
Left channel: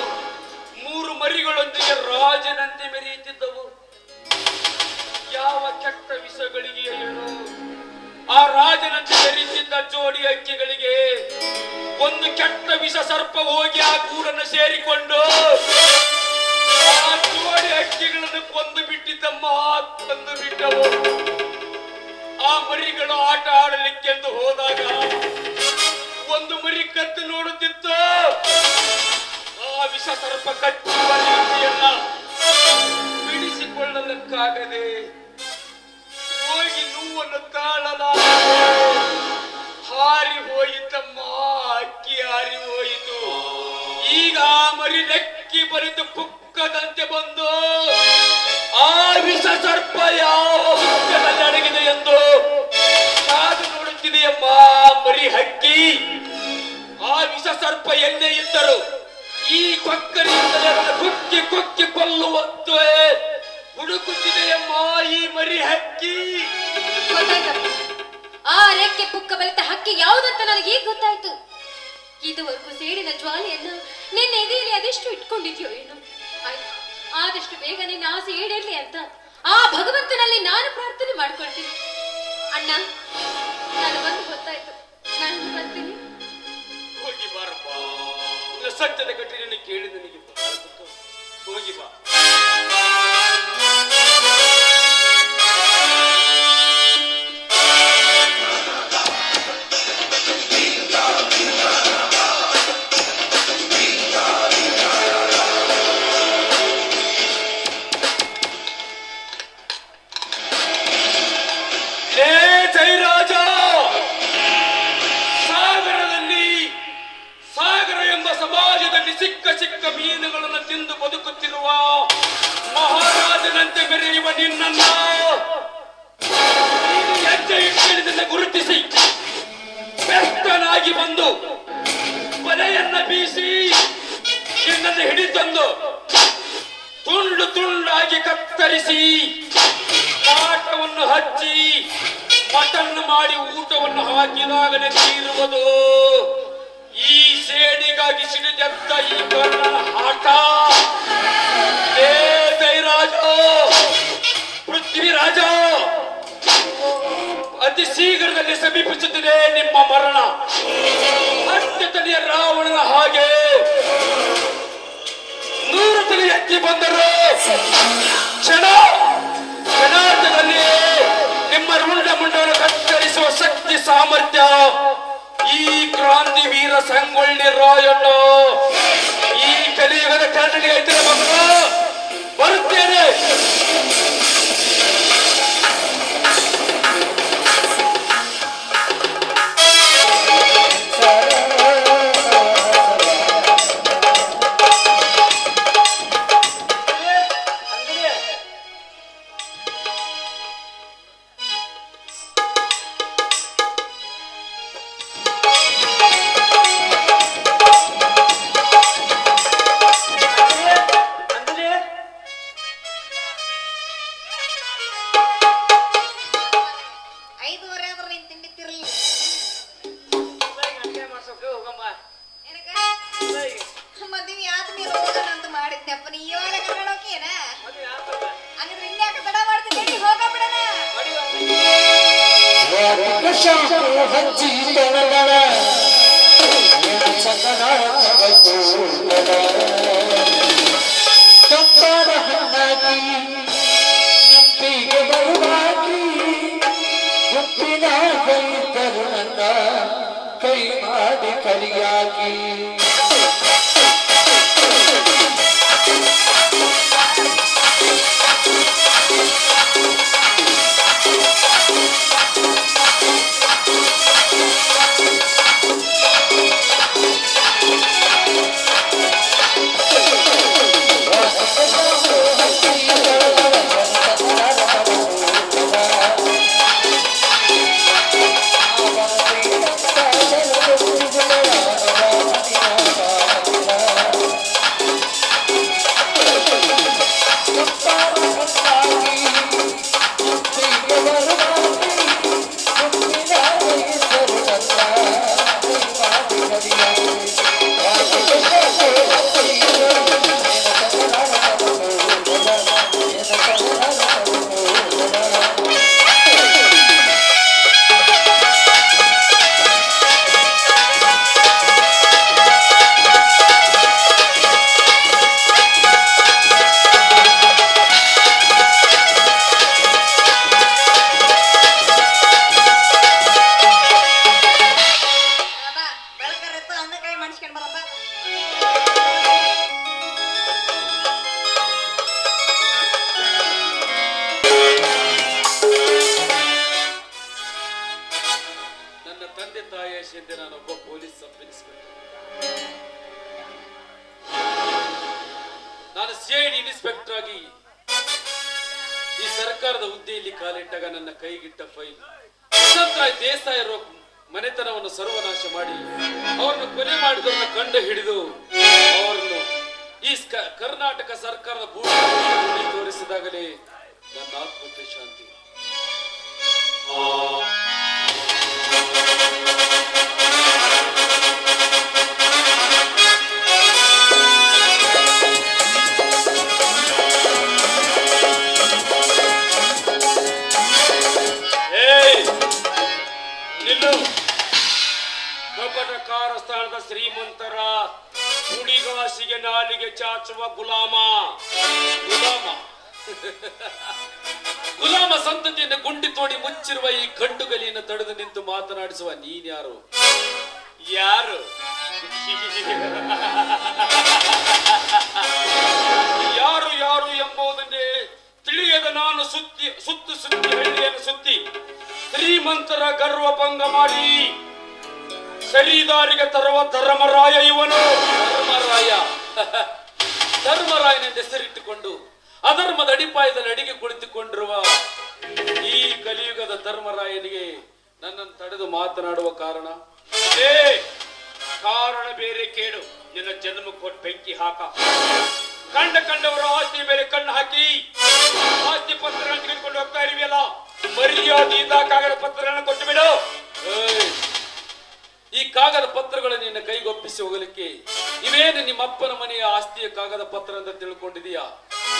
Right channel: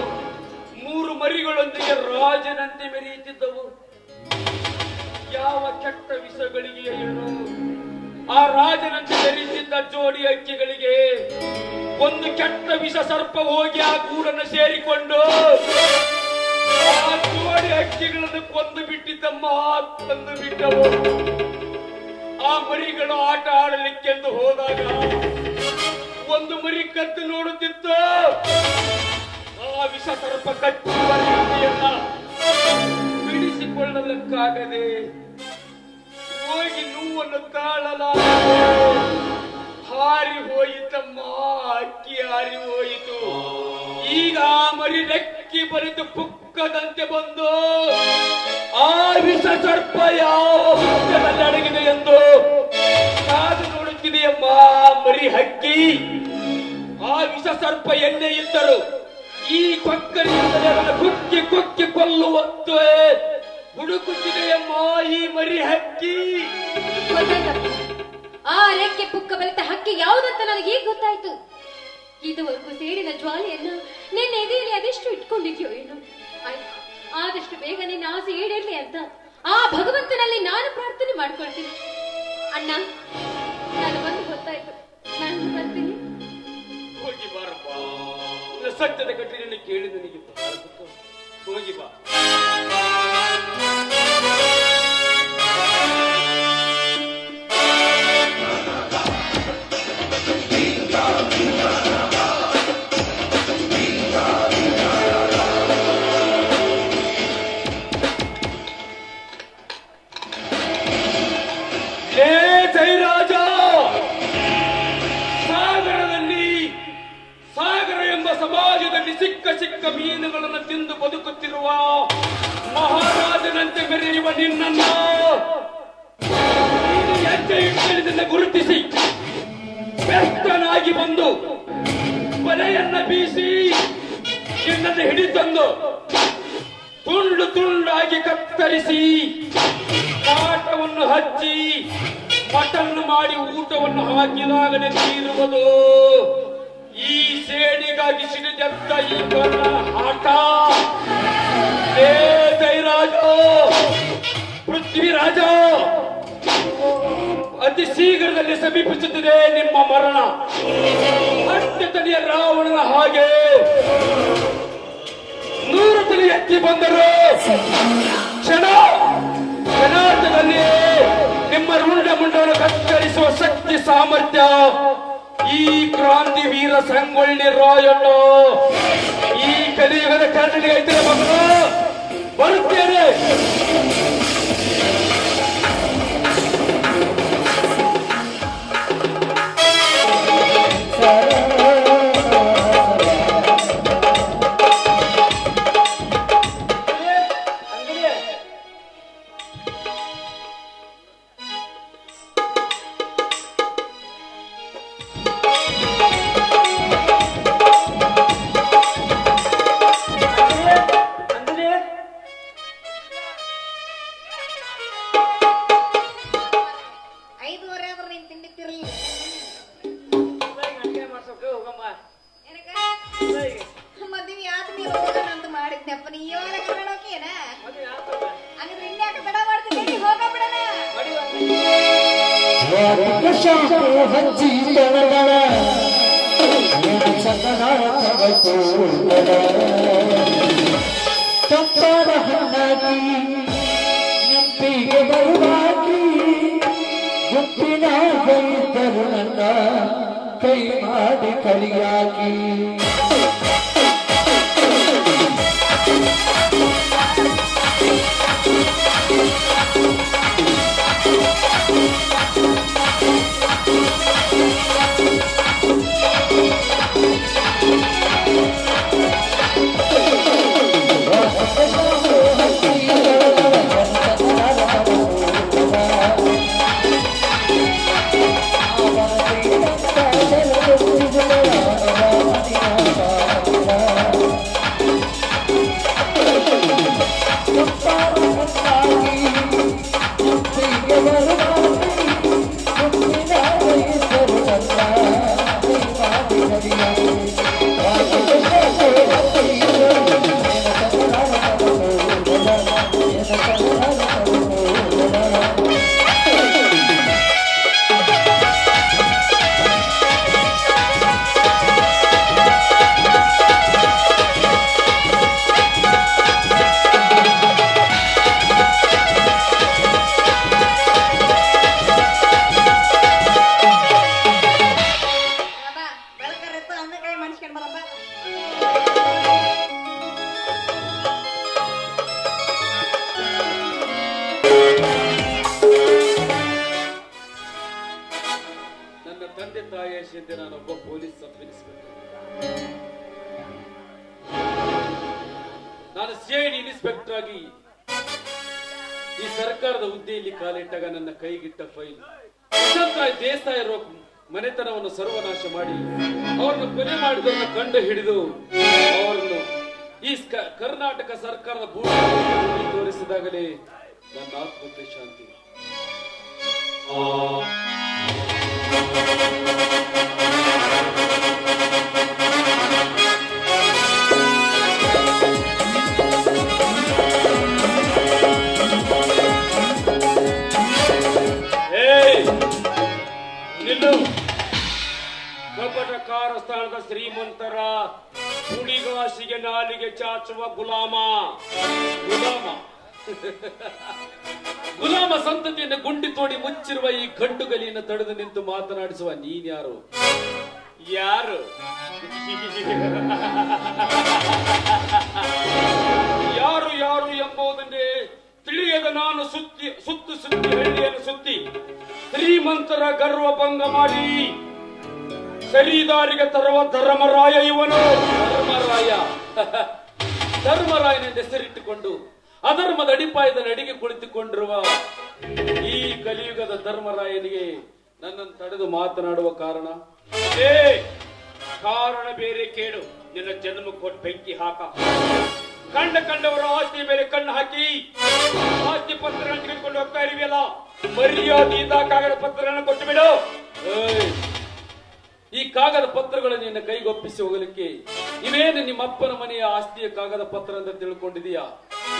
3 ಮರಿಗಳೊಂದಿಗೆ ರಾಜನಂತೆ ಮೆರೆಯುತ್ತಿದ್ದವು. ಯಾವ ಕೆಟ್ಟ ವಿಷಗಳಿಗೆ ಏನು ಆ ರಾಜನಂತೆ ಮೆರೆಯುತ್ತಿದ್ದ ಜೋಡಿ ಹಕ್ಕಿಗಳಿಗೆ ಒಂದು ಕೆಟ್ಟ ವಿಷ ಸರ್ಪ ಹೋಗಿ ಆ ಗೂಡನ್ನು ಸೇರಿಕೊಂಡು ಆ ಜೋಡಿ ಹಕ್ಕಿಗಳನ್ನು ಕೊಂದು ಬಿಟ್ಟಿದ್ದಮ್ಮ. ಕೊಂದು ಬಿಟ್ಟವು. ಆ ಮರಿಗಳು ಆಟ ಆಡಲಿಕ್ಕೆಂದು ಹೋದಾಗ ಒಂದು ಮರಿ ಕತ್ತು ನೋಡುತ್ತಿತ್ತು. ಆ ವಿಷ ಸರ್ಪ ಕಚ್ಚುವ ರೀತಿಯನ್ನ ಬಿಡಿಸಿಕೊಳ್ಳಲಿಕ್ಕಾಗದೆ ಹೋಗಿ ನೋವನ್ನು ತಾಳಲಾಗದೆ ಹಾರಿ ಹೋಯಿತಮ್ಮ. ಅಕ್ಕಿ ಹಾರಿ ಹೋಯಿತು. ಈಗ ಆ ಮರಿ ರೆಕ್ಕಿ ಬರೆದು ಪುಕ್ಕದಂತೆ ಬಂದು ಆ ವಿಷ ಸರ್ಪ ಯಾವ ಹುತ್ತದಲ್ಲಿ ಅಡಗಿದೆ ಎಂದು ಕಾದು ನೋಡುತ್ತಿದೆಯಮ್ಮ. ಮರಿ ಹಕ್ಕಿ ಆ ವಿಷ ಸರ್ಪ ಎಲ್ಲೇ ಇದ್ದರು ಈ ಕೊಕ್ಕರಿಯಿಂದಲೇ ಕುಕ್ಕಿ ಕುಕ್ಕಿ ಕೊಲ್ಲುವಂತೆ ಹುಡುಕುತ್ತಿದೆಯಮ್ಮ ಈ ಮರಿ ಹಕ್ಕಿ. ಆ ರೆಕ್ಕೆ ಪುಕ್ಕ ಬಲಿತ ಹಕ್ಕಿ ಯಾವುದಂತ ನನಗೆ ಈಗ ಗೊತ್ತಾಯ್ತು. ಇದುವರೆಗೂ ಸೇಡಿನ ಜ್ವಾಲೆಯನ್ನು ನಿನ್ನ ಎದೆಯಲ್ಲಿ ಅದೆಷ್ಟು ಇಟ್ಕೊಂಡಿದ್ಯೋ ಏನು. ಆಯ್ತು, ಆದಷ್ಟು ಬೇಗ ನಿನ್ನ ಆಸೆ ಈಡೇರ್ಲಿ ಅಂತ ಆ ಭಗವಂತನಲ್ಲಿ ನಾನು ಪ್ರಾರ್ಥನೆ ಮಾಡ್ಕೊಳ್ತೀನಿ. ಅಣ್ಣ, ನಾನು ಬಂದು ಗೊತ್ತಾಯ್ತು. ನಾನು ಬರ್ತೀನಿ. ಹೋಗಿ ಬಾರಪ್ಪ. ಸತ್ಯದ ಕಟ್ಟಿನ ಕೇಳಿ ನನಗೆ ಹೋಗಿ ಬಾ. ಜಯರಾಜ, ಸಾಗರ ಎಂಬ ಸಮಾಜದಲ್ಲಿ ಸಿಕ್ಕ ಸಿಕ್ಕ ಮೀನುಗಳನ್ನು ತಿಂದು ಬದುಕುತ್ತಿರುವ ಮಹಾರಾಜನಂತೆ ಮೆರೆಯುವ ನಿನ್ನನ್ನು ಹೆಜ್ಜೆ ಇಟ್ಟಲಿನಿಂದ ಗುರುತಿಸಿ ಬೆಸ್ತನಾಗಿ ಬಂದು ಬಲೆಯನ್ನ ಬೀಸಿ ನಿನ್ನನ್ನು ಹಿಡಿತಂದು ತುಂಡು ತುಂಡಾಗಿ ಕತ್ತರಿಸಿ ಕಾಟವನ್ನು ಹಚ್ಚಿ ಮಟನ್ ಮಾಡಿ ಊಟವನ್ನು ಹಾಕಿದಾಗಲೇ ತೀರುವುದು ಈ ಸೇಡಿಗಾಗಿ ಸಿಡಿದೆದ್ದ ಈ ಕರ್ಣನ ಆಟ. ಜಯರಾಜ, ಪೃಥ್ವಿರಾಜ, ಅತಿ ಶೀಘ್ರದಲ್ಲಿ ಸಮೀಪಿಸುತ್ತಿದೆ ನಿಮ್ಮ ಮರಣ. ಅತ್ಯತನೆಯ ರಾವಣನ ಹಾಗೆ 100 ತಲೆ ಎತ್ತಿ ಬಂದರು ಕ್ಷಣಾರ್ಧದಲ್ಲಿ ನಿಮ್ಮ ರುಂಡ ಮುಂಡವನ್ನು ಕತ್ತರಿಸುವ ಶಕ್ತಿ ಸಾಮರ್ಥ್ಯ ಈ ಕ್ರಾಂತಿ ವೀರ ಸಂಗೊಳ್ಳಿ ರಾಯಣ್ಣ ಈ ಕಲಿಯುಗದ ಕರ್ಣನಿಗೆ ಐತಿರ ಮಕ್ಕಳು. ಬರುತ್ತೇನೆ. ಆಗಲೇ ಕರ್ಕೊಂಡು ಹೋಗ್ತೀಯನ ಹಂಗಿದ್ರೆ ಇನ್ಯಾಕೆ ತಡ ಮಾಡ್ತಿದ್ದೀರಿ ಹೋಗಬಿಡಣ ಹಂಚಿ ತಳದಳ ತಂಪಾದ ಹಣ್ಣಾಗಿ ನೆಂಪಿಗೆ ಬರುವಾಗಿ ಗುಪ್ಪಿನ ಗೈತರು ನನ್ನ ಕೈ ಮಾಡಿ ಕಲಿಯಾಗಿ ನಾನೊಬ್ಬ ಪೊಲೀಸ್ ಸಬ್ ಇನ್ಸ್ಪೆಕ್ಟರ್. ನಾನು ಸಿಐಡಿ ಇನ್ಸ್ಪೆಕ್ಟರ್ ಆಗಿ ಈ ಸರ್ಕಾರದ ಹುದ್ದೆಯಲ್ಲಿ ಕಾಲಿಟ್ಟಾಗ ನನ್ನ ಕೈಗಿಟ್ಟ ಫೈಲ್ ವಸಂತರಾಯ್ ದೇಸಾಯಿ ಮನೆತನವನ್ನು ಸರ್ವನಾಶ ಮಾಡಿ ಅವರನ್ನು ಕೊಲೆ ಮಾಡಿದವರನ್ನ ಕಂಡು ಹಿಡಿದು ಅವರನ್ನು ಈ ಕರ್ನಾಟಕ ಸರ್ಕಾರದ ಭೂಮಿ ತೋರಿಸಿದಾಗಲೇ ನನ್ನ ಆತ್ಮಕ್ಕೆ ಶಾಂತಿ. ಕಪಟಕಾರ ಸ್ಥಾನದ ಶ್ರೀಮಂತರ ಹುಡಿಗಾಸಿಗೆ ನಾಲಿಗೆ ಚಾಚುವ ಗುಲಾಮ ಗುಲಾಮ ಸಂತತಿಯನ್ನು ಗುಂಡಿ ತೋಡಿ ಮುಚ್ಚಿರುವ ಈ ಗಂಡುಗಲಿಯನ್ನು ತಡೆದು ನಿಂತು ಮಾತನಾಡಿಸುವ ನೀನ್ಯಾರು? ಯಾರು ಯಾರು ಯಾರು ಎಂಬುದನ್ನೇ ತಿಳಿಯದ ನಾನು ಸುತ್ತಿ ಹಳ್ಳಿಯನ್ನು ಸುತ್ತಿ ಶ್ರೀಮಂತರ ಗರ್ವಭಂಗ ಮಾಡಿ ಸರಿದಾರಿಗೆ ತರುವ ಧರ್ಮರಾಯ ಇವನು. ಧರ್ಮರಾಯನೆಂದು ಹೆಸರಿಟ್ಟುಕೊಂಡು ಅಧರ್ಮದ ಅಡಿಪಾಯದಲ್ಲಿ ಅಡಿಗೆ ಕುಳಿತುಕೊಂಡಿರುವ ಈ ಕಲಿಯುಗದ ಧರ್ಮರಾಯನಿಗೆ ನನ್ನನ್ನು ತಡೆದು ಮಾತನಾಡುವ ಕಾರಣ ಬೇರೆ ಕೇಳು. ನಿನ್ನ ಜನ್ಮ ಕೊಟ್ಟು ಬೆಂಕಿ ಹಾಕ. ಕಂಡವರ ಆಸ್ತಿ ಮೇಲೆ ಕಣ್ಣು ಹಾಕಿ ಆಸ್ತಿ ಪತ್ರ ತೆಗೆದುಕೊಂಡು ಹೋಗ್ತಾ ಇರುವಿಯಲ್ಲ, ಮರ್ಯಾದೆಯಿಂದ ಕಾಗದ ಪತ್ರಗಳನ್ನು ಕೊಟ್ಟು ಬಿಡು. ಈ ಕಾಗದ ಪತ್ರಗಳನ್ನು ನಿನ್ನ ಕೈಗೊಪ್ಪಿಸಿ ಹೋಗಲಿಕ್ಕೆ ಇವೇನು ನಿಮ್ಮ ಅಪ್ಪನ ಮನೆಯ ಆಸ್ತಿಯ ಕಾಗದ ಪತ್ರ ಅಂತ ತಿಳ್ಕೊಂಡಿದೀಯಾ?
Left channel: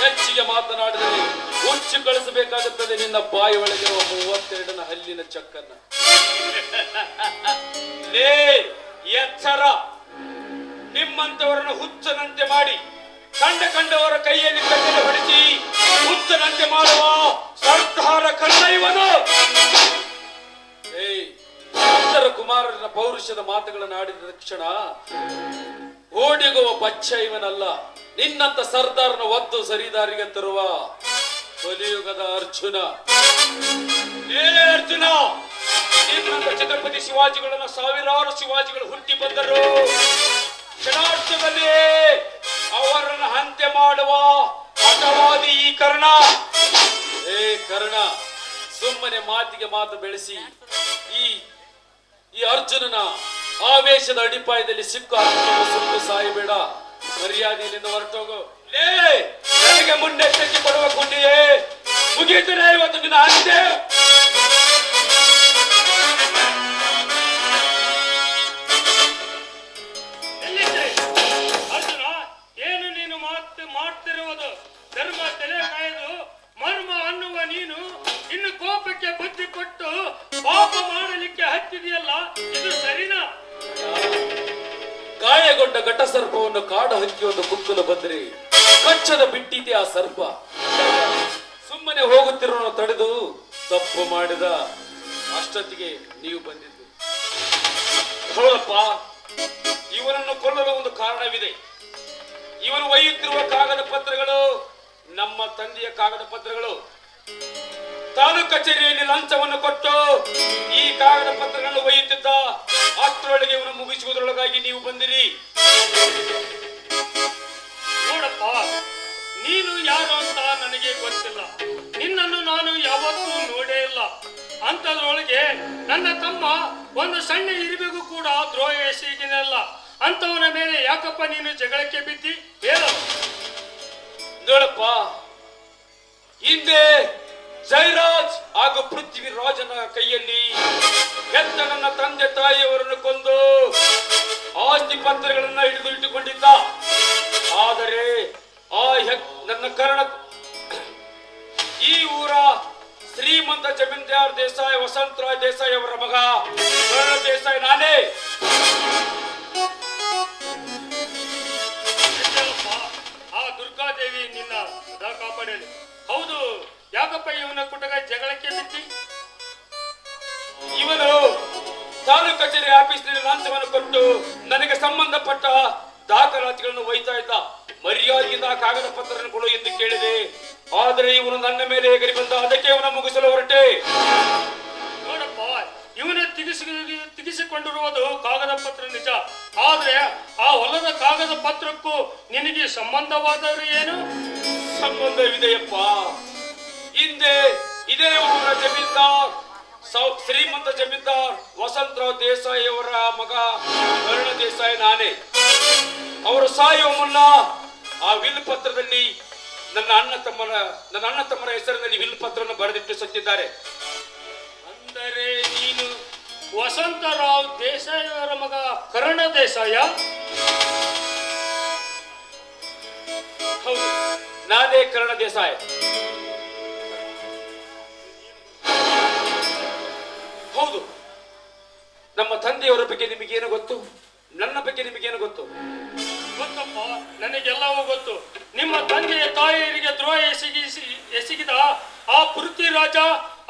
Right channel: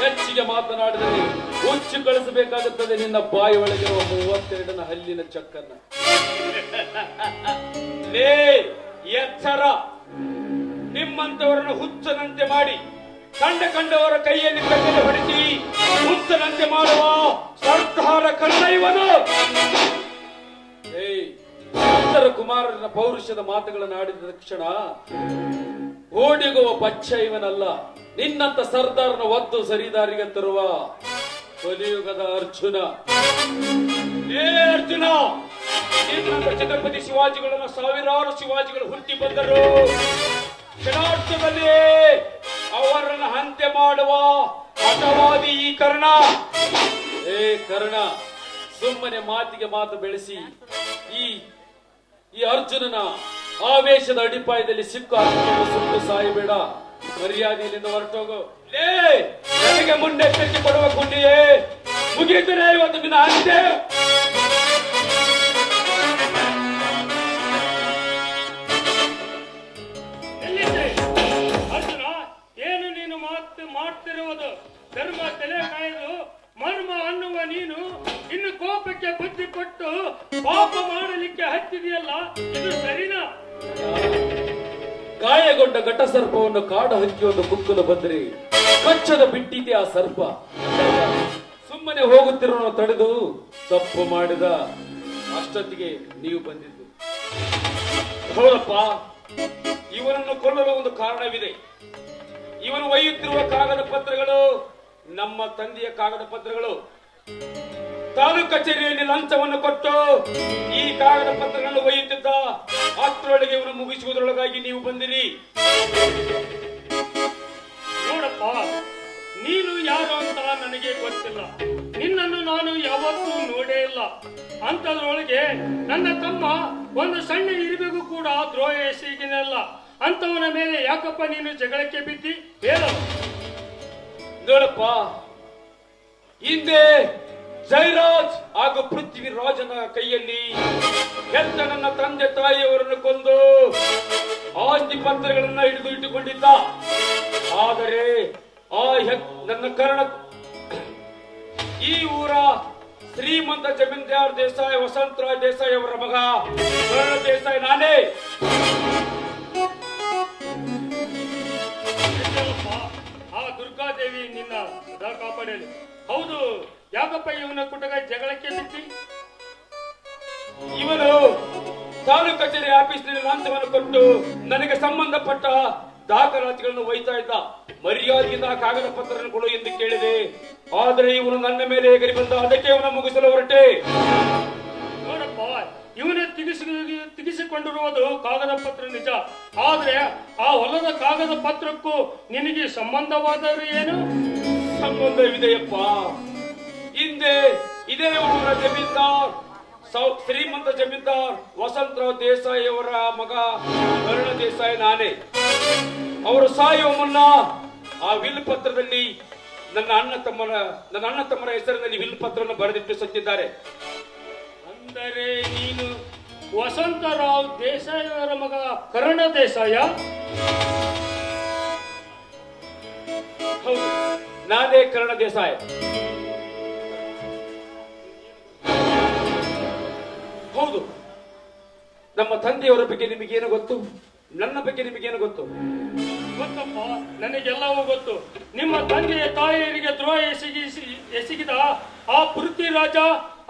ಹೆಚ್ಚಿಗೆ ಮಾತನಾಡಿದರೆ ಹುಚ್ಚು ಕಳಿಸಬೇಕಾಗುತ್ತದೆ ನಿನ್ನ ಬಾಯಿ ಒಳಗಿರುವ 32ನ ಹಲ್ಲಿನ ಚಕ್ಕನ್ನ. ಎಚ್ಚರ! ನಿಮ್ಮಂತವರನ್ನು ಹುಚ್ಚನಂತೆ ಮಾಡಿ ಕಂಡವರ ಕೈಯಲ್ಲಿ ಕಟ್ಟಲು ಹೊಡಿಸಿ ಹುಚ್ಚನಂತೆ ಮಾಡುವ ಸರ್ದಾರ ಕಳ್ಳ ಇವನು. ಉತ್ತರ ಕುಮಾರನ ಪೌರುಷದ ಮಾತುಗಳನ್ನು ಆಡಿದ ತಕ್ಷಣ ಓಡಿಗುವ ಬಚ್ಚ ಇವನಲ್ಲ, ನಿನ್ನಂತ ಸರ್ದಾರನ ಒದ್ದು ಸರಿದಾರಿಗೆ ತರುವ ಕಲಿಯುಗದ ಅರ್ಜುನ. ಅರ್ಜುನ, ನಿನ್ನಂತ ಛತ್ರಪತಿ ಶಿವಾಜಿಗಳನ್ನು ಸಾವಿರಾರು ಶಿವಾಜಿಗಳು ಹುಟ್ಟಿ ಬಂದರು. ಕ್ಷಣಾರ್ಥದಲ್ಲಿ ಅವರನ್ನು ಹಂತೆ ಮಾಡುವ ಹಠವಾದಿ ಈ ಕರ್ಣ. ಕರ್ಣ, ಸುಮ್ಮನೆ ಮಾತಿಗೆ ಮಾತು ಬೆಳೆಸಿ ಈ ಅರ್ಜುನನ ಆವೇಶದ ಅಡಿಪಾಯದಲ್ಲಿ ಸಿಕ್ಕು ಹಾಕಿಕೊಂಡು ಸುಟ್ಟು ಸಾಯಬೇಡ. ಮರ್ಯಾದೆಯಿಂದ ಹೊರಟೋಗು. ನನಗೆ ಮುನ್ನೆಚ್ಚರಿಕೆ ಕೊಡುವ ಗುಂಡಿಯೇ ಮುಗಿಯುತ್ತದೆ ಇವತ್ತು ನಿನ್ನ ಅಂತ್ಯ. ಅರ್ಜುನ, ಏನು ನೀನು ಆಗ್ತಿರುವುದು. ಧರ್ಮ ತಲೆ ಕಾಯ್ದು ಮರ್ಮ ಅನ್ನುವ ನೀನು ಇನ್ನು ಕೋಪಕ್ಕೆ ಬುದ್ಧಿ ಕೊಟ್ಟು ಪಾಪ ಮಾಡಲಿಕ್ಕೆ ಹತ್ತಿದೆಯಲ್ಲ, ಇದು ಸರಿನಾ? ಗಾಯಗೊಂಡ ಘಟ ಸರ್ಪವನ್ನು ಕಾಡು ಹಕ್ಕಿಯನ್ನು ಕುಕ್ಕಲು ಬಂದರೆ ಕಚ್ಚದ ಬಿಟ್ಟಿದೆ ಆ ಸರ್ಪ. ಸುಮ್ಮನೆ ಹೋಗುತ್ತಿರೋ ತಡೆದು ತಪ್ಪು ಮಾಡಿದ ಅಷ್ಟೊತ್ತಿಗೆ ನೀವು ಬಂದಿದ್ದು. ಹೌದಪ್ಪ, ಇವನನ್ನು ಕೊಲ್ಲಲು ಒಂದು ಕಾರಣವಿದೆ. ಇವನು ಒಯ್ಯುತ್ತಿರುವ ಕಾಗದ ಪತ್ರಗಳು ನಮ್ಮ ತಂದೆಯ ಕಾಗದ ಪತ್ರಗಳು. ತಾಲೂಕು ಕಚೇರಿಯಲ್ಲಿ ಲಂಚವನ್ನು ಕೊಟ್ಟು ಈ ಕಾಗದ ಪತ್ರಗಳನ್ನು ಒಯ್ಯುತ್ತಿದ್ದ. ಅಷ್ಟರೊಳಗೆ ಇವನು ಮುಗಿಸುವುದರೊಳಗಾಗಿ ನೀವು ಬಂದಿರಿ. ನೋಡಪ್ಪ, ನೀನು ಯಾರು ಅಂತ ನನಗೆ ಗೊತ್ತಿಲ್ಲ. ನಿನ್ನನ್ನು ನಾನು ಯಾವತ್ತೂ ನೋಡೇ ಇಲ್ಲ. ಅಂತದ್ರೊಳಗೆ ನನ್ನ ತಮ್ಮ ಒಂದು ಸಣ್ಣ ಇರುವೆಗೂ ಕೂಡ ದ್ರೋಹ ಎಸಗಿನಲ್ಲ. ಅಂತವನ ಮೇಲೆ ಯಾಕಪ್ಪ ನೀನು ಜಗಳಕ್ಕೆ ಬಿದ್ದಿ? ಹೇಳು. ನೋಡಪ್ಪ, ಹಿಂದೆ ಜಯರಾಜ್ ಹಾಗೂ ಪೃಥ್ವಿರಾಜನ ಕೈಯಲ್ಲಿ ಹೆತ್ತ ನನ್ನ ತಂದೆ ತಾಯಿಯವರನ್ನು ಕೊಂದು ಆಸ್ತಿ ಪತ್ರಗಳನ್ನ ಹಿಡಿದು ಇಟ್ಟುಕೊಂಡಿದ್ದ. ಆದರೆ ನನ್ನ ಕರ್ಣ ಈ ಊರ ಶ್ರೀಮಂತ ಜಮೀನ್ದಾರ್ ದೇಸಾಯಿ ವಸಂತರಾವ್ ದೇಸಾಯಿ ಅವರ ಮಗ ಕರ್ಣ ದೇಸಾಯಿ ನಾನೇ. ಆ ದುರ್ಗಾದೇವಿ ನಿನ್ನ ಸದಾ ಕಾಪಾಡಲಿ. ಹೌದು, ಯಾಕಪ್ಪ ಇವನ ಕುಟಗ ಜಗಳಕ್ಕೆ ಬಿಟ್ಟಿ? ಇವನು ತಾಲೂಕು ಕಚೇರಿ ಆಫೀಸ್ನಲ್ಲಿ ಲಂಚವನ್ನು ಕೊಟ್ಟು ನನಗೆ ಸಂಬಂಧಪಟ್ಟ ದಾಖಲಾತಿಗಳನ್ನು ಒಯ್ತಾ ಇದ್ದ. ಮರ್ಯಾದೆಯಿಂದ ಕಾಗದ ಪತ್ರವನ್ನು ಕೊಡು ಎಂದು ಕೇಳಿದೆ. ಆದರೆ ಇವನು ನನ್ನ ಮೇಲೆ ಎಗರಿ ಬಂದ. ಅದಕ್ಕೆ ಇವನ ಮುಗಿಸಲು ಹೊರಟೆ. ನೋಡಪ್ಪ, ಇವನು ತಿಗಿಸಿಕೊಂಡಿರುವುದು ಕಾಗದ ಪತ್ರ ನಿಜ. ಆದ್ರೆ ಆ ಹೊಲದ ಕಾಗದ ಪತ್ರಕ್ಕೂ ನಿನಗೆ ಸಂಬಂಧವಾದರೂ ಏನು? ಸಂಬಂಧವಿದೆಯಪ್ಪ. ಹಿಂದೆ ಇದೇ ಊರ ಜಮೀನ್ದಾರ್ ಶ್ರೀಮಂತ ಜಮೀನ್ದಾರ್ ವಸಂತರಾವ್ ದೇಸಾಯಿ ಅವರ ಮಗ ಕರ್ಣ ದೇಸಾಯಿ ನಾನೇ. ಅವರು ಸಾಯುವ ಮುನ್ನ ಆ ವಿಲ್ ಪತ್ರದಲ್ಲಿ ನನ್ನ ಅಣ್ಣ ತಮ್ಮರ ಹೆಸರಿನಲ್ಲಿ ವಿಲ್ ಪತ್ರವನ್ನು ಬರೆದಿಟ್ಟು ಸತ್ತಿದ್ದಾರೆ. ಅಂದರೆ ನೀನು ವಸಂತರಾವ್ ದೇಸಾಯಿ ಅವರ ಮಗ ಕರ್ಣ ದೇಸಾಯ? ಹೌದು, ನಾನೇ ಕರ್ಣ ದೇಸಾಯಿ. ಹೌದು, ನಮ್ಮ ತಂದೆಯವರ ಬಗ್ಗೆ ನಿಮಗೇನು ಗೊತ್ತು? ನನ್ನ ಬಗ್ಗೆ ನಿಮಗೇನು ಗೊತ್ತು? ಗೊತ್ತಪ್ಪ, ನನಗೆಲ್ಲವೂ ಗೊತ್ತು. ನಿಮ್ಮ ತಂದೆಯ ತಾಯಿಯರಿಗೆ ದ್ರೋಹ ಎಸಗಿದ ಆ ಪೃಥ್ವಿರಾಜ,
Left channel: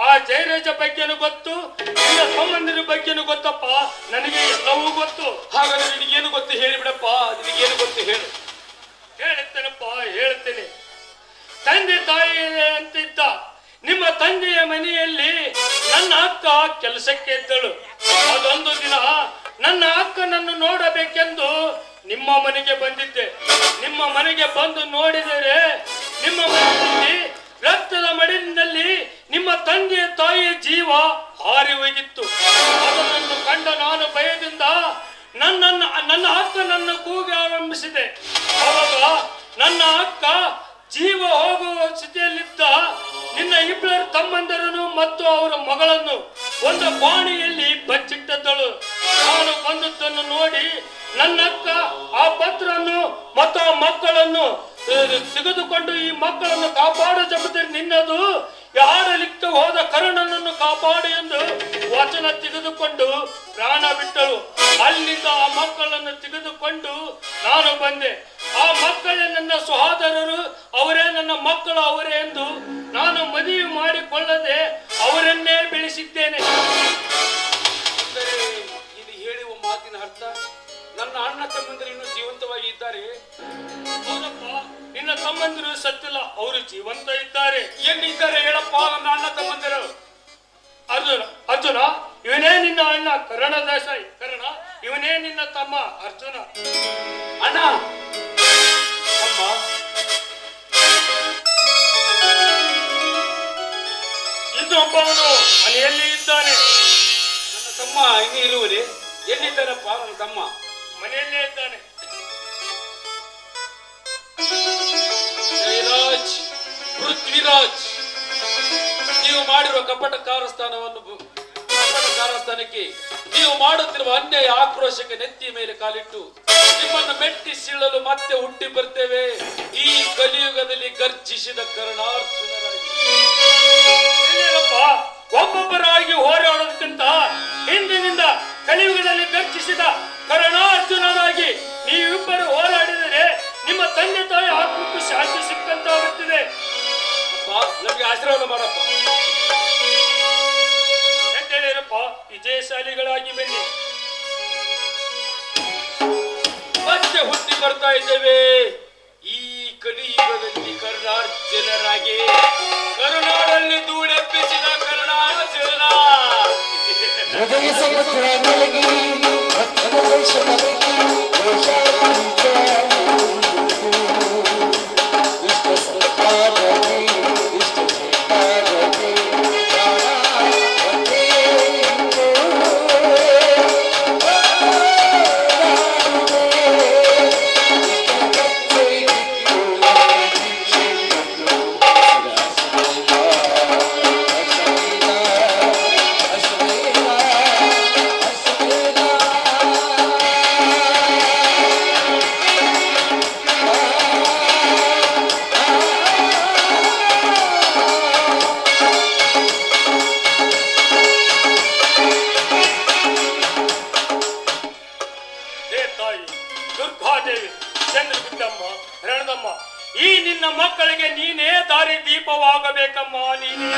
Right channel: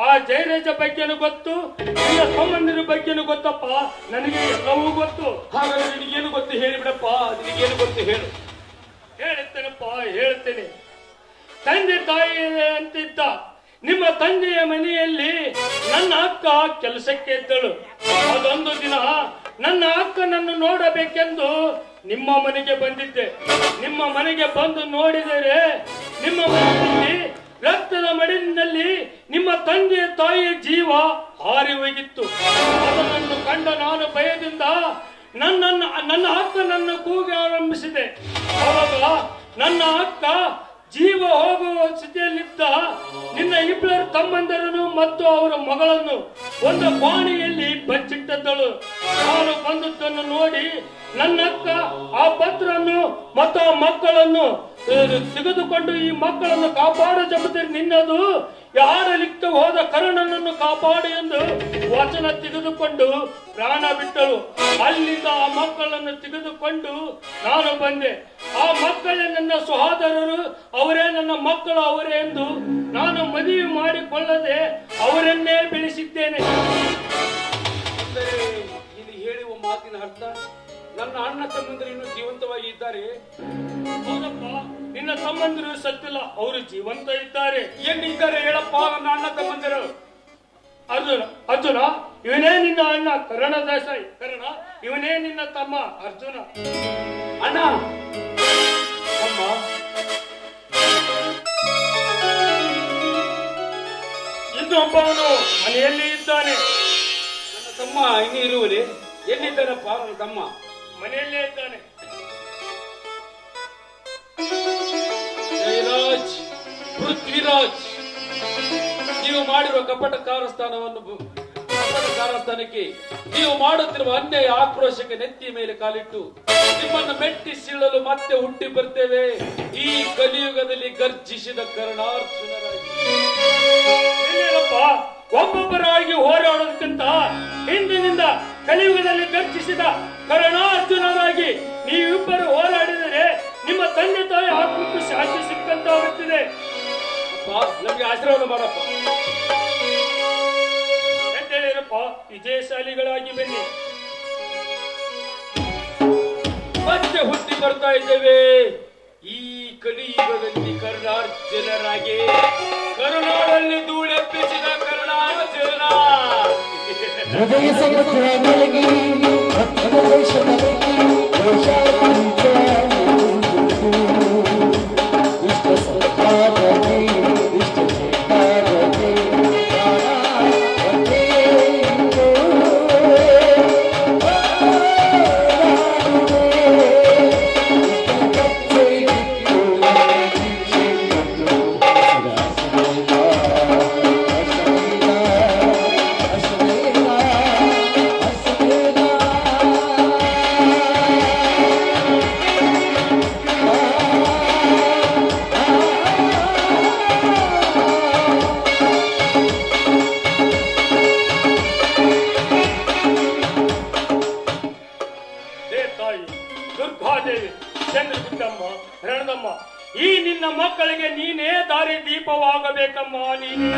ಆ ಜಯರಾಜ ಬಗ್ಗೆನೂ ಗೊತ್ತು. ನಿನ್ನ ತಮ್ಮಂದಿರ ಬಗ್ಗೆನೂ ಗೊತ್ತಪ್ಪ. ನನಗೆ ಎಲ್ಲವೂ ಗೊತ್ತು. ಹಾಗಾದ್ರೆ ನಿನಗೇನು ಗೊತ್ತು ಹೇಳಿಬಿಡಪ್ಪ. ನಿನಗೇನು ಗೊತ್ತು ಹೇಳು. ಹೇಳುತ್ತೇನಪ್ಪ, ಹೇಳುತ್ತೇನೆ. ತಂದೆ ತಾಯಿ ಅಂತಿದ್ದ ನಿಮ್ಮ ತಂದೆಯ ಮನೆಯಲ್ಲಿ ನನ್ನ ಅಕ್ಕ ಕೆಲಸಕ್ಕೆ ಇದ್ದಳು. ಅದೊಂದು ದಿನ ನನ್ನ ಅಕ್ಕನನ್ನು ನೋಡಬೇಕೆಂದು ನಿಮ್ಮ ಮನೆಗೆ ಬಂದಿದ್ದೆ. ನಿಮ್ಮ ಮನೆಗೆ ಬಂದು ನೋಡಿದರೆ ನಿಮ್ಮ ಮನೆಯಲ್ಲಿ ರಕ್ತದ ಮಡಿಲಿನಲ್ಲಿ ನಿಮ್ಮ ತಂದೆಯ ತಾಯಿಯ ಜೀವ ಹಾರಿ ಹೋಗಿತ್ತು. ಅದನ್ನು ಕಂಡ ನಾನು ಭಯದಿಂದ ನನ್ನ ಅಕ್ಕನನ್ನು ಕೂಗಿ ಆರಂಭಿಸಿದೆ. ಅವಾಗ ನನ್ನ ಅಕ್ಕ ಜೀವ ಹೋಗುವ ಸ್ಥಿತಿಯಲ್ಲಿದ್ದ ನಿನ್ನ ಇಬ್ಬರು ತಮ್ಮಂದರನ್ನು ಮತ್ತು ಅವರ ಮಗಳನ್ನು ಒಂದು ಬಾಣಿಯಲ್ಲಿ ಬಚ್ಚಿಟ್ಟದ್ದಳು. ನಾನು ಬಂದದ್ದನ್ನು ನೋಡಿ ನನ್ನ ಅಕ್ಕ ಆ ಪತ್ರವನ್ನು ಮತ್ತು ಆ ಮಕ್ಕಳನ್ನು ತೆಗೆದುಕೊಂಡು ಈ ಮಕ್ಕಳನ್ನು ಕಾಪಾಡೋ ಜವಾಬ್ದಾರಿ ನಿನ್ನದು. ಆಡಲಿಕ್ಕೆ ಹೋದ ಕರ್ಣನನ್ನು ಕಾಪಾಡು ಎಂದು ವಚನ ತೆಗೆದುಕೊಂಡು ಪ್ರಾಣ ಬಿಟ್ಟಳು. ಅಲ್ಲಿಂದ ಆ ಮಕ್ಕಳನ್ನು ತೆಗೆದುಕೊಂಡು ನಾನು ಬಂದೆ. ಆ ಮಕ್ಕಳೇ ನನ್ನ ಸಹೋದರರು, ಅವರೇ ನನ್ನ ಮಕ್ಕಳು, ಅವರೇ ಎಂದು ನಾನು ಮದುವೆ ಮಾಡಿಕೊಳ್ಳದೆ ಅವರನ್ನೇ ಬೆಳೆಸಿದ್ದೇನೆ. ಇದು ಹೇಳುವ ಮಾತಿನ ಅರ್ಥ ನನ್ನ ಅಣ್ಣ ತಮ್ಮಂದಿರು ಇನ್ನೂ ಜೀವಂತವಾಗಿ ಇದ್ದಾರೆ. ಹೌದಪ್ಪ, ನಿನ್ನ ತಮ್ಮಂದಿರು ಸತ್ತಿಲ್ಲ, ಅವರು ಜೀವಂತ ಇದ್ದಾರೆ. ಎಲ್ಲಿದ್ದಾರೆ ಹೇಳಪ್ಪ ನನ್ನ ಅಣ್ಣ ತಮ್ಮಂದಿರು? ಅರ್ಜುನ ಇವನೇ ನಿನ್ನ ಅಣ್ಣ ಕರ್ಣ ದೇಸಾಯಿ. ಕರ್ಣ ಇವನೇ ನಿನ್ನ ತಮ್ಮ ಅರ್ಜುನ. ಅಣ್ಣ ತಮ್ಮ ಇನ್ನೊಬ್ಬವನು ಮನೆಯಲ್ಲಿ ಇದ್ದಾನೆ. ನನ್ನ ತಮ್ಮ ಇನ್ನೂ ಇರುವುದೇ? ಎಲ್ಲಿದ್ದಾನಪ್ಪ ನನ್ನ ತಮ್ಮ? ಮನೆಯಲ್ಲೇ ಇದ್ದಾನೆ. ಜಯರಾಜ್, ಪೃಥ್ವಿರಾಜ್, ನೀವು ಮಾಡಿರುವ ಕಪಟ ಕಾರಸ್ಥಾನಕ್ಕೆ ನೀವು ಮಾಡುತ್ತಿರುವ ಅನ್ಯಾಯ ಆಕ್ರೋಶಕ್ಕೆ ನೆತ್ತಿಯ ಮೇಲೆ ಕಾಲಿಟ್ಟು ನಿಮ್ಮನ್ನು ಮೆಟ್ಟಿ ಸೀಳಲು ಮತ್ತೆ ಹುಟ್ಟಿ ಬರ್ತೇವೆ ಈ ಕಲಿಯುಗದಲ್ಲಿ ಗರ್ಜಿಸಿದ ಕರ್ಣಾರ್ಜುನರಾಗಿ. ಒಬ್ಬೊಬ್ಬರಾಗಿ ಹೋರಾಡೋದಕ್ಕಿಂತ ಹಿಂದಿನಿಂದ ಕಲಿಯುಗದಲ್ಲಿ ಗರ್ಜಿಸಿದ ಕರ್ಣಾರ್ಜುನರಾಗಿ ನೀವಿಬ್ಬರು ಹೋರಾಡಿದರೆ ನಿಮ್ಮ ತಂದೆ ತಾಯಿ ಆತ್ಮಕ್ಕೂ ಶಾಂತಿ ಸಿಕ್ಕಂತಾಗುತ್ತಿದೆ. ಅಪ್ಪ ನಮ್ಗೆ ಆಶೀರ್ವಾದ ಮಾಡಪ್ಪ. ಎಂತೇಳಿರಪ್ಪ, ವಿಜಯಶಾಲಿಗಳಾಗಿ ಬನ್ನಿ. ಮತ್ತೆ ಹುಟ್ಟಿ ಬರ್ತಾ ಇದ್ದೇವೆ ಈ ಕಲಿಯುಗದಲ್ಲಿ ಕರ್ಣಾರ್ಜುನರಾಗಿ. ಕರುನಾಡಲ್ಲಿ ಧೂಳೆಪ್ಪಿಸಿದ ಕರ್ಣಾರ್ಜುನ. ಹೃದಯ ಸಮುದ್ರ ಮಲಗಿ ಭಕ್ತರ ದೇಶ ಮಲಗಿ ಇಷ್ಟ ಸಂಪಾದನೆ ಇಷ್ಟ ಸಂಪಾದನೆ ಈ ನಿನ್ನ ಮಕ್ಕಳಿಗೆ ನೀನೇ ದಾರಿ ದೀಪವಾಗಬೇಕಮ್ಮ. ನೀನೇ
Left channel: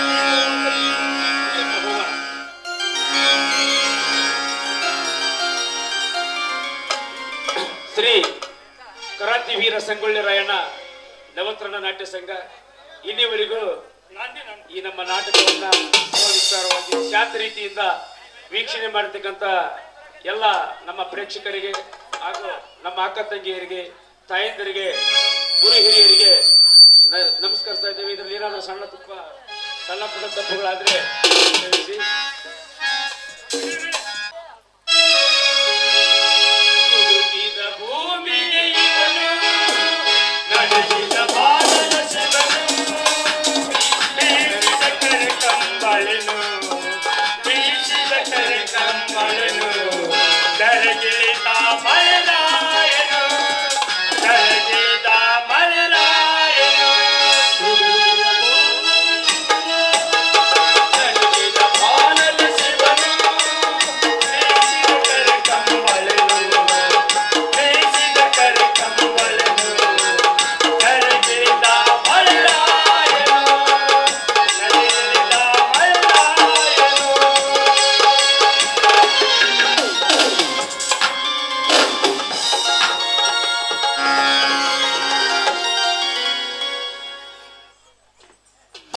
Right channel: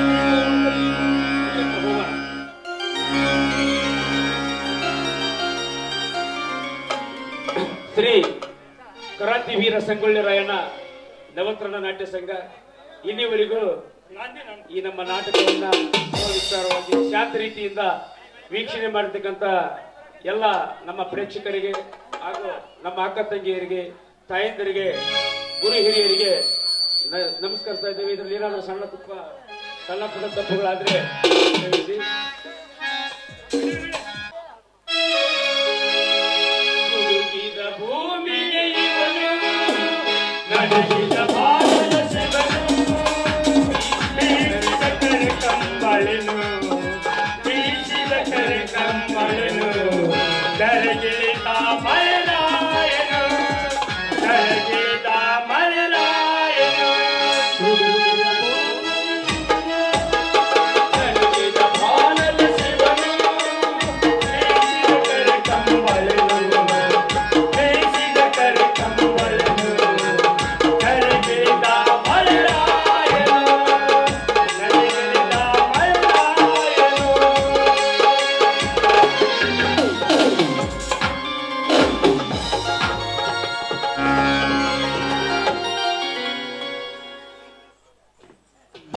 ಶ್ರೀ ಕ್ರಾಂತಿ ವೀರ ಸಂಗೊಳ್ಳಿ ರಾಯಣ್ಣ ನವತ್ರಣ ನಾಟ್ಯ ಸಂಘ ಇಲ್ಲಿವರೆಗೂ ಈ ನಮ್ಮ ನಾಟಕವನ್ನ ವಿಸ್ತಾರವಾಗಿ ಶಾಂತ ರೀತಿಯಿಂದ ವೀಕ್ಷಣೆ ಮಾಡತಕ್ಕಂತ ಎಲ್ಲ ನಮ್ಮ ಪ್ರೇಕ್ಷಕರಿಗೆ ಹಾಗೂ ನಮ್ಮ ಅಕ್ಕ ತಂಗಿಯರಿಗೆ, ತಾಯಂದಿರಿಗೆ, ಗುರು ಹಿರಿಯರಿಗೆ ನಮಸ್ಕರಿಸ್ತಾ ಇದ್ದೇವೆ. ಇದರಲ್ಲಿ ಏನಾದರೂ ಸಣ್ಣ ಪುಟ್ಟ ತಪ್ಪುಗಳಾದ್ರೆ ಕ್ಷಮಿಸಿ. ಭೂಮಿಗೆ ಇವನು